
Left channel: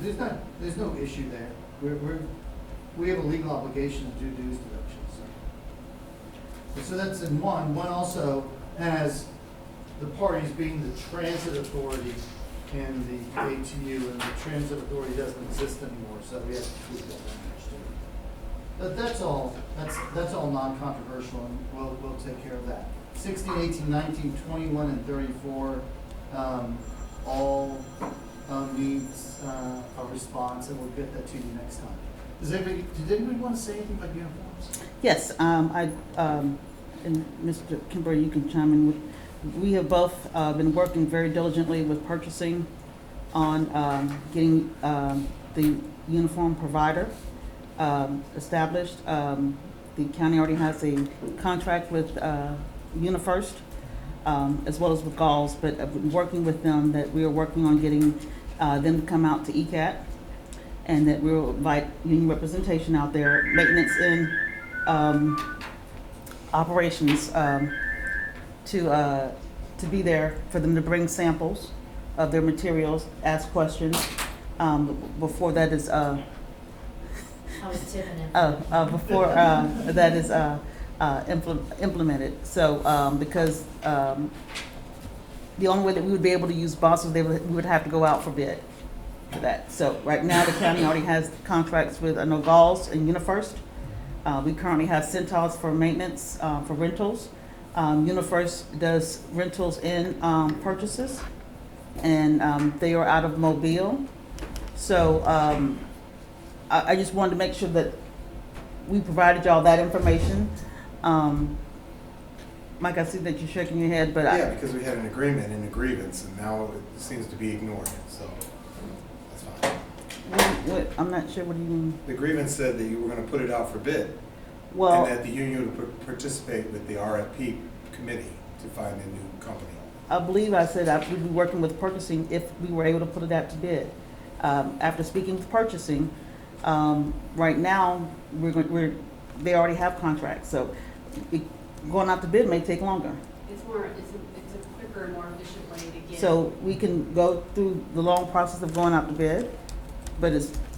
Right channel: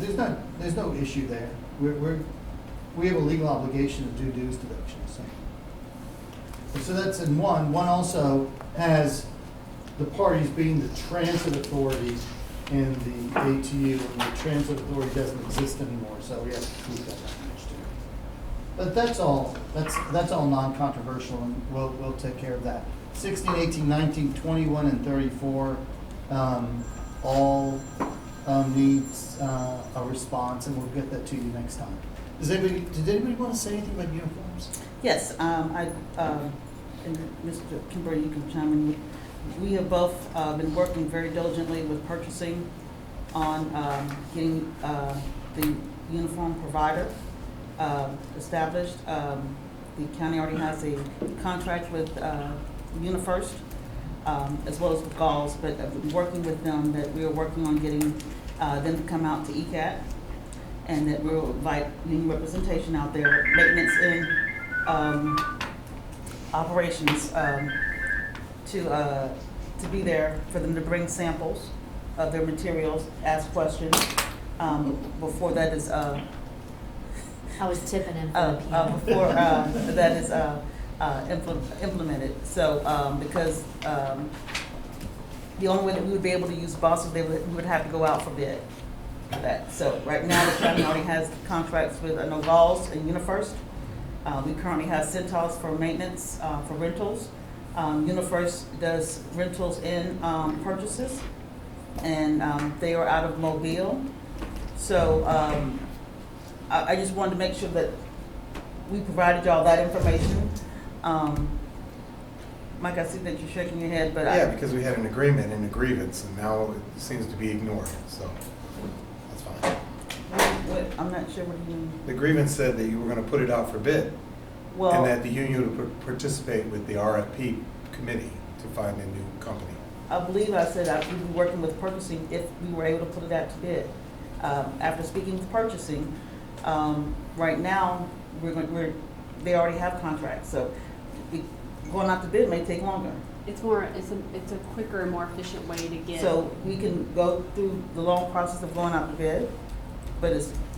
There's no issue there. We have a legal obligation to do dues deductions. So that's in one. One also has the parties being the transit authority and the ATU, and the transit authority doesn't exist anymore, so we have to tweak that language too. But that's all non-controversial, and we'll take care of that. 16, 18, 19, 21, and 34 all needs a response, and we'll get that to you next time. Did anybody want to say anything about uniforms? Yes, and Mr. Kimber, you can chime in. We have both been working very diligently with purchasing on getting the uniform provider established. The county already has a contract with UniFirst, as well as with Galls, but I've been working with them that we are working on getting them to come out to ECAT, and that we'll invite union representation out there, maintenance and operations, to be there for them to bring samples of their materials, ask questions. Before that is I was tipping him. before that is implemented. So because the only way that we would be able to use buses, we would have to go out for bid for that. So right now, the county already has contracts with Galls and UniFirst. We currently have Centos for maintenance, for rentals. UniFirst does rentals and purchases, and they are out of Mobile. So I just wanted to make sure that we provided y'all that information. Mike, I see that you're shaking your head, but Yeah, because we had an agreement and a grievance, and now it seems to be ignored, so that's fine. I'm not sure what do you mean. The grievance said that you were gonna put it out for bid, and Well, that the union would participate with the RFP committee to find a new company. I believe I said I would be working with purchasing if we were able to put it out to bid. After speaking with purchasing, right now, they already have contracts, so going out to bid may take longer. It's a quicker and more efficient way to get. So we can go through the long process of going out to bid, but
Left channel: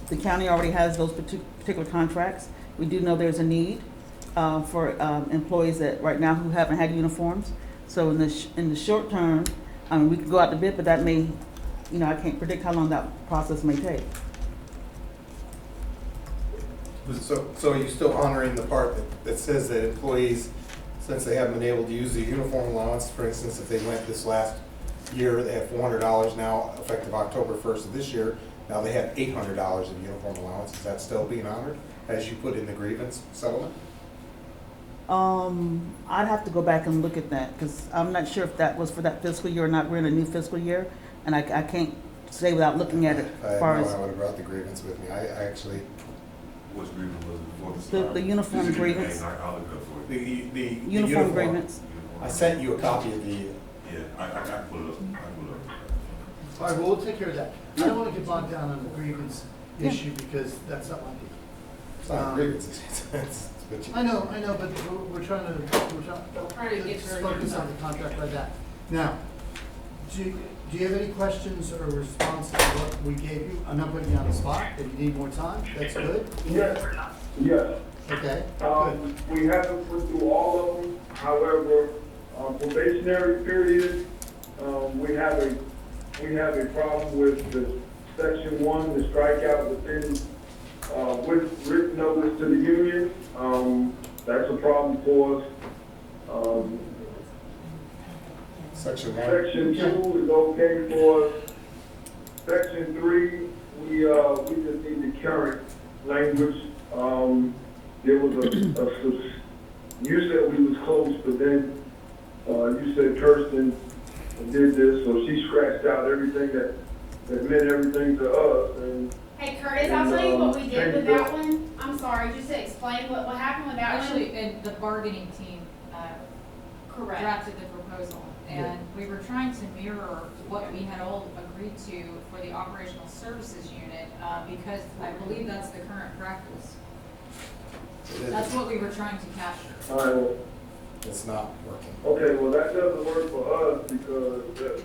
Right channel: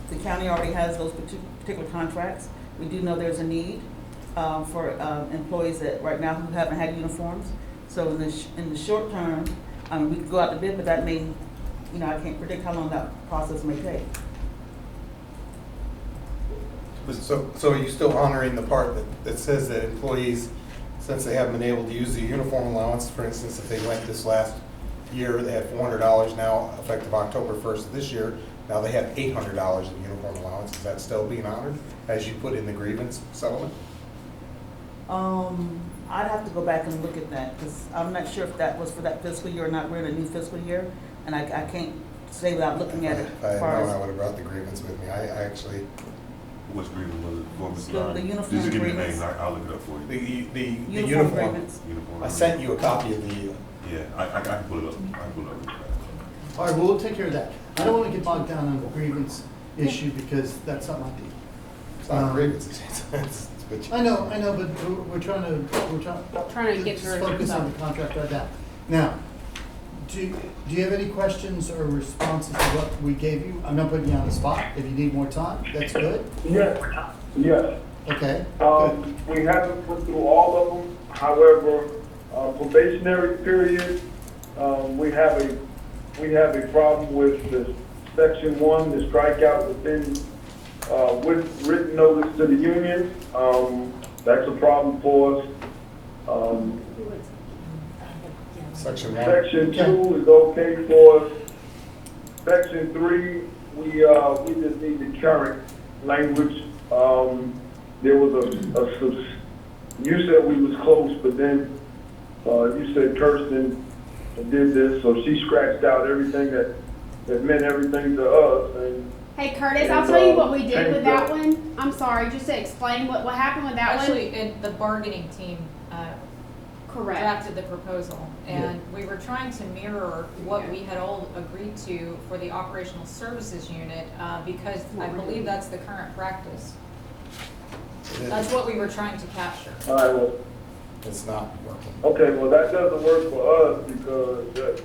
The county already has those particular contracts. We do know there's a need for employees that right now who haven't had uniforms. So in the short term, we could go out to bid, but that may, I can't predict how long that process may take. So are you still honoring the part that says that employees, since they haven't been able to use the uniform allowance, for instance, if they went this last year, they had $400 now, effective October 1st of this year, now they have $800 in uniform allowance. Is that still being honored as you put in the grievance settlement? I'd have to go back and look at that, because I'm not sure if that was for that fiscal year or not. We're in a new fiscal year, and I can't say without looking at it. If I had known, I would have brought the grievance with me. I actually, What's grievance was it? The uniform Just give me the grievance. name, I'll look it up for you. the Uniform agreements. Uniform. I sent you a copy of the, Yeah, I can pull it up, I can pull it up. All right, well, we'll take care of that. I don't want to get bogged down on the grievance issue because that's not my deal. it's not a grievance, it's what you- I know, but we're trying Trying to get to through it focus yourself. on the contract right now. Now, do you have any questions or responses to what we gave you? I'm not putting you on the spot. If you need more time, that's good. Yes, yes. Okay, good. We haven't put through all of them, however, probationary period, we have a problem with the section 1, the strikeout within, with written notice to the union. That's a problem for us. section 1. Section 2 is okay for us. Section 3, we just need the current language. There was you said we was close, but then, you said Kirsten did this, so she scratched out everything that meant everything to us, and Hey Curtis, I'll tell you what we did with and, that one. I'm sorry, just to explain what happened with that one. Actually, the bargaining team Correct. drafted the proposal, and we were trying to mirror what we had all agreed to for the operational services unit, because I believe that's the current practice. That's what we were trying to capture. all right, well, It's not working. okay, well, that doesn't work for us, because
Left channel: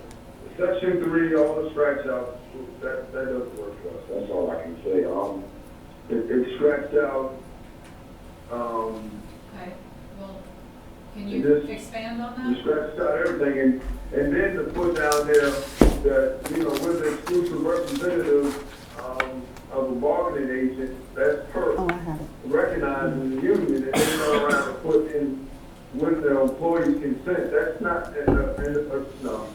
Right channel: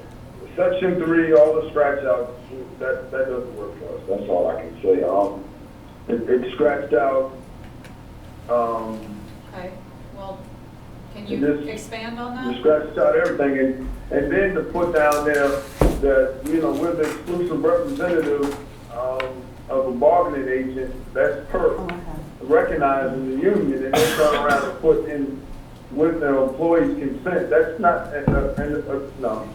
section 3, all the scratch outs, that doesn't work for us, that's all I can say. It's scratched out, Okay, well, can you It is- expand on you that? scratched out everything, and then to put down there that, we're the exclusive representative, of a bargaining agent, that's per, Oh, I have it. recognizing the union, and then go around and put in with the employee's consent, that's not, no.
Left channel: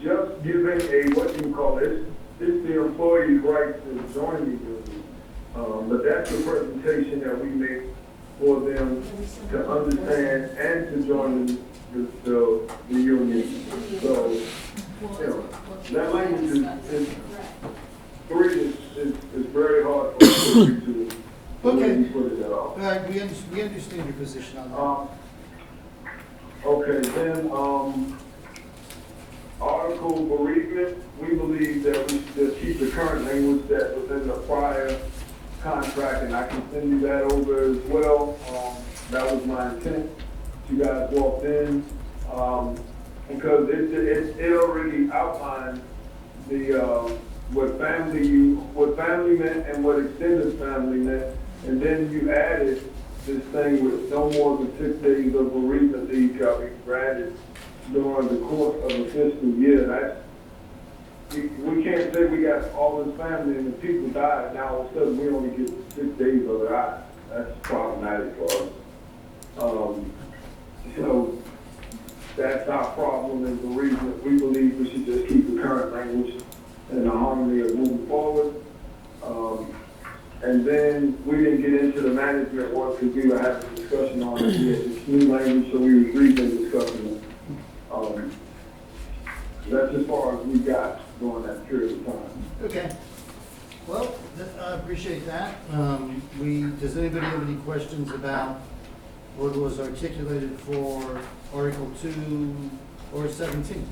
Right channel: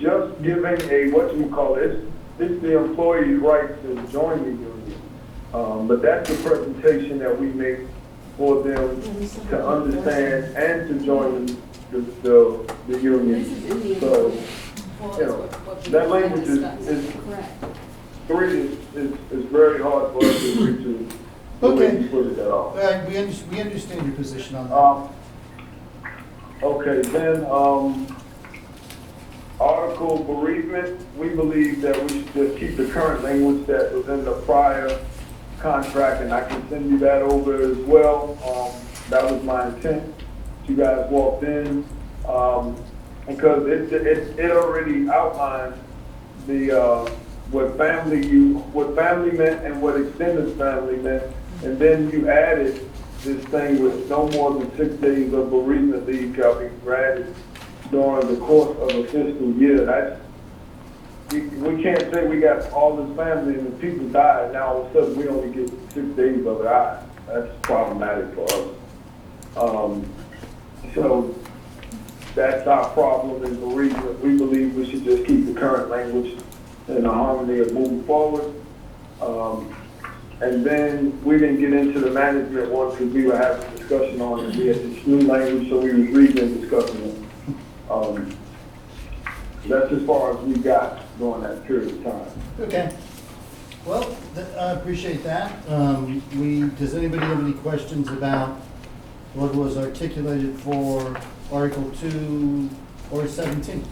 Just giving a, what you call it, it's the employee's right to join the union. But that's the presentation that we make for them to understand and to join the union. So, that language is 3 is very hard for us to agree to. the way you put it at all. All right, we understand your position on that. Okay, then, article bereavement, we believe that we should just keep the current language that was in the prior contract, and I can send you that over as well. That was my intent. You guys walked in, because it already outlined the, what family meant and what extended family meant. And then you added this thing with no more than 6 days of bereavement leave shall be granted during the course of a fiscal year. We can't say we got all this family and the people died, now all of a sudden we only get 6 days of it. That's problematic for us. So that's our problem in bereavement. We believe we should just keep the current language in the harmony of moving forward. And then we didn't get into the management one because we were having a discussion on it. We had this new language, so we were reading and discussing it. That's as far as we got during that period of time. Okay. Well, I appreciate that. Does anybody have any questions about what was articulated for Article 2 or 17?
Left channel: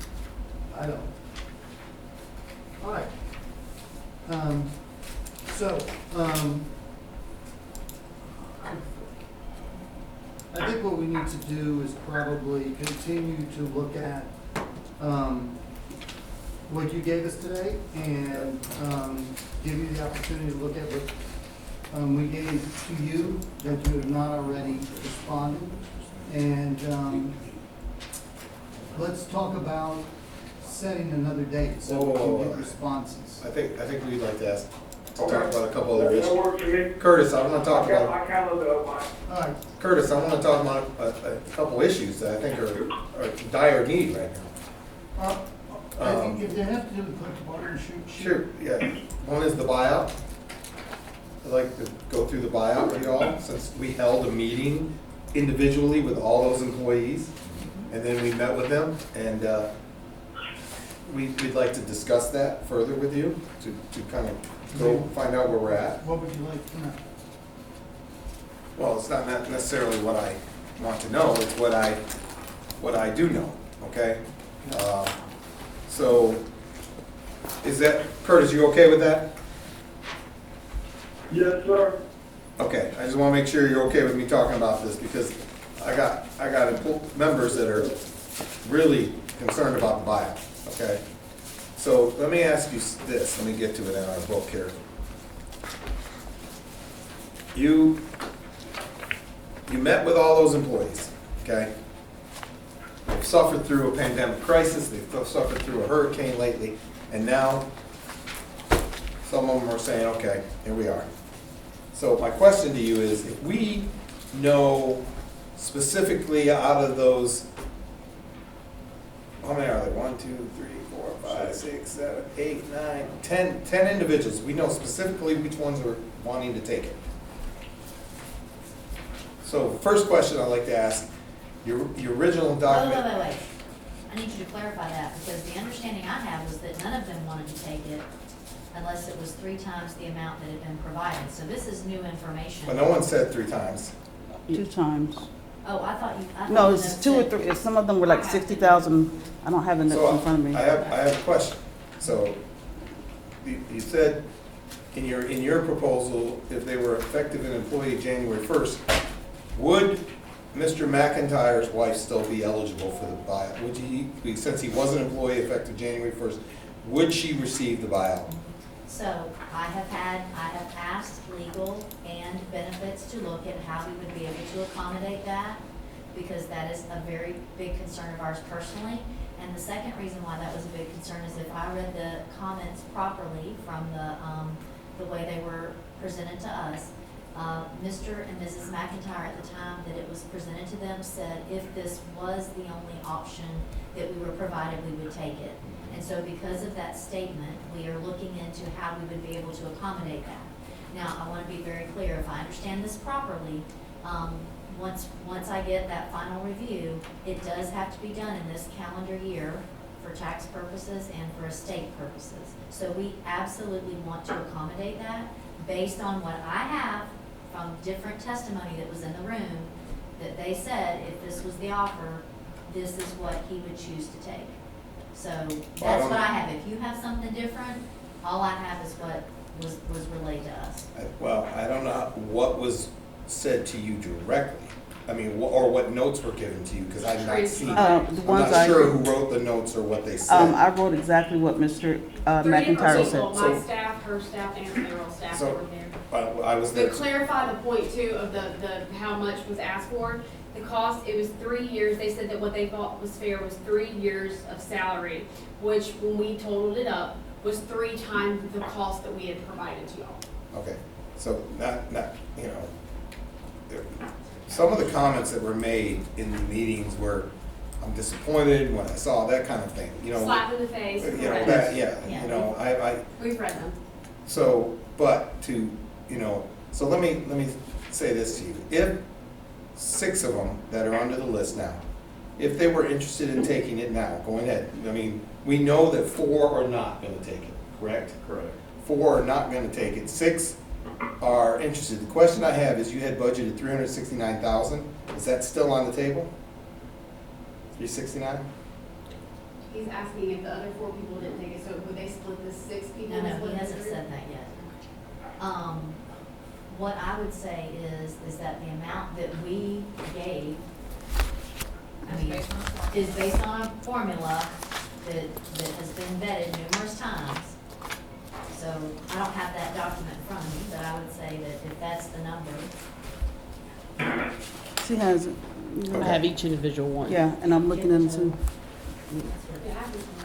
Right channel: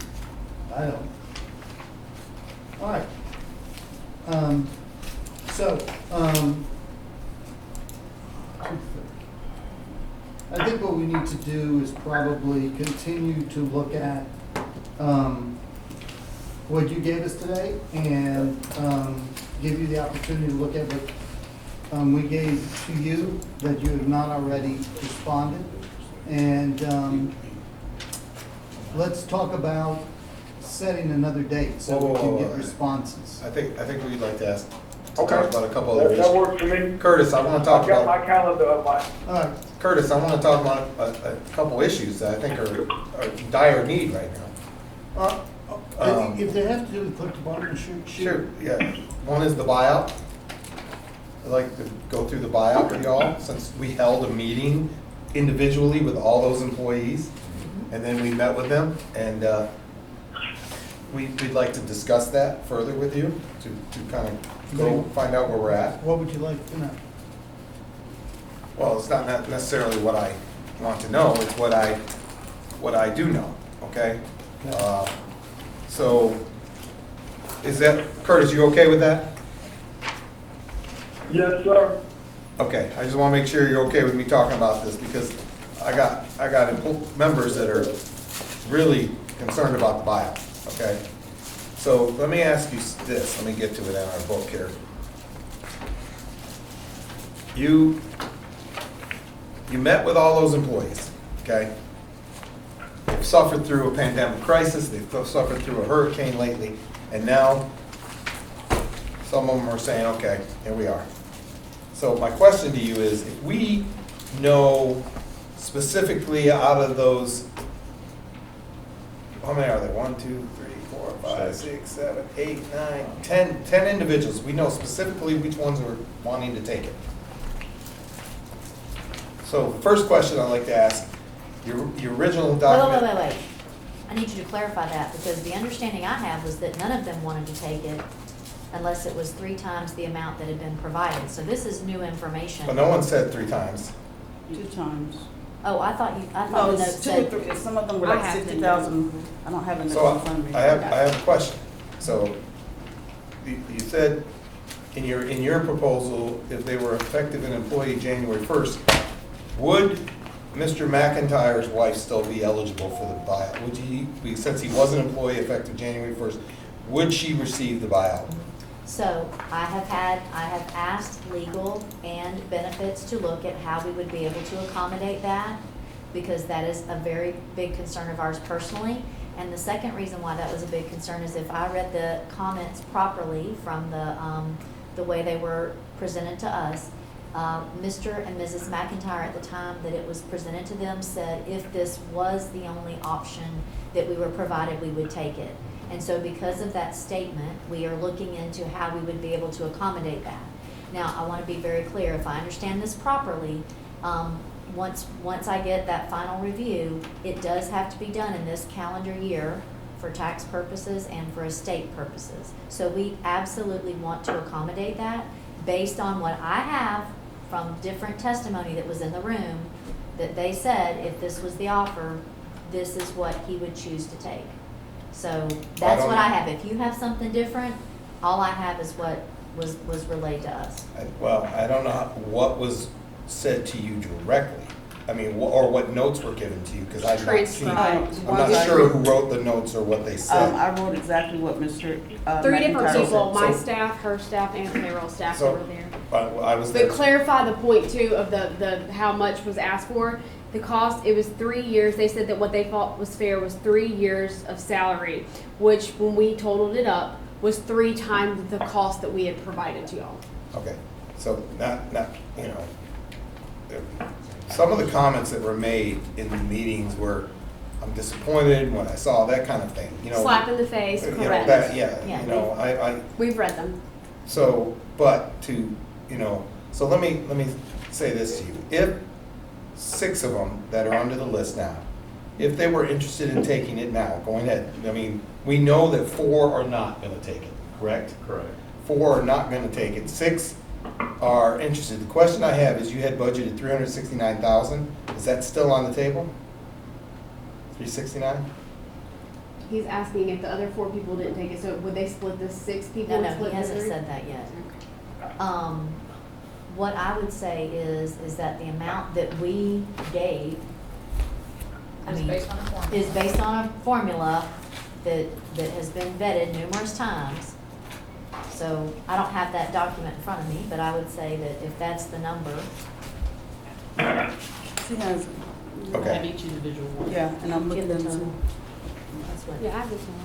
I don't. All right. I think what we need to do is probably continue to look at what you gave us today and give you the opportunity to look at what we gave to you that you have not already responded. And let's talk about setting another date so we can get responses. I think we'd like to talk about a couple other That issues. works for me. Curtis, I want to talk I've got about, my calendar up, All right, Curtis, I want to talk about a couple issues that I think are dire need right now. I think if they have to put the water and shoot. Sure, yeah. One is the buyout. I'd like to go through the buyout with y'all, since we held a meeting individually with all those employees, and then we met with them, and we'd like to discuss that further with you, to kind of go find out where we're at. What would you like to know? Well, it's not necessarily what I want to know, it's what I do know, okay? So, is that, Curtis, you okay with that? Yes, sir. Okay, I just want to make sure you're okay with me talking about this, because I got members that are really concerned about the buyout, okay? So let me ask you this, let me get to it in our book here. You met with all those employees, okay? They've suffered through a pandemic crisis, they've suffered through a hurricane lately, and now some of them are saying, okay, here we are. So my question to you is, if we know specifically out of those, how many are there? 1, 2, 3, 4, 5, 6, 7, 8, 9, 10 individuals. We know specifically which ones are wanting to take it. So the first question I'd like to ask, your original document. Wait. I need you to clarify that, because the understanding I have was that none of them wanted to take it unless it was 3 times the amount that had been provided. So this is new information. But no one said 3 times. 2 times. Oh, I thought No, the it's note 2 or said- 3, some of them were like I have 60,000. I don't have it in So front of me. I have a question. So you said in your proposal, if they were effective an employee January 1st, would Mr. McIntyre's wife still be eligible for the buyout? Would since he was an employee effective January 1st, would she receive the buyout? So I have asked legal and benefits to look at how we would be able to accommodate that, because that is a very big concern of ours personally. And the second reason why that was a big concern is if I read the comments properly from the way they were presented to us, Mr. and Mrs. McIntyre at the time that it was presented to them said if this was the only option that we were provided, we would take it. And so because of that statement, we are looking into how we would be able to accommodate that. Now, I want to be very clear, if I understand this properly, once I get that final review, it does have to be done in this calendar year for tax purposes and for estate purposes. So we absolutely want to accommodate that based on what I have from different testimony that was in the room, that they said if this was the offer, this is what he would choose to take. So that's what I have. If you have something different, all I have is what was relayed to us. I don't know what was said to you directly. I mean, or what notes were given to you, because I've not seen. I'm not sure who wrote the notes or what they said. I wrote exactly what Mr. 3 different McIntyre people, said. my staff, her staff, and payroll staff So- over here. I was there. To clarify the point too of the how much was asked for, the cost, it was 3 years. They said that what they thought was fair was 3 years of salary, which when we totaled it up, was 3 times the cost that we had provided to y'all. Okay, so not, some of the comments that were made in the meetings were, I'm disappointed when I saw that kind of thing, Slap in the face, You know, correct. that, Yeah. I, We've read them. so, but to, so let me say this to you. If 6 of them that are under the list now, if they were interested in taking it now, going ahead, I mean, we know that 4 are not gonna take it, correct? Correct. 4 are not gonna take it, 6 are interested. The question I have is, you had budgeted 369,000, is that still on the table? 369? He's asking if the other 4 people didn't take it, so would they split the 6 people? No, and split he the hasn't 3? said that yet. What I would say is that the amount that we gave, I It's mean, based on the form. is based on a formula that has been vetted numerous times. So I don't have that document in front of me, but I would say that if that's the number, She has, I have each individual one. yeah, and I'm looking at them too. that's what. Yeah, I have this one.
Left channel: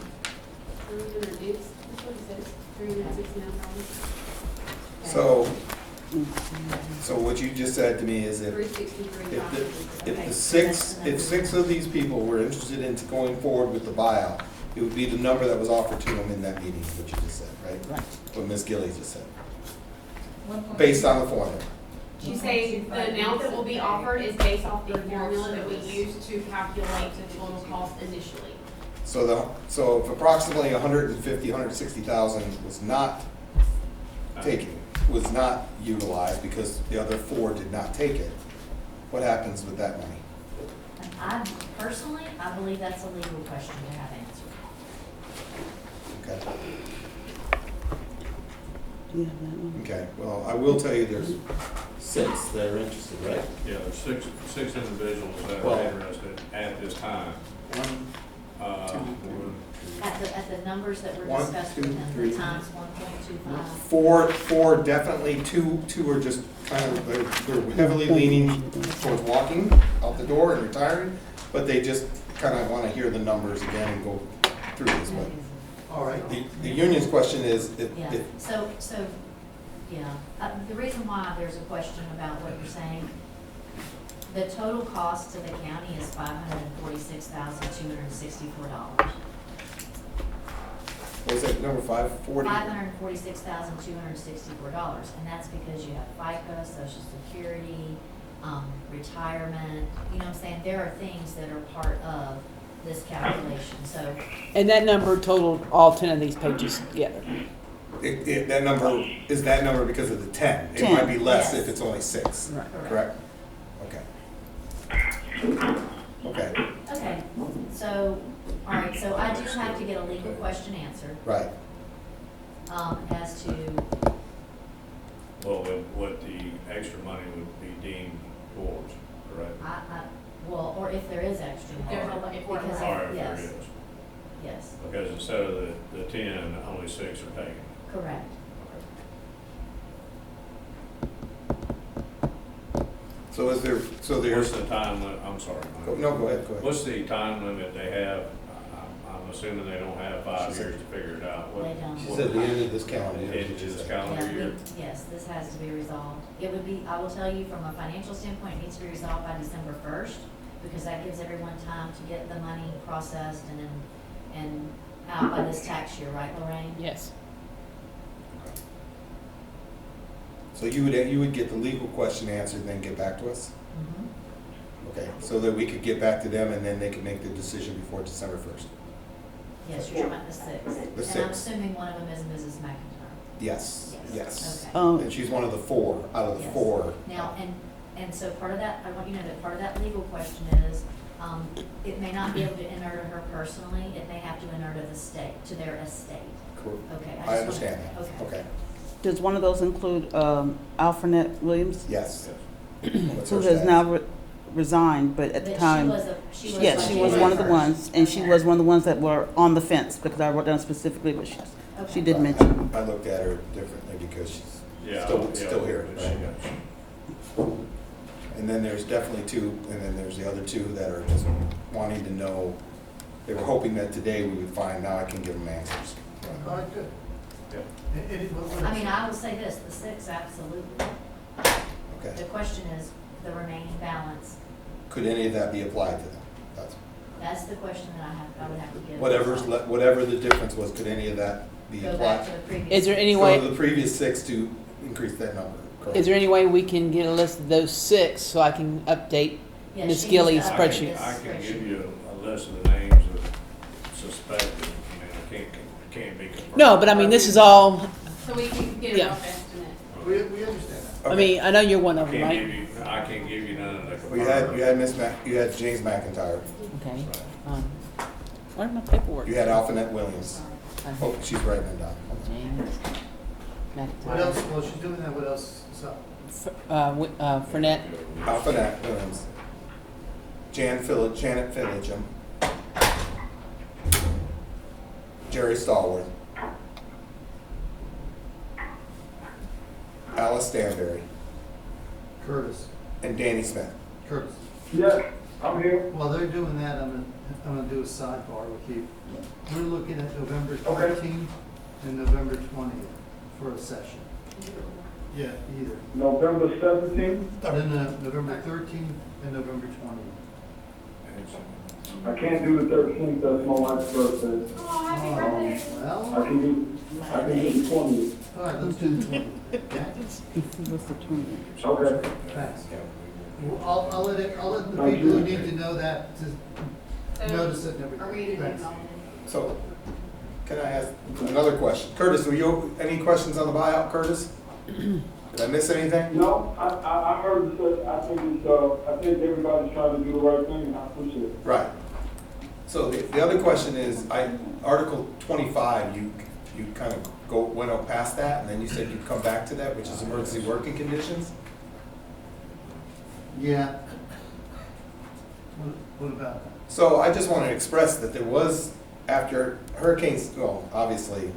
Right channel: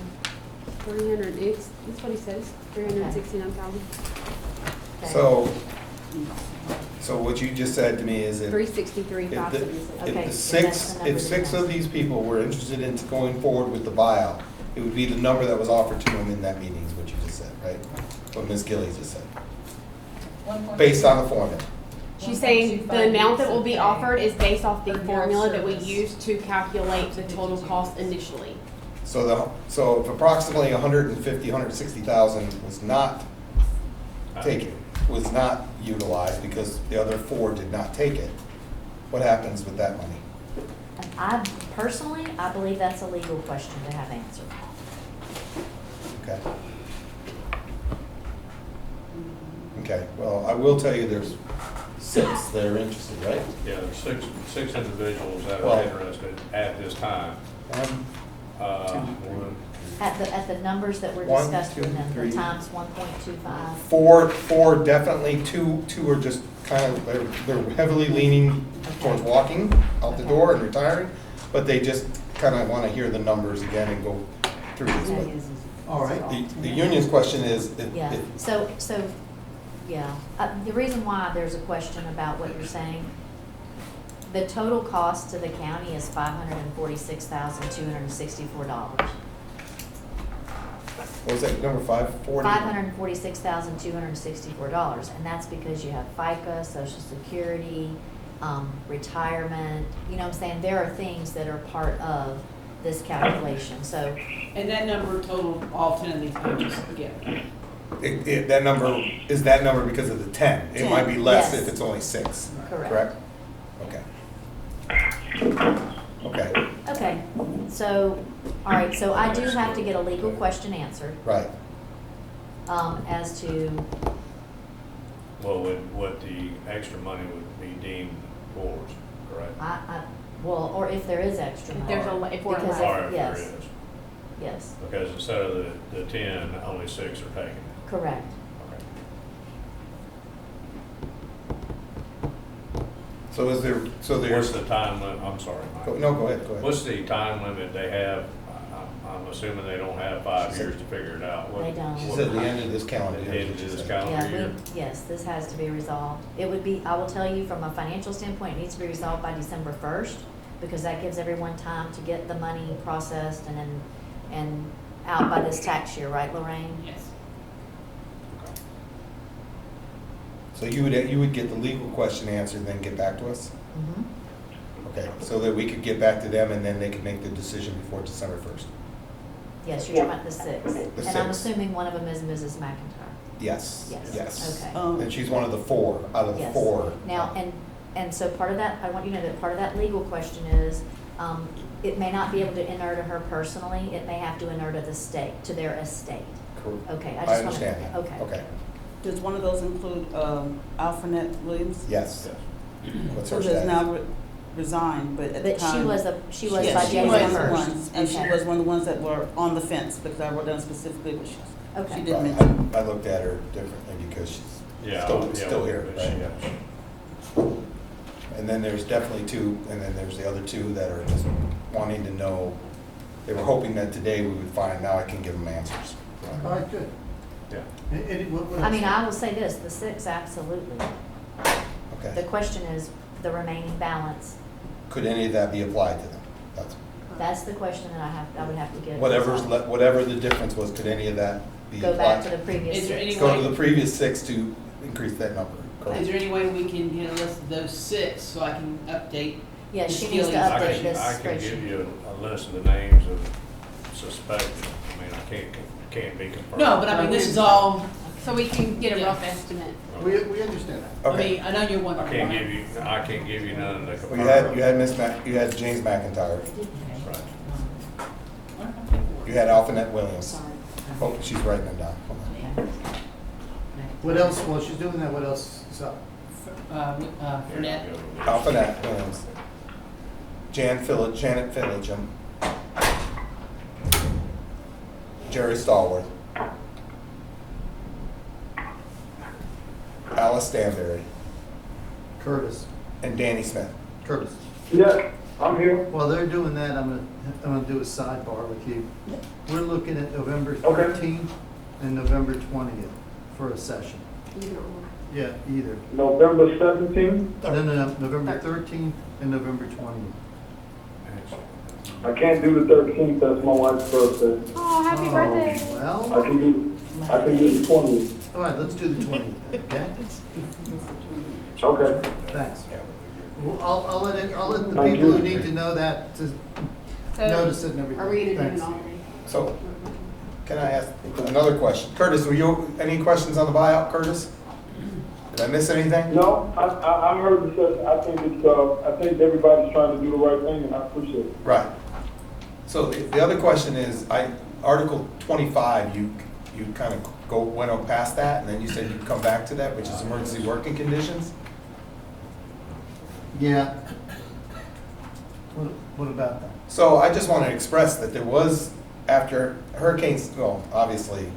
300, it's, that's what he says, 369,000. So what you just said to me is if, 363,000. Okay, if so that's the number. six of these people were interested in going forward with the buyout, it would be the number that was offered to them in that meeting, is what you just said, right? What Ms. Gilly just said, based on the formula. She's saying the amount that will be offered is based off the formula that we used to calculate the total cost initially. So if approximately 150, 160,000 was not taken, was not utilized because the other four did not take it, what happens with that money? I personally, I believe that's a legal question to have answered. Okay. Okay, well, I will tell you there's 6 that are interested, right? Yeah, there's six individuals that Well- are interested at this time. One, One, At the numbers that were One, discussed two, with them, three. the times 1.25. four definitely, two are just kind of, they're heavily leaning towards walking out the door and retiring, but they just kind of want to hear the numbers again and go through this. But All right. the union's question is, Yeah, if, so, yeah, the reason why there's a question about what you're saying, the total cost to the county is $546,264. what was that, number 540? $546,264, and that's because you have FICA, Social Security, retirement, you know what I'm saying? There are things that are part of this calculation, so, And that number totaled all 10 of these pages together. That number, is that number because of the 10? It might be less Yes. if it's only 6, correct. correct? Okay. Okay, Okay, so, all right, so I do have to get a legal question answered, right. as to, well, what the extra money would be deemed yours, correct? well, or if there is extra money. There's a, if we're Because Or if there yes. is, Yes, because instead of the 10, only 6 are taken. correct. Okay. So is there, so What's there's, the time limit, I'm sorry, Mike. no, go ahead. What's the time limit they have? I'm assuming they don't have 5 She said- years to figure it out. They don't. She said the end of this calendar The year. end of this Yeah, calendar year. yes, this has to be resolved. It would be, I will tell you, from a financial standpoint, it needs to be resolved by December 1st, because that gives everyone time to get the money processed and out by this tax year, right, Lorraine? Yes. So you would get the legal question answered and then get back to us? Mhm. Okay, so that we could get back to them and then they could make the decision before December 1st? Yes, you're talking about the 6. The And I'm 6. assuming one of them is Mrs. McIntyre. Yes, Yes. yes. Okay. And she's one of the 4, out of the Yes. 4. Now, and so part of that, I want you to know that part of that legal question is, it may not be able to enter to her personally, it may have to enter to the state, to their estate. Okay, I just understand that. Okay. Okay, Does one of those include Alfredet Williams, yes. What's her who has status? now resigned, but at the But time? she was by Yes, she was January one of the 1st. ones, and she Okay. was one of the ones that were on the fence, because I wrote down specifically what she Okay. did mention. I looked at her differently because she's Yeah, still here, but she right? got- And then there's definitely 2, and then there's the other 2 that are just wanting to know. They were hoping that today we would find, now I can give them answers. All right, good. Yeah. I mean, I will say this, the 6, absolutely. The Okay. question is the remaining balance. Could any of that be applied to them? That's the question that I would have to get. Whatever the difference was, could any of that be Go back to applied? the previous. Is there any 6. way- Go to the previous 6 to increase that number, correct? Is there any way we can get a list of those 6 so I can update? Yeah, Ms. she needs to Gillies' update spreadsheet. this I can spreadsheet. give you a list of the names of suspected. I mean, I can't be confirmed. No, but I mean, this is all, So we can get a Yeah. rough estimate. We understand that. I Okay. mean, I know you're one I of them, can't right? give you none that Well, confirm. you had James McIntyre, Okay. Right. Where's my paperwork? you had Alphanet Williams. Oh, she's writing them down. Hold on. What else, while she's doing that, what else is up? Fournette. Alphanet Williams. Janet Phillipsum. Jerry Stallworth, Alice Stanberry, Curtis, and Danny Smith. Curtis. Yeah, I'm here. While they're doing that, I'm gonna do a sidebar with you. We're looking at November Okay. 13th and November 20th for a session. Yeah, either. November 17th? No, November 13th and November 20th. I can't do the 13th, that's my wife's birthday. Oh, happy birthday. Well, I can do the 20th. all right, let's do the 20th, okay? Okay. Thanks. Well, I'll let the Thank people who you. need to know that to So, notice it and everything. are we gonna do Thanks. it all? So, can I ask another question? Curtis, any questions on the buyout, Curtis? Did I miss anything? No, I heard you say, I think everybody's trying to do the right thing, and I appreciate it. Right. So the other question is, Article 25, you kind of went up past that, and then you said you'd come back to that, which is emergency working conditions? Yeah. What about that? So I just want to express that there was, after hurricanes, well, obviously,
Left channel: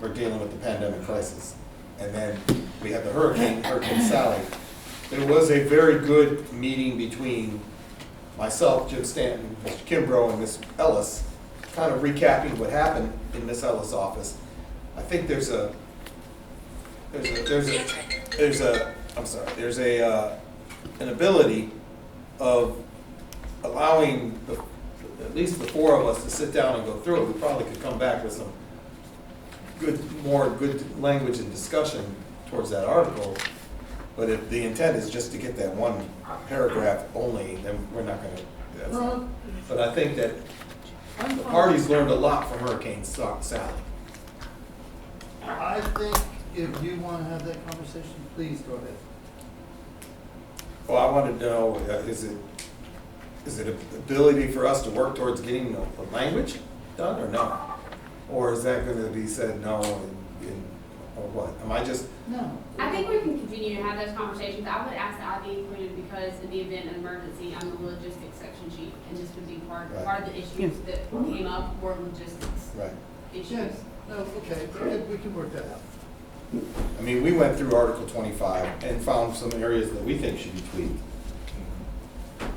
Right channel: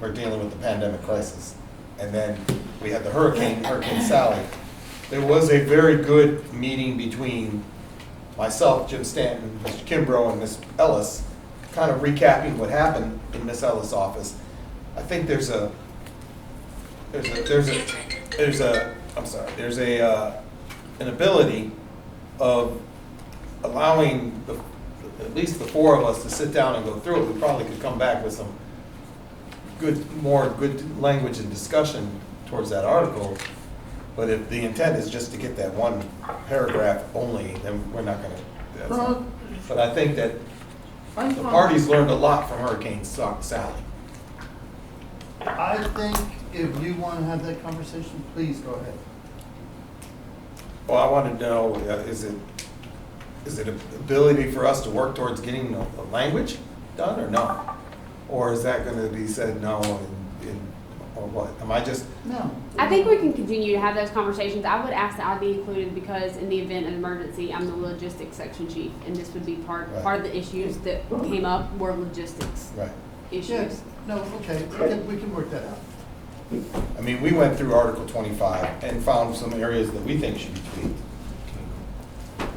we're dealing with the pandemic crisis, and then we had the Hurricane Sally. There was a very good meeting between myself, Jim Stanton, Mr. Kimbrough, and Ms. Ellis, kind of recapping what happened in Ms. Ellis' office. I think there's an ability of allowing at least the four of us to sit down and go through it. We probably could come back with some more good language and discussion towards that article. But if the intent is just to get that one paragraph only, then we're not gonna, but I think that the parties learned a lot from Hurricane Sally. I think if you want to have that conversation, please go ahead. Well, I wanted to know, is it an ability for us to work towards getting the language done or no? Or is that gonna be said no, or what? Am I just, No. I think we can continue to have those conversations. I would ask that I be included because in the event of an emergency, I'm the logistics section chief, and this would be part of the issues that came up were logistics right? issues. Yes. No, okay, we can work that out. I mean, we went through Article 25 and found some areas that we think should be tweaked.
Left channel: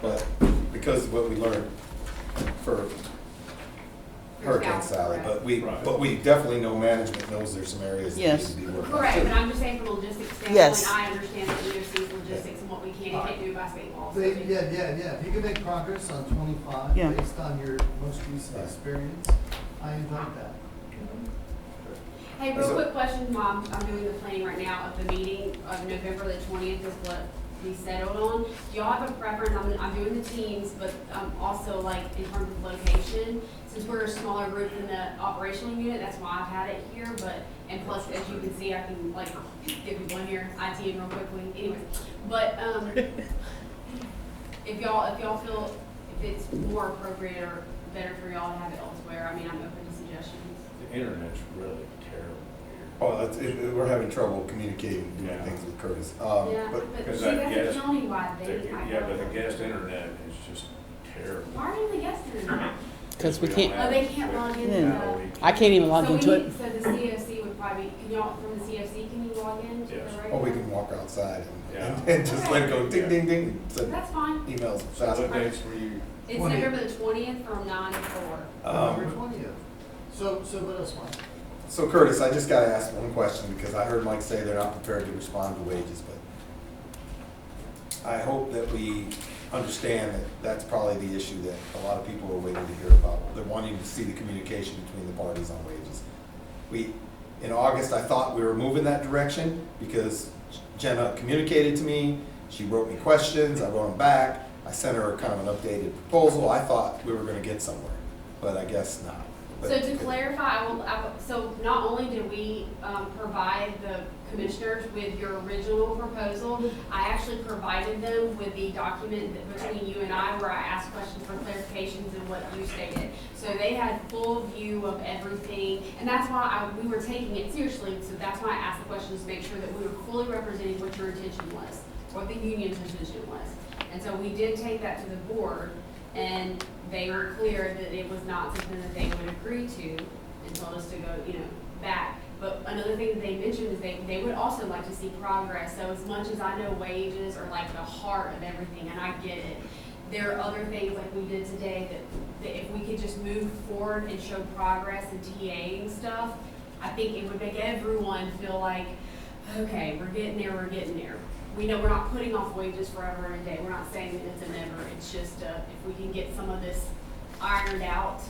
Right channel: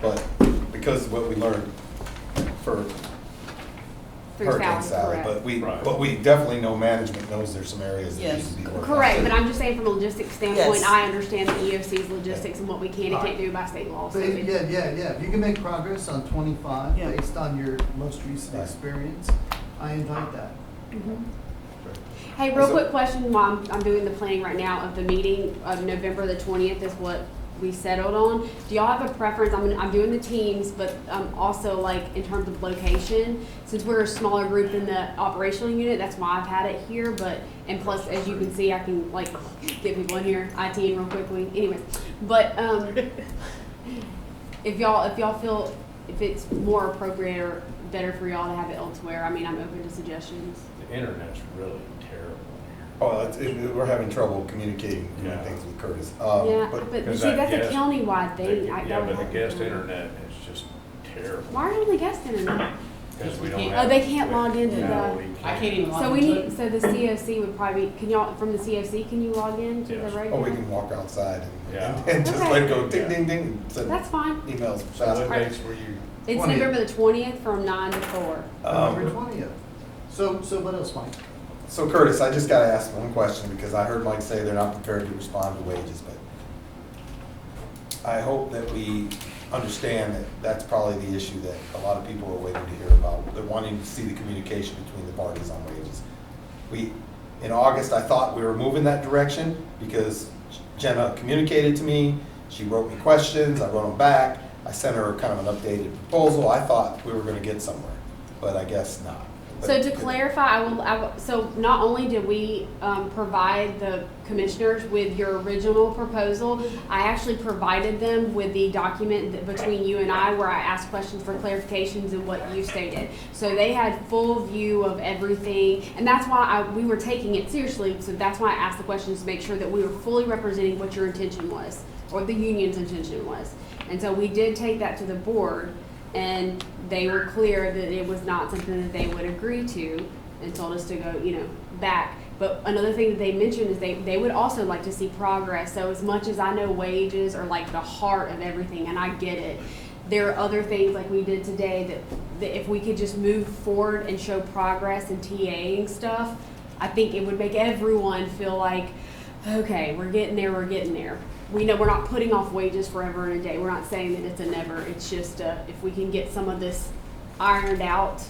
But because of what we learned for Through Hurricane Sally, Sally, correct. but we definitely know management knows there's some areas that need Yes. to be worked on. Correct, but I'm just saying from a logistics standpoint, Yes. I understand the EOC's logistics and what we can and can't do by state law. So But yeah, if you can make progress on 25 Yeah. based on your most recent Right. experience, I invite that. Hey, real So- quick question while I'm doing the planning right now of the meeting of November the 20th is what we settled on. Do y'all have a preference? I'm doing the teams, but also like in terms of location, since we're a smaller group in the operational unit, that's why I've had it here, but, and plus, as you can see, I can like get people in here, IT real quickly, anyway. But, if y'all feel, if it's more appropriate or better for y'all to have it elsewhere, I mean, I'm open to suggestions. The internet's really terrible Oh, we're having trouble communicating, doing Yeah. things with Curtis. Yeah, But but because see, that that's a guest- countywide here. thing. Yeah, but the guest internet is just terrible. Why are the guests in there? Because we don't can't- have- Oh, they can't log into Yeah. No, the. we I can't even log So we into need, it. so the COC would probably, can y'all, from the COC, can you log in to Yes. the oh, regular? we can walk outside Yeah. and just let it go Okay. ding, ding, ding, and send That's fine. emails So fast. what dates were you? It's 20th. November the 20th from 9 to 4. November 20th. So what else, Mike? So Curtis, I just gotta ask one question, because I heard Mike say they're not prepared to respond to wages, but I hope that we understand that that's probably the issue that a lot of people are waiting to hear about. They're wanting to see the communication between the parties on wages. In August, I thought we were moving that direction, because Jenna communicated to me, she wrote me questions, I wrote them back, I sent her kind of an updated proposal, I thought we were gonna get somewhere, but I guess not. So to clarify, so not only did we provide the commissioners with your original proposal, I actually provided them with the document between you and I where I asked questions for clarifications and what you stated. So they had full view of everything, and that's why we were taking it seriously, so that's why I asked the questions to make sure that we were fully representing what your intention was, or the union's intention was. And so we did take that to the board, and they were clear that it was not something that they would agree to. and told us to go, back. But another thing that they mentioned is they would also like to see progress. So as much as I know wages are like the heart of everything, and I get it, there are other things like we did today that if we could just move forward and show progress in TAing stuff, I think it would make everyone feel like, okay, we're getting there. We know we're not putting off wages forever and a day. We're not saying that it's a never. It's just if we can get some of this ironed out,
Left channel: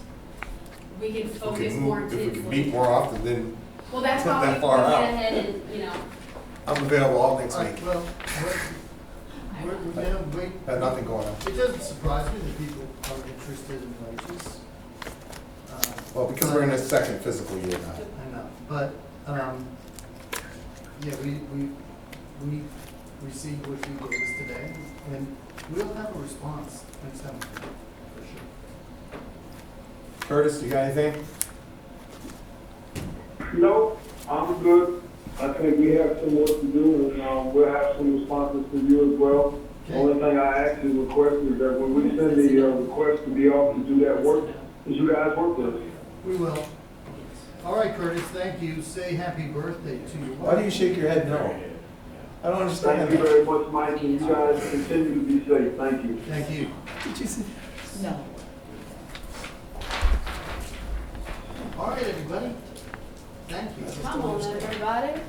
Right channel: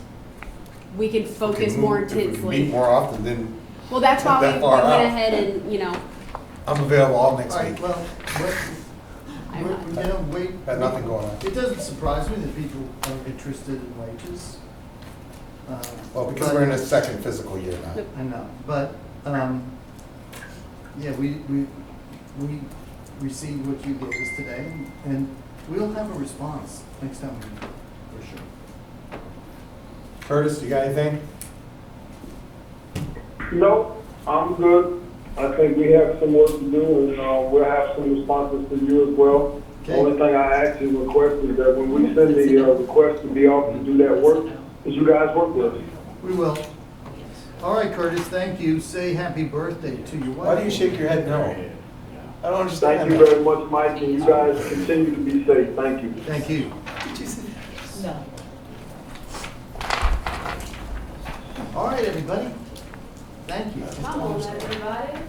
we can focus more If we can intensely. meet more often, then Well, that's Not why that we far went out. ahead and, I'm available all next All right, week. well, wait. Had nothing going on. It doesn't surprise me that people are interested in wages. Well, because we're in a second fiscal year now. I know, but, yeah, we received what you gave us today, and we'll have a response next time, for sure. Curtis, you got anything? No, I'm good. I think we have some work to do, and we'll have some responses from you as well. The Okay. only thing I ask and request is that when we send the request to be off to do that work, that you guys work with us. We will. All right, Curtis, thank you. Say happy birthday to your wife. Why do you shake your head no? I don't understand Thank you that. very much, Mike, and you guys continue to be safe. Thank you. Thank you. No. All right, everybody. Thank you. come on, everybody.